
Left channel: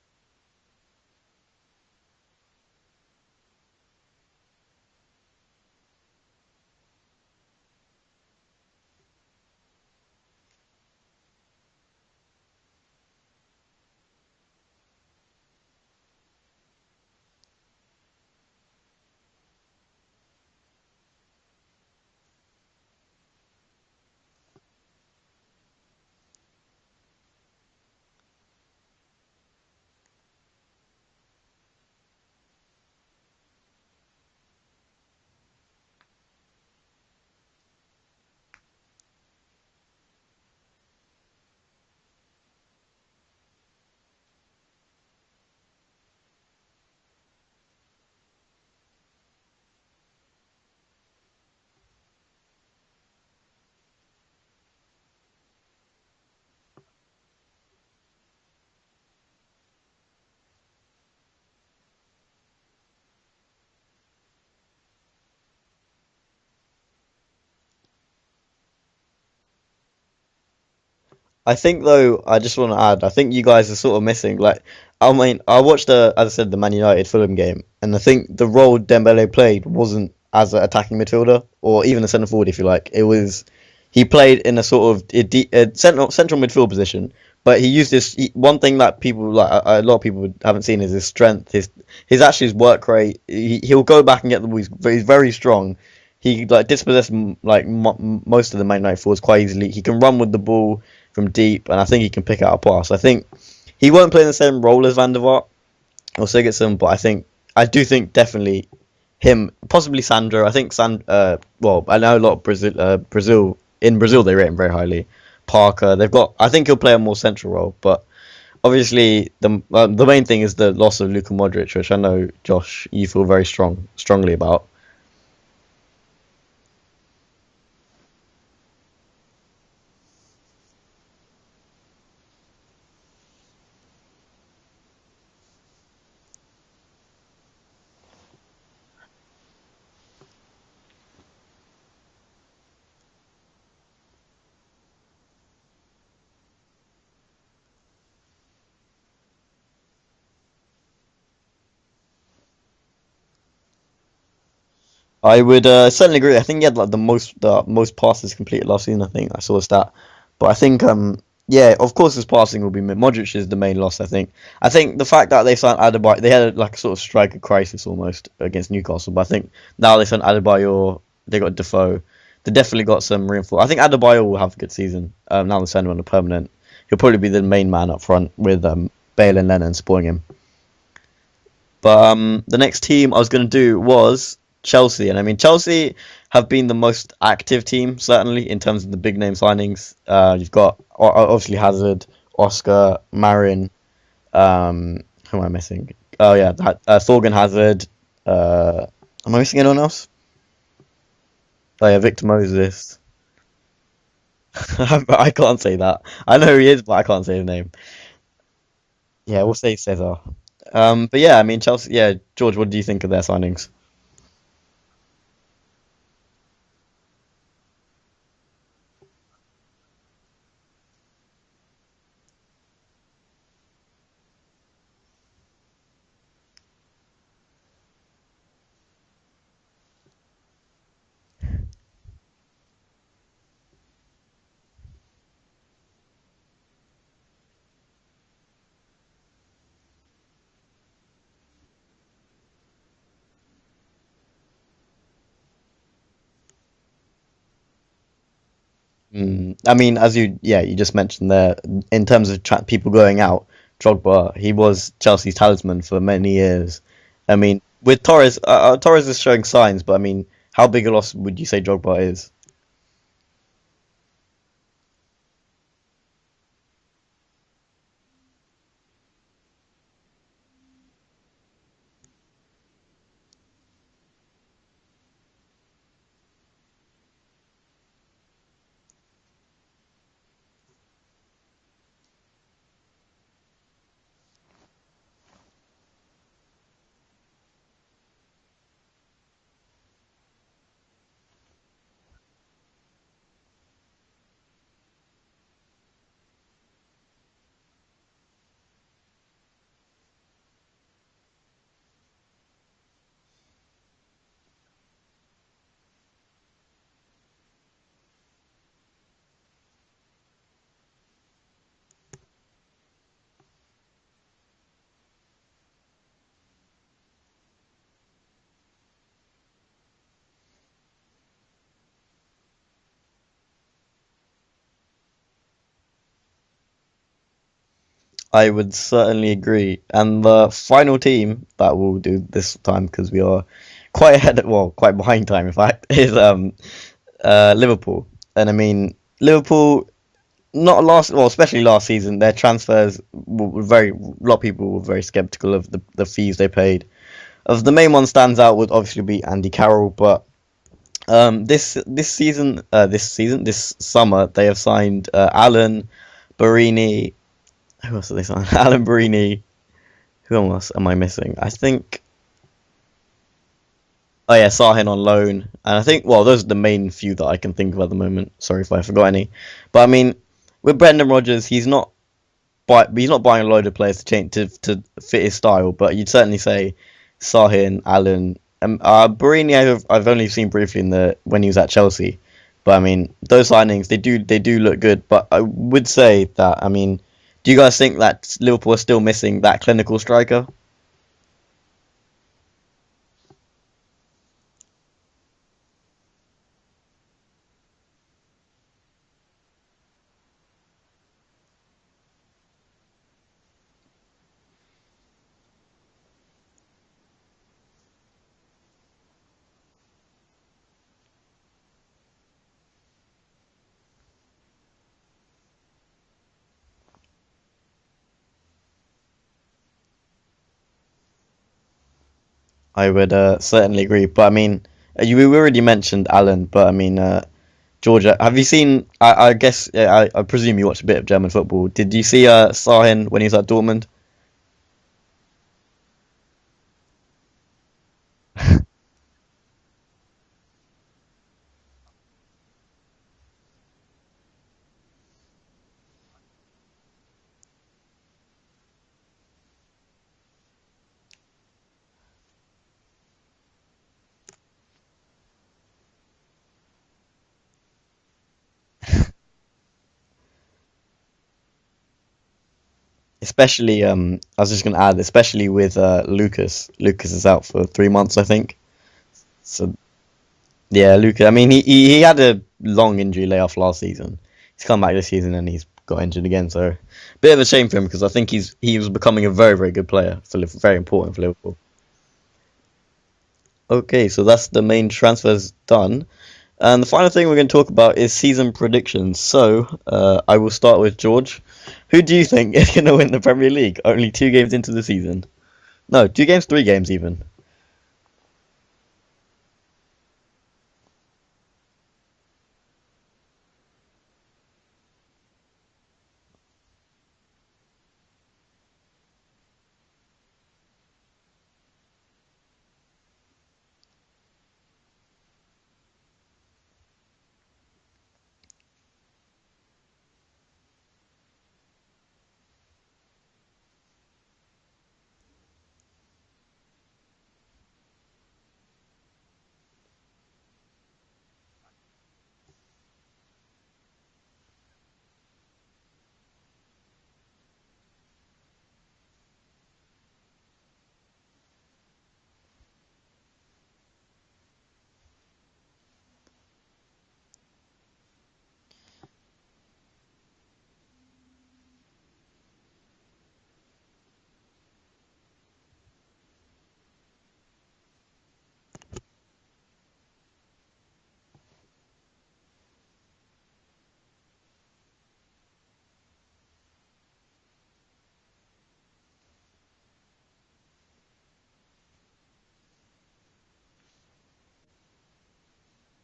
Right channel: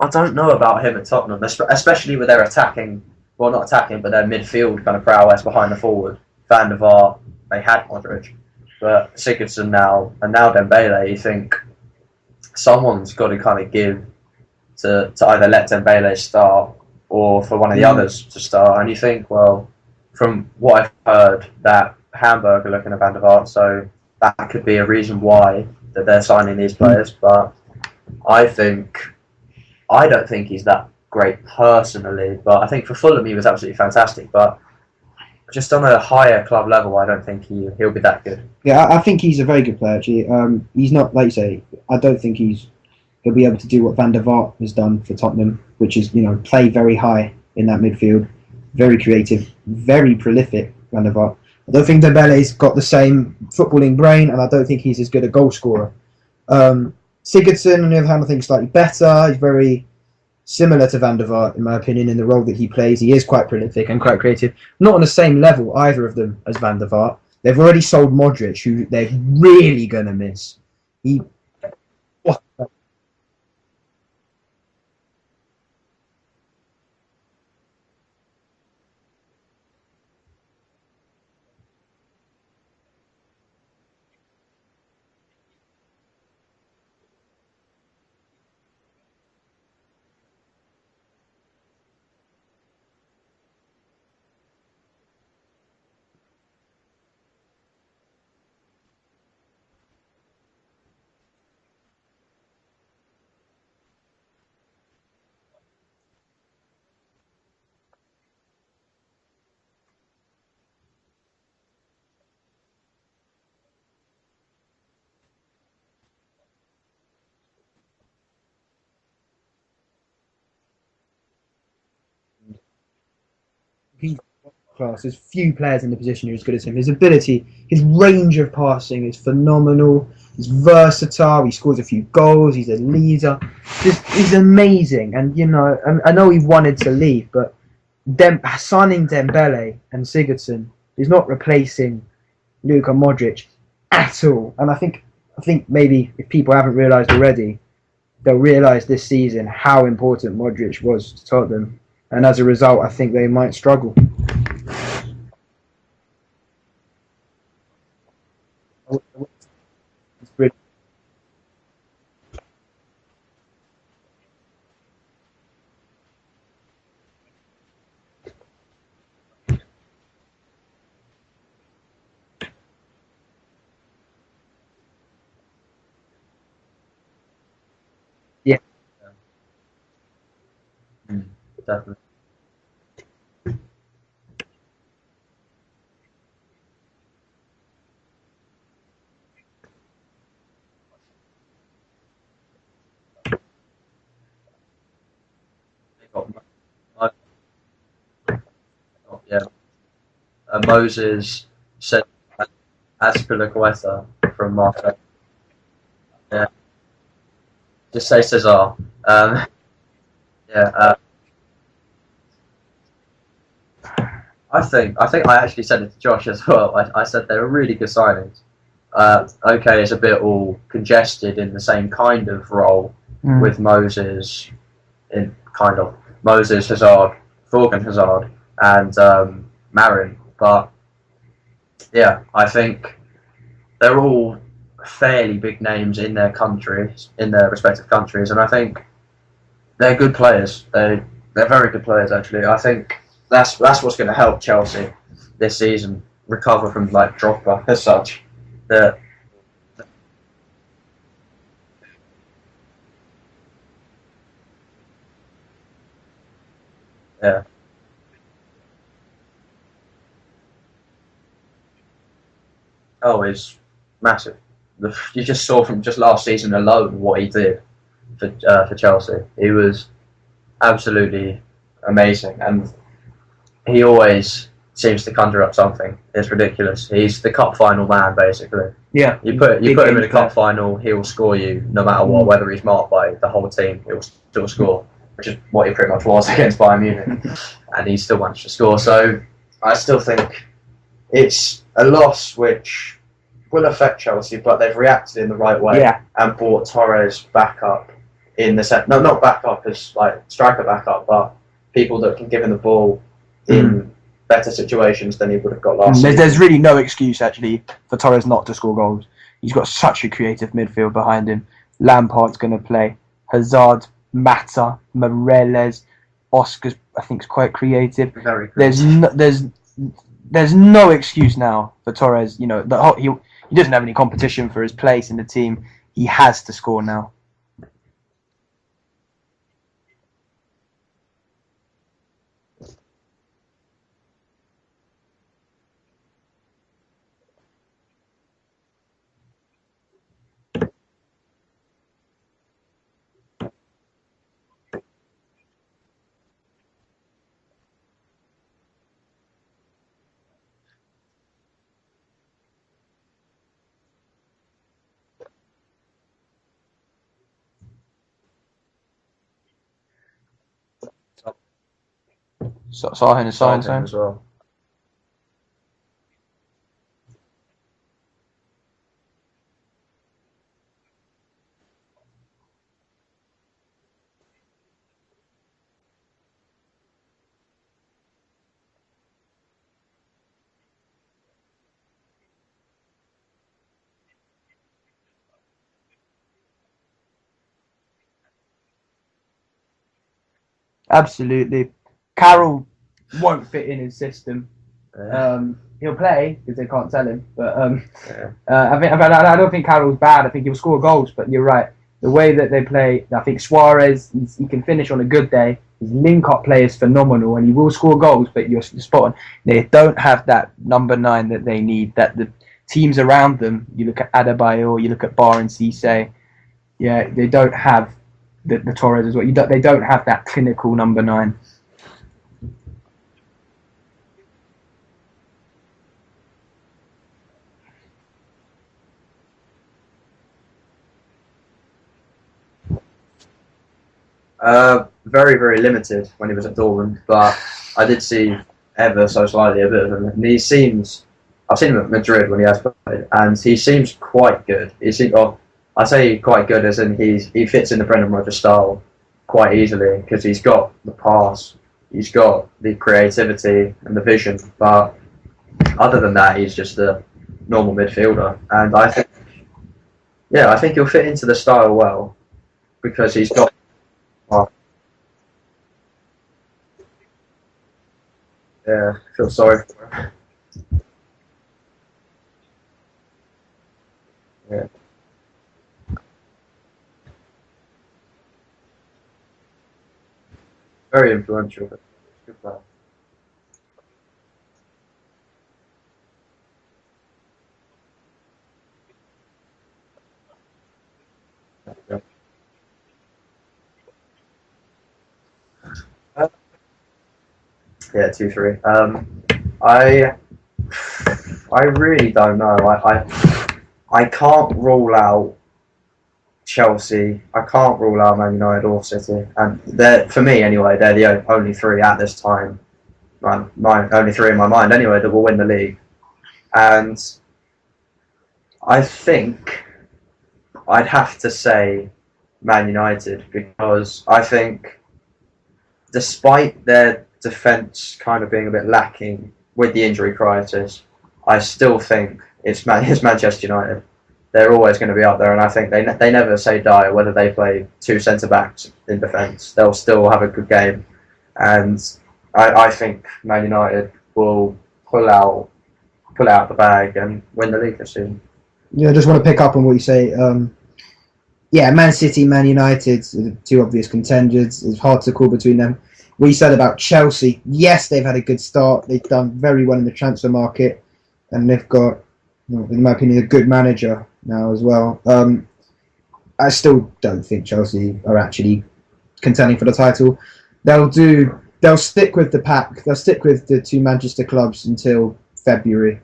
I don't know about him at Tottenham, especially with their attacking, well, not attacking, but their midfield kind of prowess behind the forward. Van der Vaart, they had Modric, but Sigurdsson now, and now Dembele, you think someone's got to kind of give to either let Dembele start or for one of the others to start. And you think, well, from what I've heard, that Hamburg are looking at Van der Vaart, so that could be a reason why that they're signing these players. But I don't think he's that great personally, but I think for Fulham he was absolutely fantastic. But just on a higher club level, I don't think he'll be that good. Yeah, I think he's a very good player, actually. He's not, like you say, I don't think he'll be able to do what Van der Vaart has done for Tottenham, which is, play very high in that midfield, very creative, very prolific, Van der Vaart. I don't think Dembele's got the same footballing brain, and I don't think he's as good a goal scorer. Sigurdsson, on the other hand, I think is slightly better. He's very similar to Van der Vaart, in my opinion, in the role that he plays. He is quite prolific and quite creative. Not on the same level, either of them, as Van der Vaart. They've already sold Modric, who they're really going to miss. I think, though, I just want to add, I think you guys are sort of missing, I mean, I watched, as I said, the Man United Fulham game, and I think the role Dembele played wasn't as an attacking midfielder, or even a centre forward, if you like. He played in a sort of central midfield position, but he used this. One thing that people a lot of people haven't seen is his strength, his work rate. He'll go back and get the ball. He's very strong. He dispossessed most of the Man United forwards quite easily. He can run with the ball from deep, and I think he can pick out a pass. I think he won't play in the same role as Van der Vaart or Sigurdsson, but I do think definitely him, possibly Sandro. I think well, I know a lot of Brazil. In Brazil, they rate him very highly. Parker, I think he'll play a more central role, but obviously the main thing is the loss of Luka Modric, which I know, Josh, you feel very strongly about. Well, there's few players in the position who are as good as him. His ability, his range of passing is phenomenal. He's versatile. He scores a few goals. He's a leader. He's amazing. And I know he wanted to leave, but signing Dembele and Sigurdsson is not replacing Luka Modric at all. And I think maybe if people haven't realised already, they'll realise this season how important Modric was to Tottenham, and as a result, I think they might struggle. I would certainly agree. I think he had the most passes completed last season. I think I saw a stat, but I think of course his passing will be Modric is the main loss. I think the fact that they signed Adebayor, they had a sort of striker crisis almost against Newcastle, but I think now they signed Adebayor, they got Defoe. They definitely got some reinforcement. I think Adebayor will have a good season. Now they're sending him on a permanent. He'll probably be the main man up front with Bale and Lennon supporting him. But the next team I was going to do was Chelsea. And I mean, Chelsea have been the most active team, certainly, in terms of the big name signings. You've got, obviously, Hazard, Oscar, Marin. Who am I missing? Oh, yeah, Thorgan Hazard. Am I missing anyone else? Moses. Oh, yeah, Victor Moses. Azpilicueta from Marco. I can't say that. I know who he is, but I can't say his name. Just say Cesar. Yeah, we'll say Cesar. Yeah. But yeah, I mean, Chelsea. Yeah, George, what do you think of their signings? I think I actually said it to Josh as well. I said they were really good signings. Okay, it's a bit all congested in the same kind of role with Moses, in kind of Moses, Hazard, Thorgan Hazard, and Marin. But yeah, I think they're all fairly big names in their countries, in their respective countries, and I think they're good players. They're very good players actually. I think that's what's going to help Chelsea this season recover from like Drogba as such. I mean, as you just mentioned there, in terms of people going out, Drogba, he was Chelsea's talisman for many years. Yeah. I mean, with Torres, Torres is showing signs, but I mean, how big a loss would you say Drogba is? Oh, it's massive. You just saw from just last season alone what he did for Chelsea. He was absolutely amazing, and he always seems to conjure up something. It's ridiculous. He's the cup final man, basically. Yeah. You put him in a cup final, he'll score you no matter what, whether he's marked by the whole team, he'll still score, which is what he pretty much was against Bayern Munich, and he still managed to score. So I still think it's a loss which will affect Chelsea, but they've reacted in the right way and brought Torres back up in the set. No, not back up as like striker back up, but people that can give him the ball in better situations than he would have got last season. There's really no excuse actually for Torres not to score goals. He's got such a creative midfield behind him. Lampard's going to play. Hazard, Mata, Morelos, Oscar, I think is quite creative. Very creative. There's no excuse now for Torres. You know, he doesn't have any competition for his place in the team. He has to score now. I would certainly agree. And the final team that we'll do this time, because we are quite behind time, in fact, is Liverpool. And I mean, Liverpool, especially last season, their transfers were a lot of people were very skeptical of the fees they paid. Of the main one stands out would obviously be Andy Carroll, but this summer they have signed Alan Barini. Who else have they signed? Alan Barini. Who else am I missing? I think Sahin is signed as well. Oh yeah, Sahin on loan, and I think those are the main few that I can think of at the moment. Sorry if I forgot any, but I mean, with Brendan Rodgers, he's not buying a load of players to change to fit his style, but you'd certainly say Sahin, Allen, Barini. I've only seen briefly when he was at Chelsea, but I mean those signings they do look good. But I would say that, I mean, do you guys think that Liverpool are still missing that clinical striker? Absolutely. Carroll won't fit in his system. He'll play because they can't sell him. But I don't think Carroll's bad. I think he'll score goals. But you're right. The way that they play, I think Suarez, he can finish on a good day. His link-up play is phenomenal, and he will score goals. But you're spot on. They don't have that number 9 that they need. That the teams around them. You look at Adebayor, you look at Bar and Cisse. Yeah, they don't have the Torres as well. They don't have that clinical number 9. I would certainly agree, but I mean, we already mentioned Alan, but I mean, Georgia, have you seen? I guess I presume you watched a bit of German football. Did you see Sahin when he was at Dortmund? Very, very limited when he was at Dortmund, but I did see ever so slightly a bit of him. And I've seen him at Madrid when he has played, and he seems quite good. I say quite good as in he fits in the Brendan Rodgers style quite easily because he's got the pass. He's got the creativity and the vision, but other than that, he's just a normal midfielder. And I think he'll fit into the style well because he's especially. I was just going to add, especially with Lucas. Lucas is out for 3 months, I think. Yeah, I feel sorry. Yeah, Lucas. I mean, he had a long injury layoff last season. Yeah. He's come back this season and he's got injured again. So, bit of a shame for him because I think he was becoming a very, very good player. Very important for Liverpool. Okay, so that's the main transfers done. And the final thing we're going to talk about is season predictions. So, I will start with George. Who do you think is going to win the Premier League? Only 2 games into the season. No, 2 games, 3 games even. Yeah, 2-3. I really don't know. I can't rule out Chelsea. I can't rule out Man United or City. And for me anyway, they're the only 3 at this time my only three in my mind anyway that will win the league, and I think I'd have to say Man United, because I think despite their defence kind of being a bit lacking with the injury crisis, I still think it's Manchester United. They're always going to be up there, and I think they never say die whether they play two centre backs in defence. They'll still have a good game, and I think Man United will pull out the bag and win the league this season. Yeah, I just want to pick up on what you say. Yeah, Man City, Man United, the two obvious contenders. It's hard to call between them. What you said about Chelsea, yes, they've had a good start. They've done very well in the transfer market, and they've got, in my opinion, a good manager now as well. I still don't think Chelsea are actually contending for the title. They'll stick with the pack. They'll stick with the two Manchester clubs until February,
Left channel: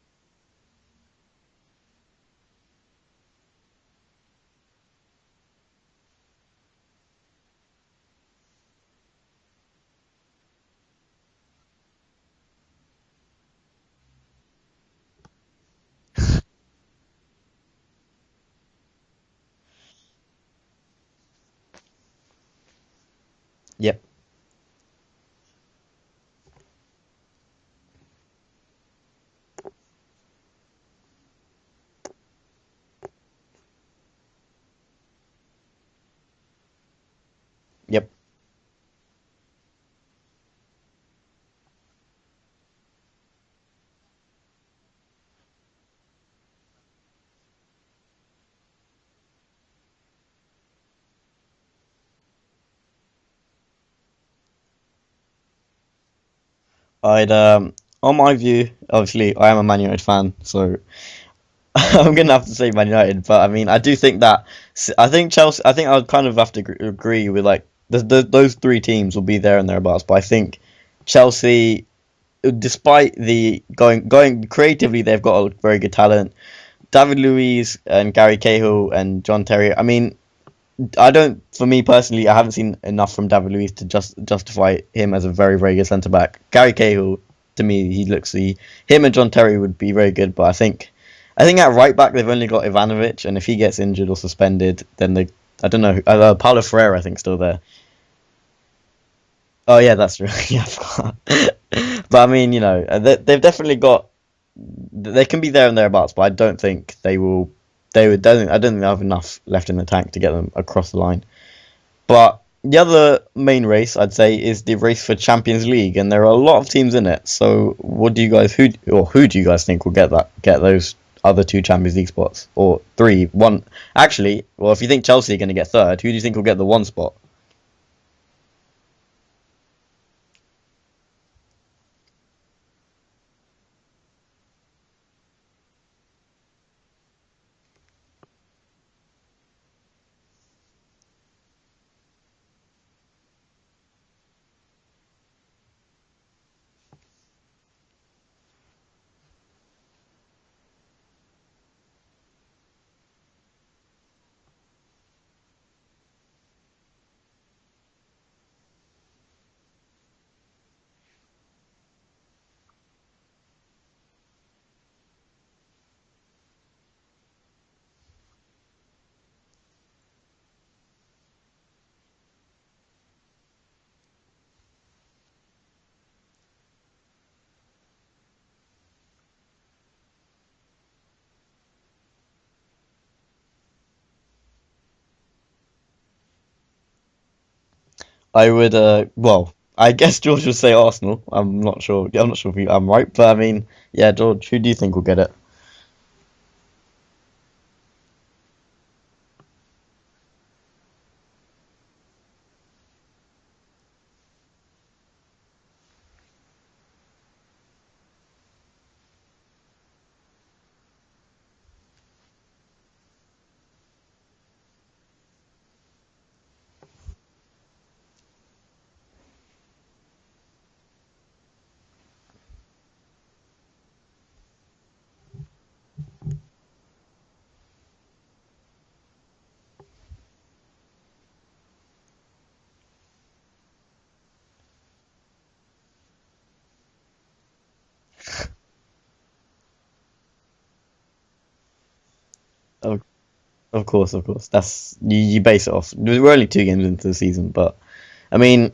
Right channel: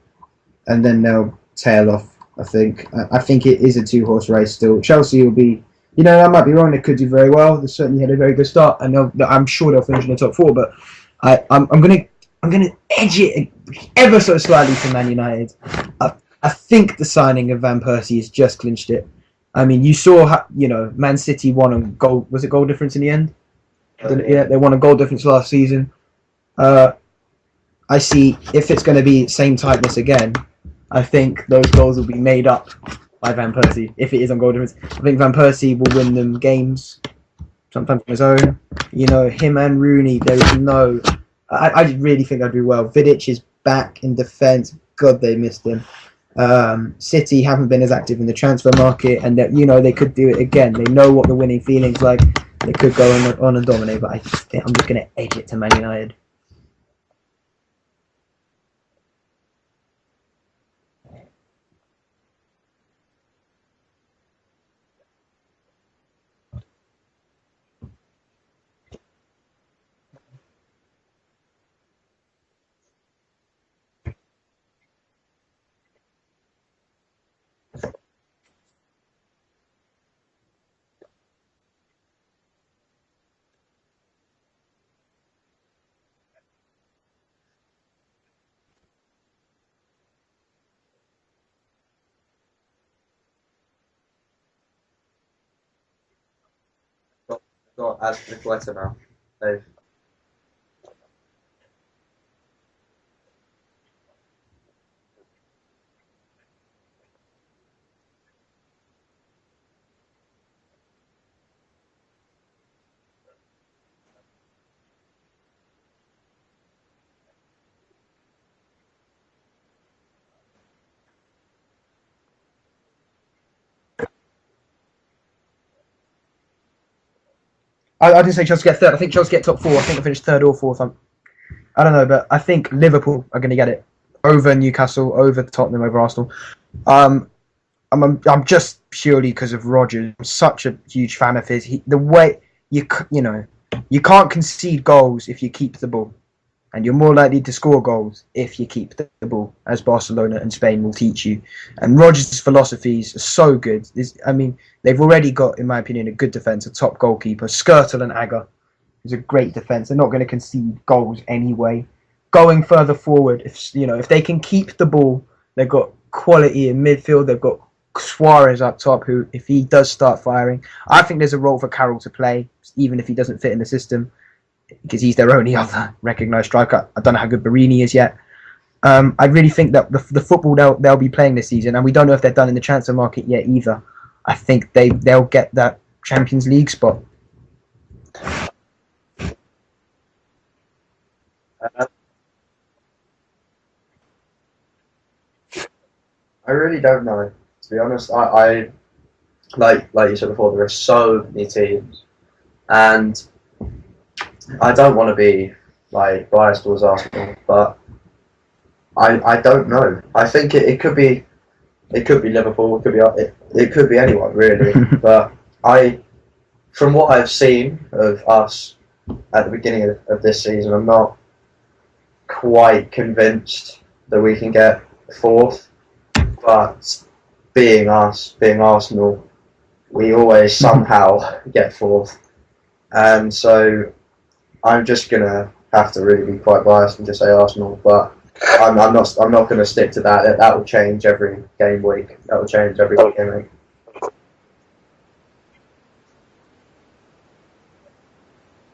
and then they'll tail off. I think it is a two-horse race still. Chelsea will be, I might be wrong. They could do very well. They certainly had a very good start, and I'm sure they'll finish in the top four. But I'm gonna edge it ever so slightly to Man United. I think the signing of Van Persie has just clinched it. I mean, you saw Man City won a goal. Was it goal difference in the end? Yep. Yeah, they won a goal difference last season. I see if it's going to be same tightness again. I think those goals will be made up by Van Persie. If it is on goal difference, I think Van Persie will win them games, sometimes on his own. Him and Rooney, there is no... I really think they'll do well. Vidic is back in defence. God, they missed him. City haven't been as active in the transfer market, and that they could do it again. They know what the winning feeling's like. They could go on and dominate, but I just think I'm just going to edge it to Man United. On my view, obviously, I am a Man United fan, so I'm going to have to say Man United. But I mean, I do think that I think Chelsea. I think I'll kind of have to agree with those three teams will be there and thereabouts. But I think Chelsea, despite the going creatively, they've got a very good talent. David Luiz and Gary Cahill and John Terry. I mean, for me personally, I haven't seen enough from David Luiz to justify him as a very, very good centre back. Gary Cahill, to me, him and John Terry would be very good, but I think at right back they've only got Ivanovic, and if he gets injured or suspended, then I don't know. Paulo Ferreira, I think, still there. So Azpilicueta now. Oh yeah, that's true. Yeah, I forgot. But I mean, they've definitely got. They can be there and thereabouts, but I don't think they will. I don't think they have enough left in the tank to get them across the line. But the other main race, I'd say, is the race for Champions League, and there are a lot of teams in it. So, who do you guys think will get those other two Champions League spots, or three? One, actually. Well, if you think Chelsea are going to get third, who do you think will get the one spot? I didn't say Chelsea get third. I think Chelsea get top four. I think they finish third or fourth. I don't know, but I think Liverpool are going to get it over Newcastle, over Tottenham, over Arsenal. I'm just purely because of Rodgers. I'm such a huge fan of his. The way you can't concede goals if you keep the ball, and you're more likely to score goals if you keep the ball, as Barcelona and Spain will teach you. And Rodgers' philosophies are so good. They've already got, in my opinion, a good defence, a top goalkeeper. Skirtle and Agger is a great defence. They're not going to concede goals anyway. Going further forward, if they can keep the ball, they've got quality in midfield. They've got Suarez up top, who, if he does start firing, I think there's a role for Carroll to play, even if he doesn't fit in the system, because he's their only other recognised striker. I don't know how good Barini is yet. I really think that the football they'll be playing this season, and we don't know if they're done in the transfer market yet either. I think they'll get that Champions League spot. I would, I guess George would say Arsenal. I'm not sure if I'm right, but I mean, yeah, George, who do you think will get it? I really don't know. To be honest, I like you said before, there are so many teams, and I don't want to be biased towards Arsenal, but I don't know. I think it could be Liverpool, it could be anyone really. But from what I've seen of us at the beginning of this season, I'm not quite convinced that we can get fourth. But being Arsenal, we always somehow get fourth, and so I'm just gonna have to really be quite biased and just say Arsenal, but I'm not going to stick to that. That will change every game week. That will change every game week. Of course. That's you base it off. We're only 2 games into the season, but I mean,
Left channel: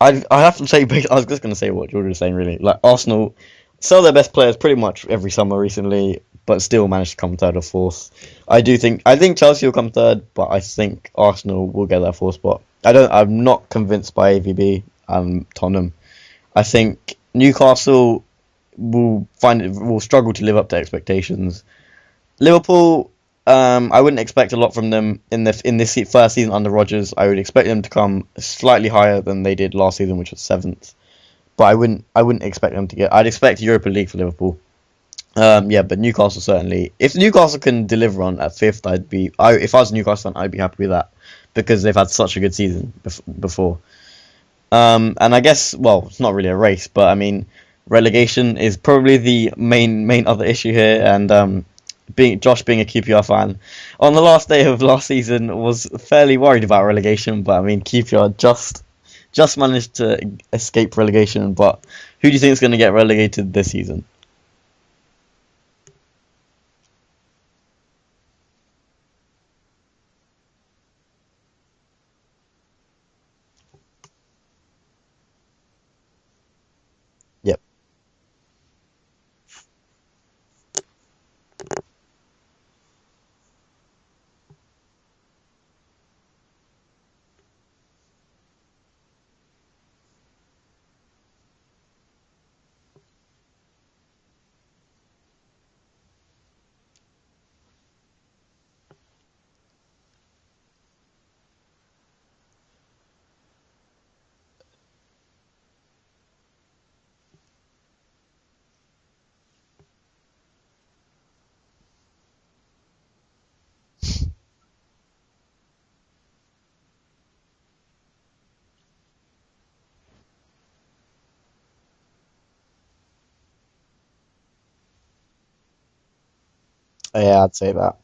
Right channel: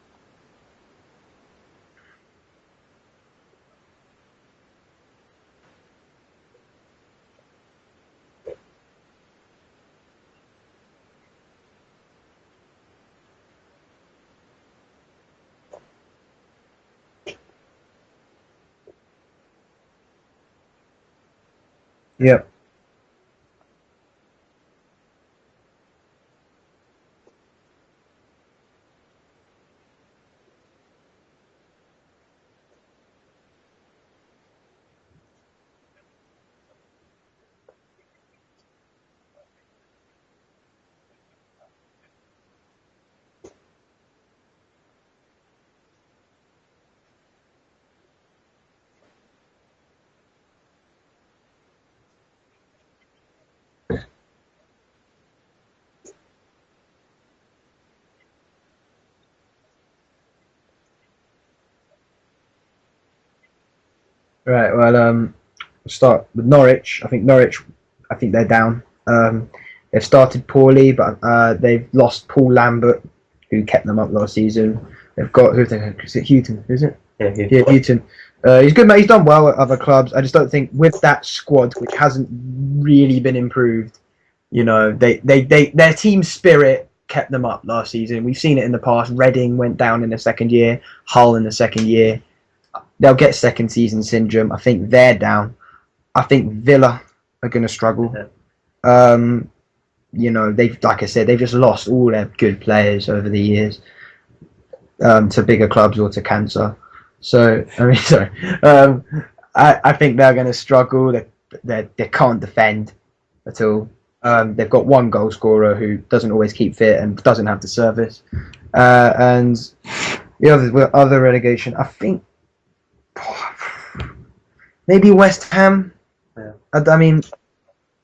I have to say, I was just going to say what George was saying. Really, like Arsenal sell their best players pretty much every summer recently, but still managed to come third or fourth. I think Chelsea will come third, but I think Arsenal will get that fourth spot. I'm not convinced by AVB and Tottenham. I think Newcastle will struggle to live up to expectations. Yeah. Liverpool, I wouldn't expect a lot from them in this first season under Rodgers. I would expect them to come slightly higher than they did last season, which was 7th. But I wouldn't expect them to get. I'd expect Europa League for Liverpool. But Newcastle certainly. If Newcastle can deliver on at 5th, if I was a Newcastle fan, I'd be happy with that because they've had such a good season before. And I guess, well, it's not really a race, but I mean, relegation is probably the main other issue here. And Josh being a QPR fan, on the last day of last season was fairly worried about relegation. But I mean, QPR just managed to escape relegation. But who do you think is going to get relegated this season? Right. Well, start with Norwich. I think they're down. They've started poorly, but they've lost Paul Lambert, who kept them up last season. They've got is it Houghton? Is it? Yeah, Houghton. He's good, mate. He's done well at other clubs. I just don't think with that squad, which hasn't really been improved, their team spirit kept them up last season. We've seen it in the past. Reading went down in the second year. Hull in the second year. They'll get second season syndrome. I think they're down. I think Villa are going to struggle. Yeah. Like I said, they've just lost all their good players over the years to bigger clubs or to cancer. So, I mean, sorry. I think they're going to struggle. They can't defend at all. They've got one goal scorer who doesn't always keep fit and doesn't have the service. And the other relegation, I think, maybe West Ham. Yeah. I'd say that.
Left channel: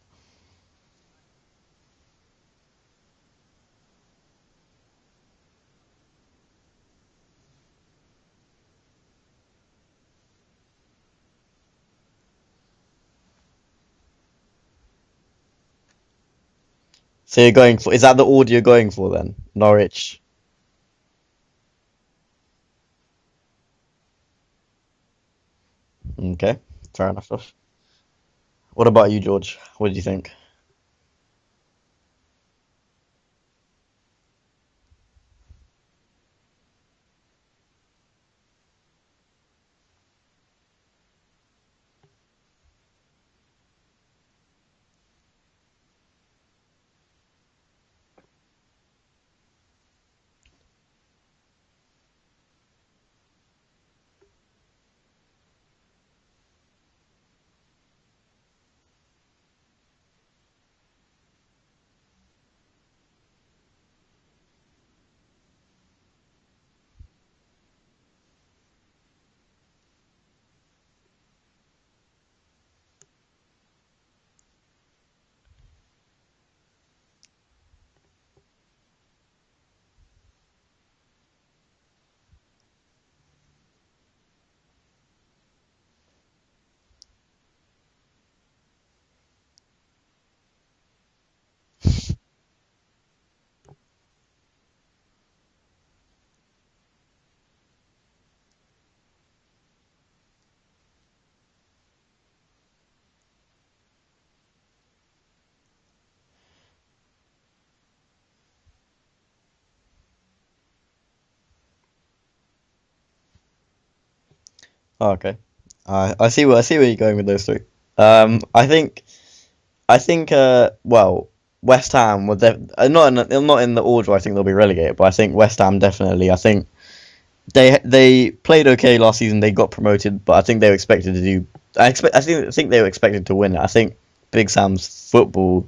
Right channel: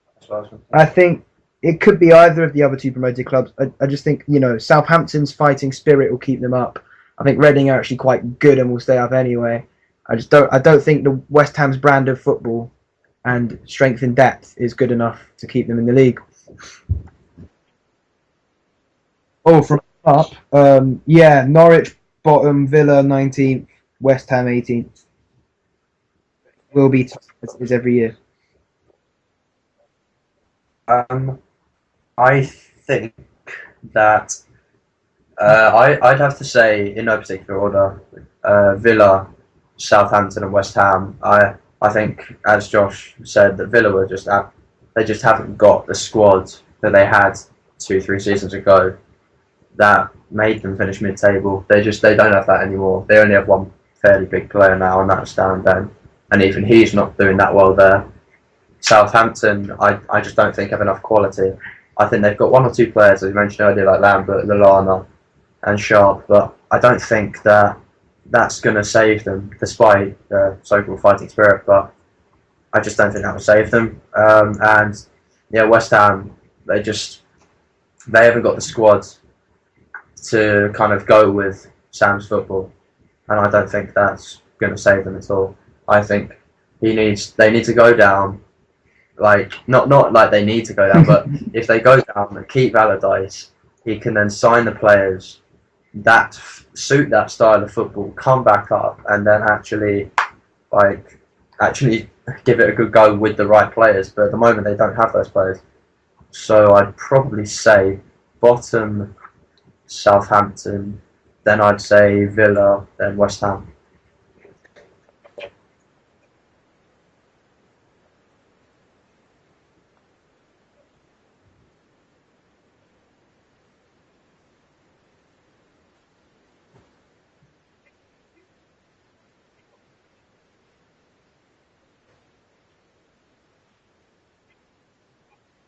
I think it could be either of the other 2 promoted clubs. I just think, Southampton's fighting spirit will keep them up. I think Reading are actually quite good and will stay up anyway. I don't think the West Ham's brand of football and strength and depth is good enough to keep them in the league. So is that the order you're going for then? Oh, Norwich. Up. Norwich bottom, Villa 19th, West Ham 18th. Okay. Will be is every year. What about you, George? What do you think? I think that I'd have to say, in no particular order, Villa, Southampton, and West Ham. I think, as Josh said, that Villa were they just haven't got the squad that they had 2-3 seasons ago that made them finish mid-table. They don't have that anymore. They only have one fairly big player now, and that's Darren Bent, and even he's not doing that well there. Southampton, I just don't think have enough quality. I think they've got 1 or 2 players, as you mentioned earlier, like Lambert, Lallana, and Sharp, but I don't think that's going to save them, despite the so-called fighting spirit. But I just don't think that will save them. West Ham, they haven't got the squad to kind of go with Sam's football, and I don't think that's going to save them at all. I think they need to go down. Like not like they need to go down, but if they go down and keep Allardyce, he can then sign the players that suit that style of football, come back up, and then actually give it a good go with the right players. But at the moment, they don't have those players. So I'd probably say bottom Southampton, then I'd say Villa, then West Ham. Oh, okay. I see where you're going with those 3. I think. West Ham were not in the order I think they'll be relegated, but I think West Ham definitely. I think they played okay last season. They got promoted, but I think they were expected to do. I think they were expected to win it. I think Big Sam's football.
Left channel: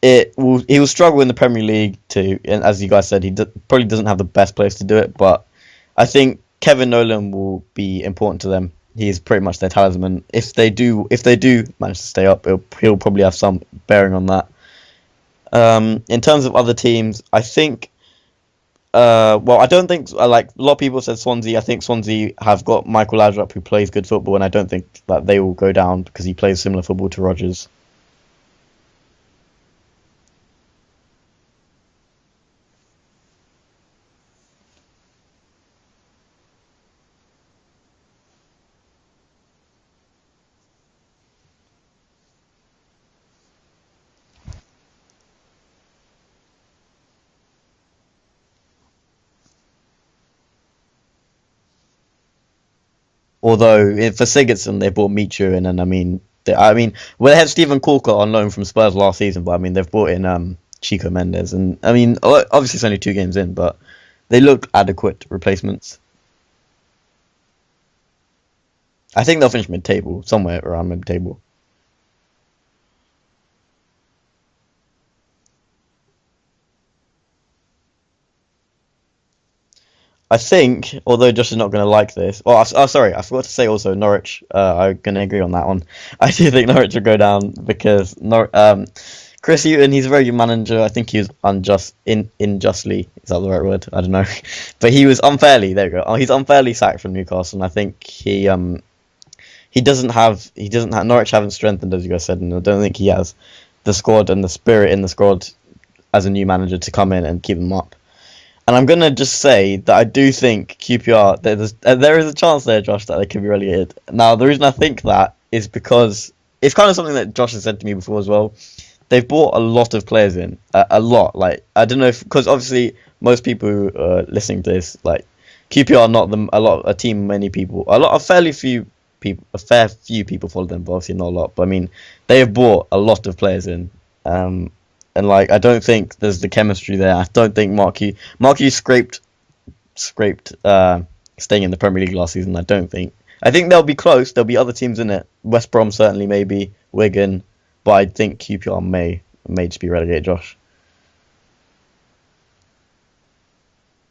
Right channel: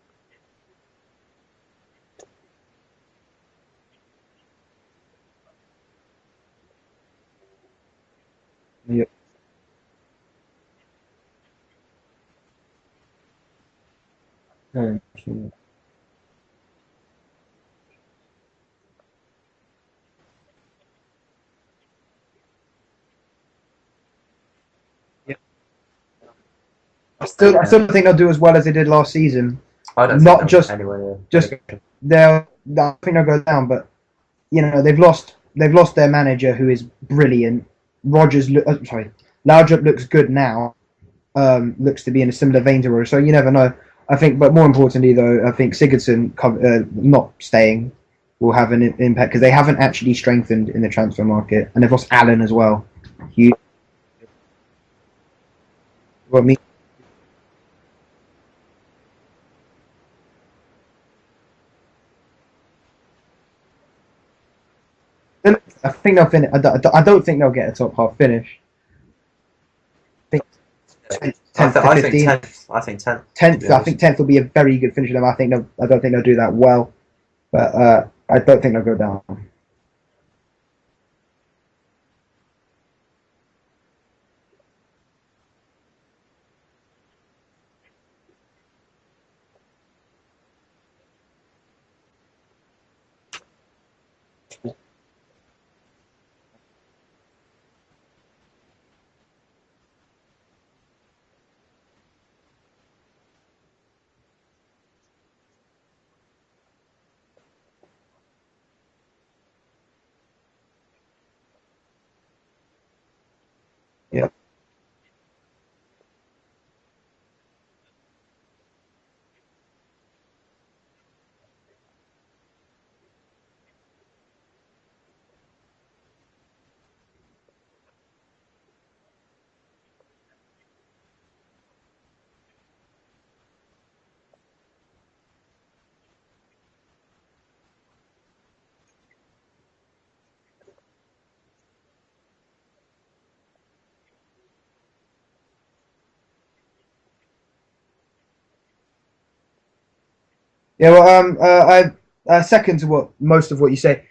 He will struggle in the Premier League too, and as you guys said, he probably doesn't have the best players to do it. But I think Kevin Nolan will be important to them. Yeah. He's pretty much their talisman. If they do manage to stay up, he'll probably have some bearing on that. In terms of other teams, I think Well, I don't think like a lot of people said Swansea. I think Swansea have got Michael Laudrup who plays good football, and I don't think that they will go down because he plays similar football to Rodgers. I still don't think they'll do as well as they did last season. I don't Not think just anyway, just they'll. I think they'll go down, but they've lost their manager who is brilliant. Laudrup looks good now. Looks to be in a similar vein to Rodgers, so you never know. I think, but more importantly though, I think Sigurdsson not staying will have an impact because they haven't actually strengthened in the transfer market, and they've lost Allen as well. Although for Sigurdsson they bought Michu in, and they had Stephen Corker on loan from Spurs last season, but I mean they've brought in Chico Mendes, and I mean obviously it's only 2 games in, but they look adequate replacements. I think they'll finish. I don't think they'll get a top half finish. I think they'll finish mid-table, somewhere around mid-table. 10th to 15th. I think 10th. 10th. I think 10th will be a very good finish for them. I don't think they'll do that well, but I don't think they'll go down. I think, although Josh is not going to like this. Oh, sorry, I forgot to say also Norwich. I'm going to agree on that one. I do think Norwich will go down because Chris Hughton, he's a very good manager. I think he was unjustly, is that the right word? I don't know, but he was unfairly. There we go. He's unfairly sacked from Newcastle, and I think he doesn't have Norwich haven't strengthened, as you guys said, and I don't think he has the squad and the spirit in the squad as a new manager to come in and keep them up. And I'm gonna just say that I do think QPR there is a chance there, Josh, that they could be relegated. Yeah. Now the reason I think that is because it's kind of something that Josh has said to me before as well. They've brought a lot of players in, a lot. Like I don't know because obviously most people who are listening to this, like QPR, are not a team. Many people, a fair few people follow them, but obviously not a lot. But I mean, they have brought a lot of players in, and like I don't think there's the chemistry there. I don't think Mark Hughes scraped staying in the Premier League last season. I think they'll be close. There'll be other teams in it. West Brom certainly, maybe Wigan. But I think QPR may just be relegated, Josh. Yeah, well, I second to most of what you say.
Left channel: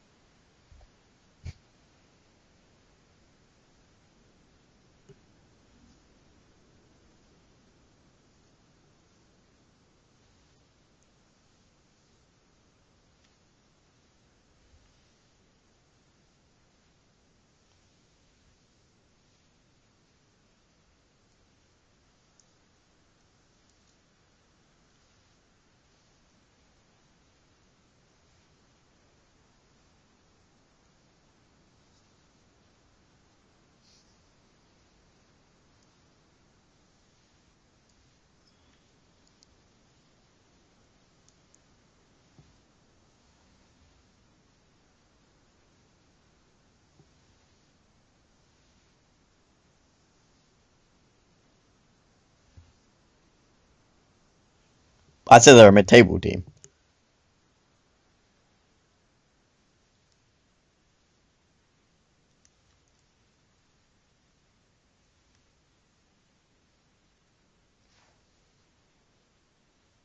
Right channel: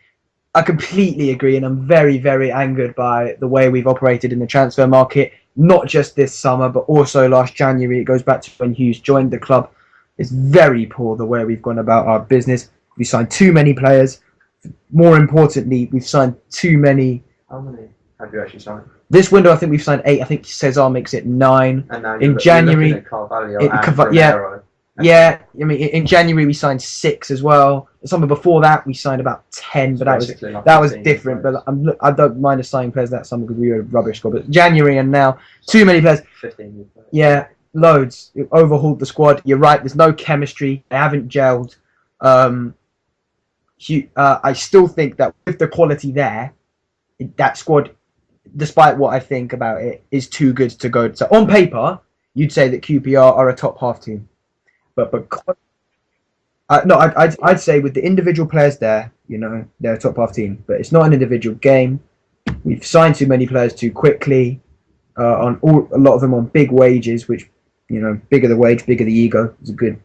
I completely agree, and I'm very, very angered by the way we've operated in the transfer market. Not just this summer, but also last January. It goes back to when Hughes joined the club. It's very poor the way we've gone about our business. We signed too many players. More importantly, we've signed too many. How many have you actually signed? This window, I think we've signed 8. I think Cesar makes it 9. And now in January, yeah. I mean, in January we signed 6 as well. The summer before that we signed about 10, but that was different. But I don't mind us signing players that summer because we were a rubbish squad. But January and now too many players. 15. Yeah, loads. You've overhauled the squad. You're right. There's no chemistry. They haven't gelled. I still think that with the quality there, that squad, despite what I think about it, is too good to go. So on paper, you'd say that QPR are a top half team, but I'd say they're a mid-table team. I'd say with the individual players there, they're a top half team, but it's not an individual game. We've signed too many players too quickly, a lot of them on big wages, which bigger the wage, bigger the ego. It's a good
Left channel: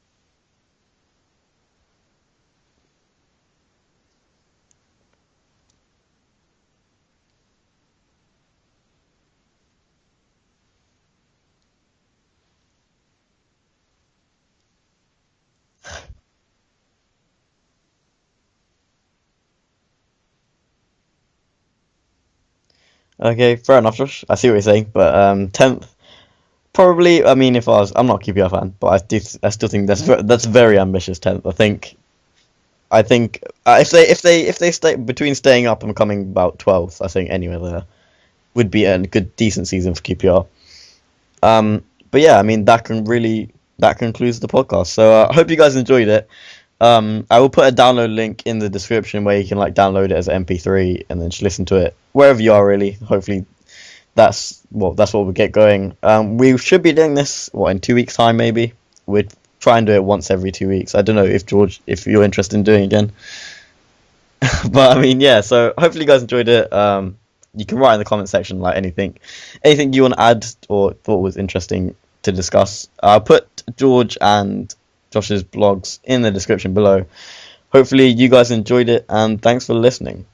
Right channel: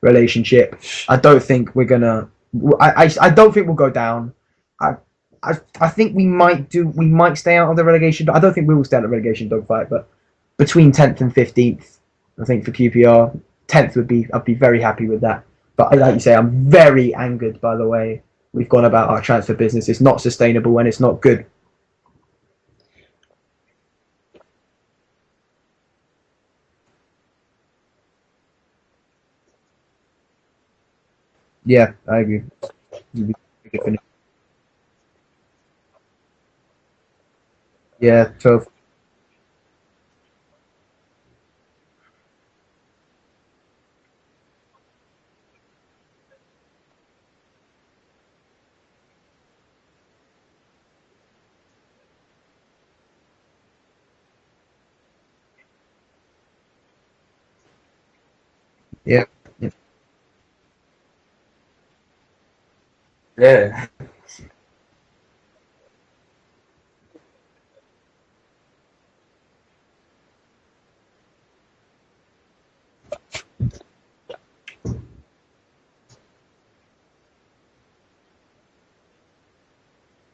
relationship. I don't think we're gonna. I don't think we'll go down. I think we might stay out of the relegation. I don't think we will stay out of the relegation dogfight, but between 10th and 15th, I think for QPR, 10th I'd be very happy with that. But like you say, I'm very angered by the way we've gone about our transfer business. It's not sustainable and it's not good. Okay, fair enough, Josh. I see what you're saying, but 10th, probably. I mean, I'm not a QPR fan, but I still think that's very ambitious 10th. I think. Yeah, I agree. I think if they stay between staying up and coming about 12th, I think anywhere there would be a good decent season for QPR. But yeah, I mean that concludes the podcast. So I hope you guys enjoyed it. I will put a download link in the description where you can download it as an MP3 and then just listen to it wherever you are. Really, hopefully that's what we get going. We should be doing this in 2 weeks' time maybe. Yeah. We'll try and do it once every 2 weeks. I don't know if George, if you're interested in doing it again. Yeah. But I mean, yeah. So hopefully you guys enjoyed it. You can write in the comment section anything you want to add or thought was interesting to discuss. I'll put George and Josh's blogs in the description below. Hopefully you guys enjoyed it and thanks for listening.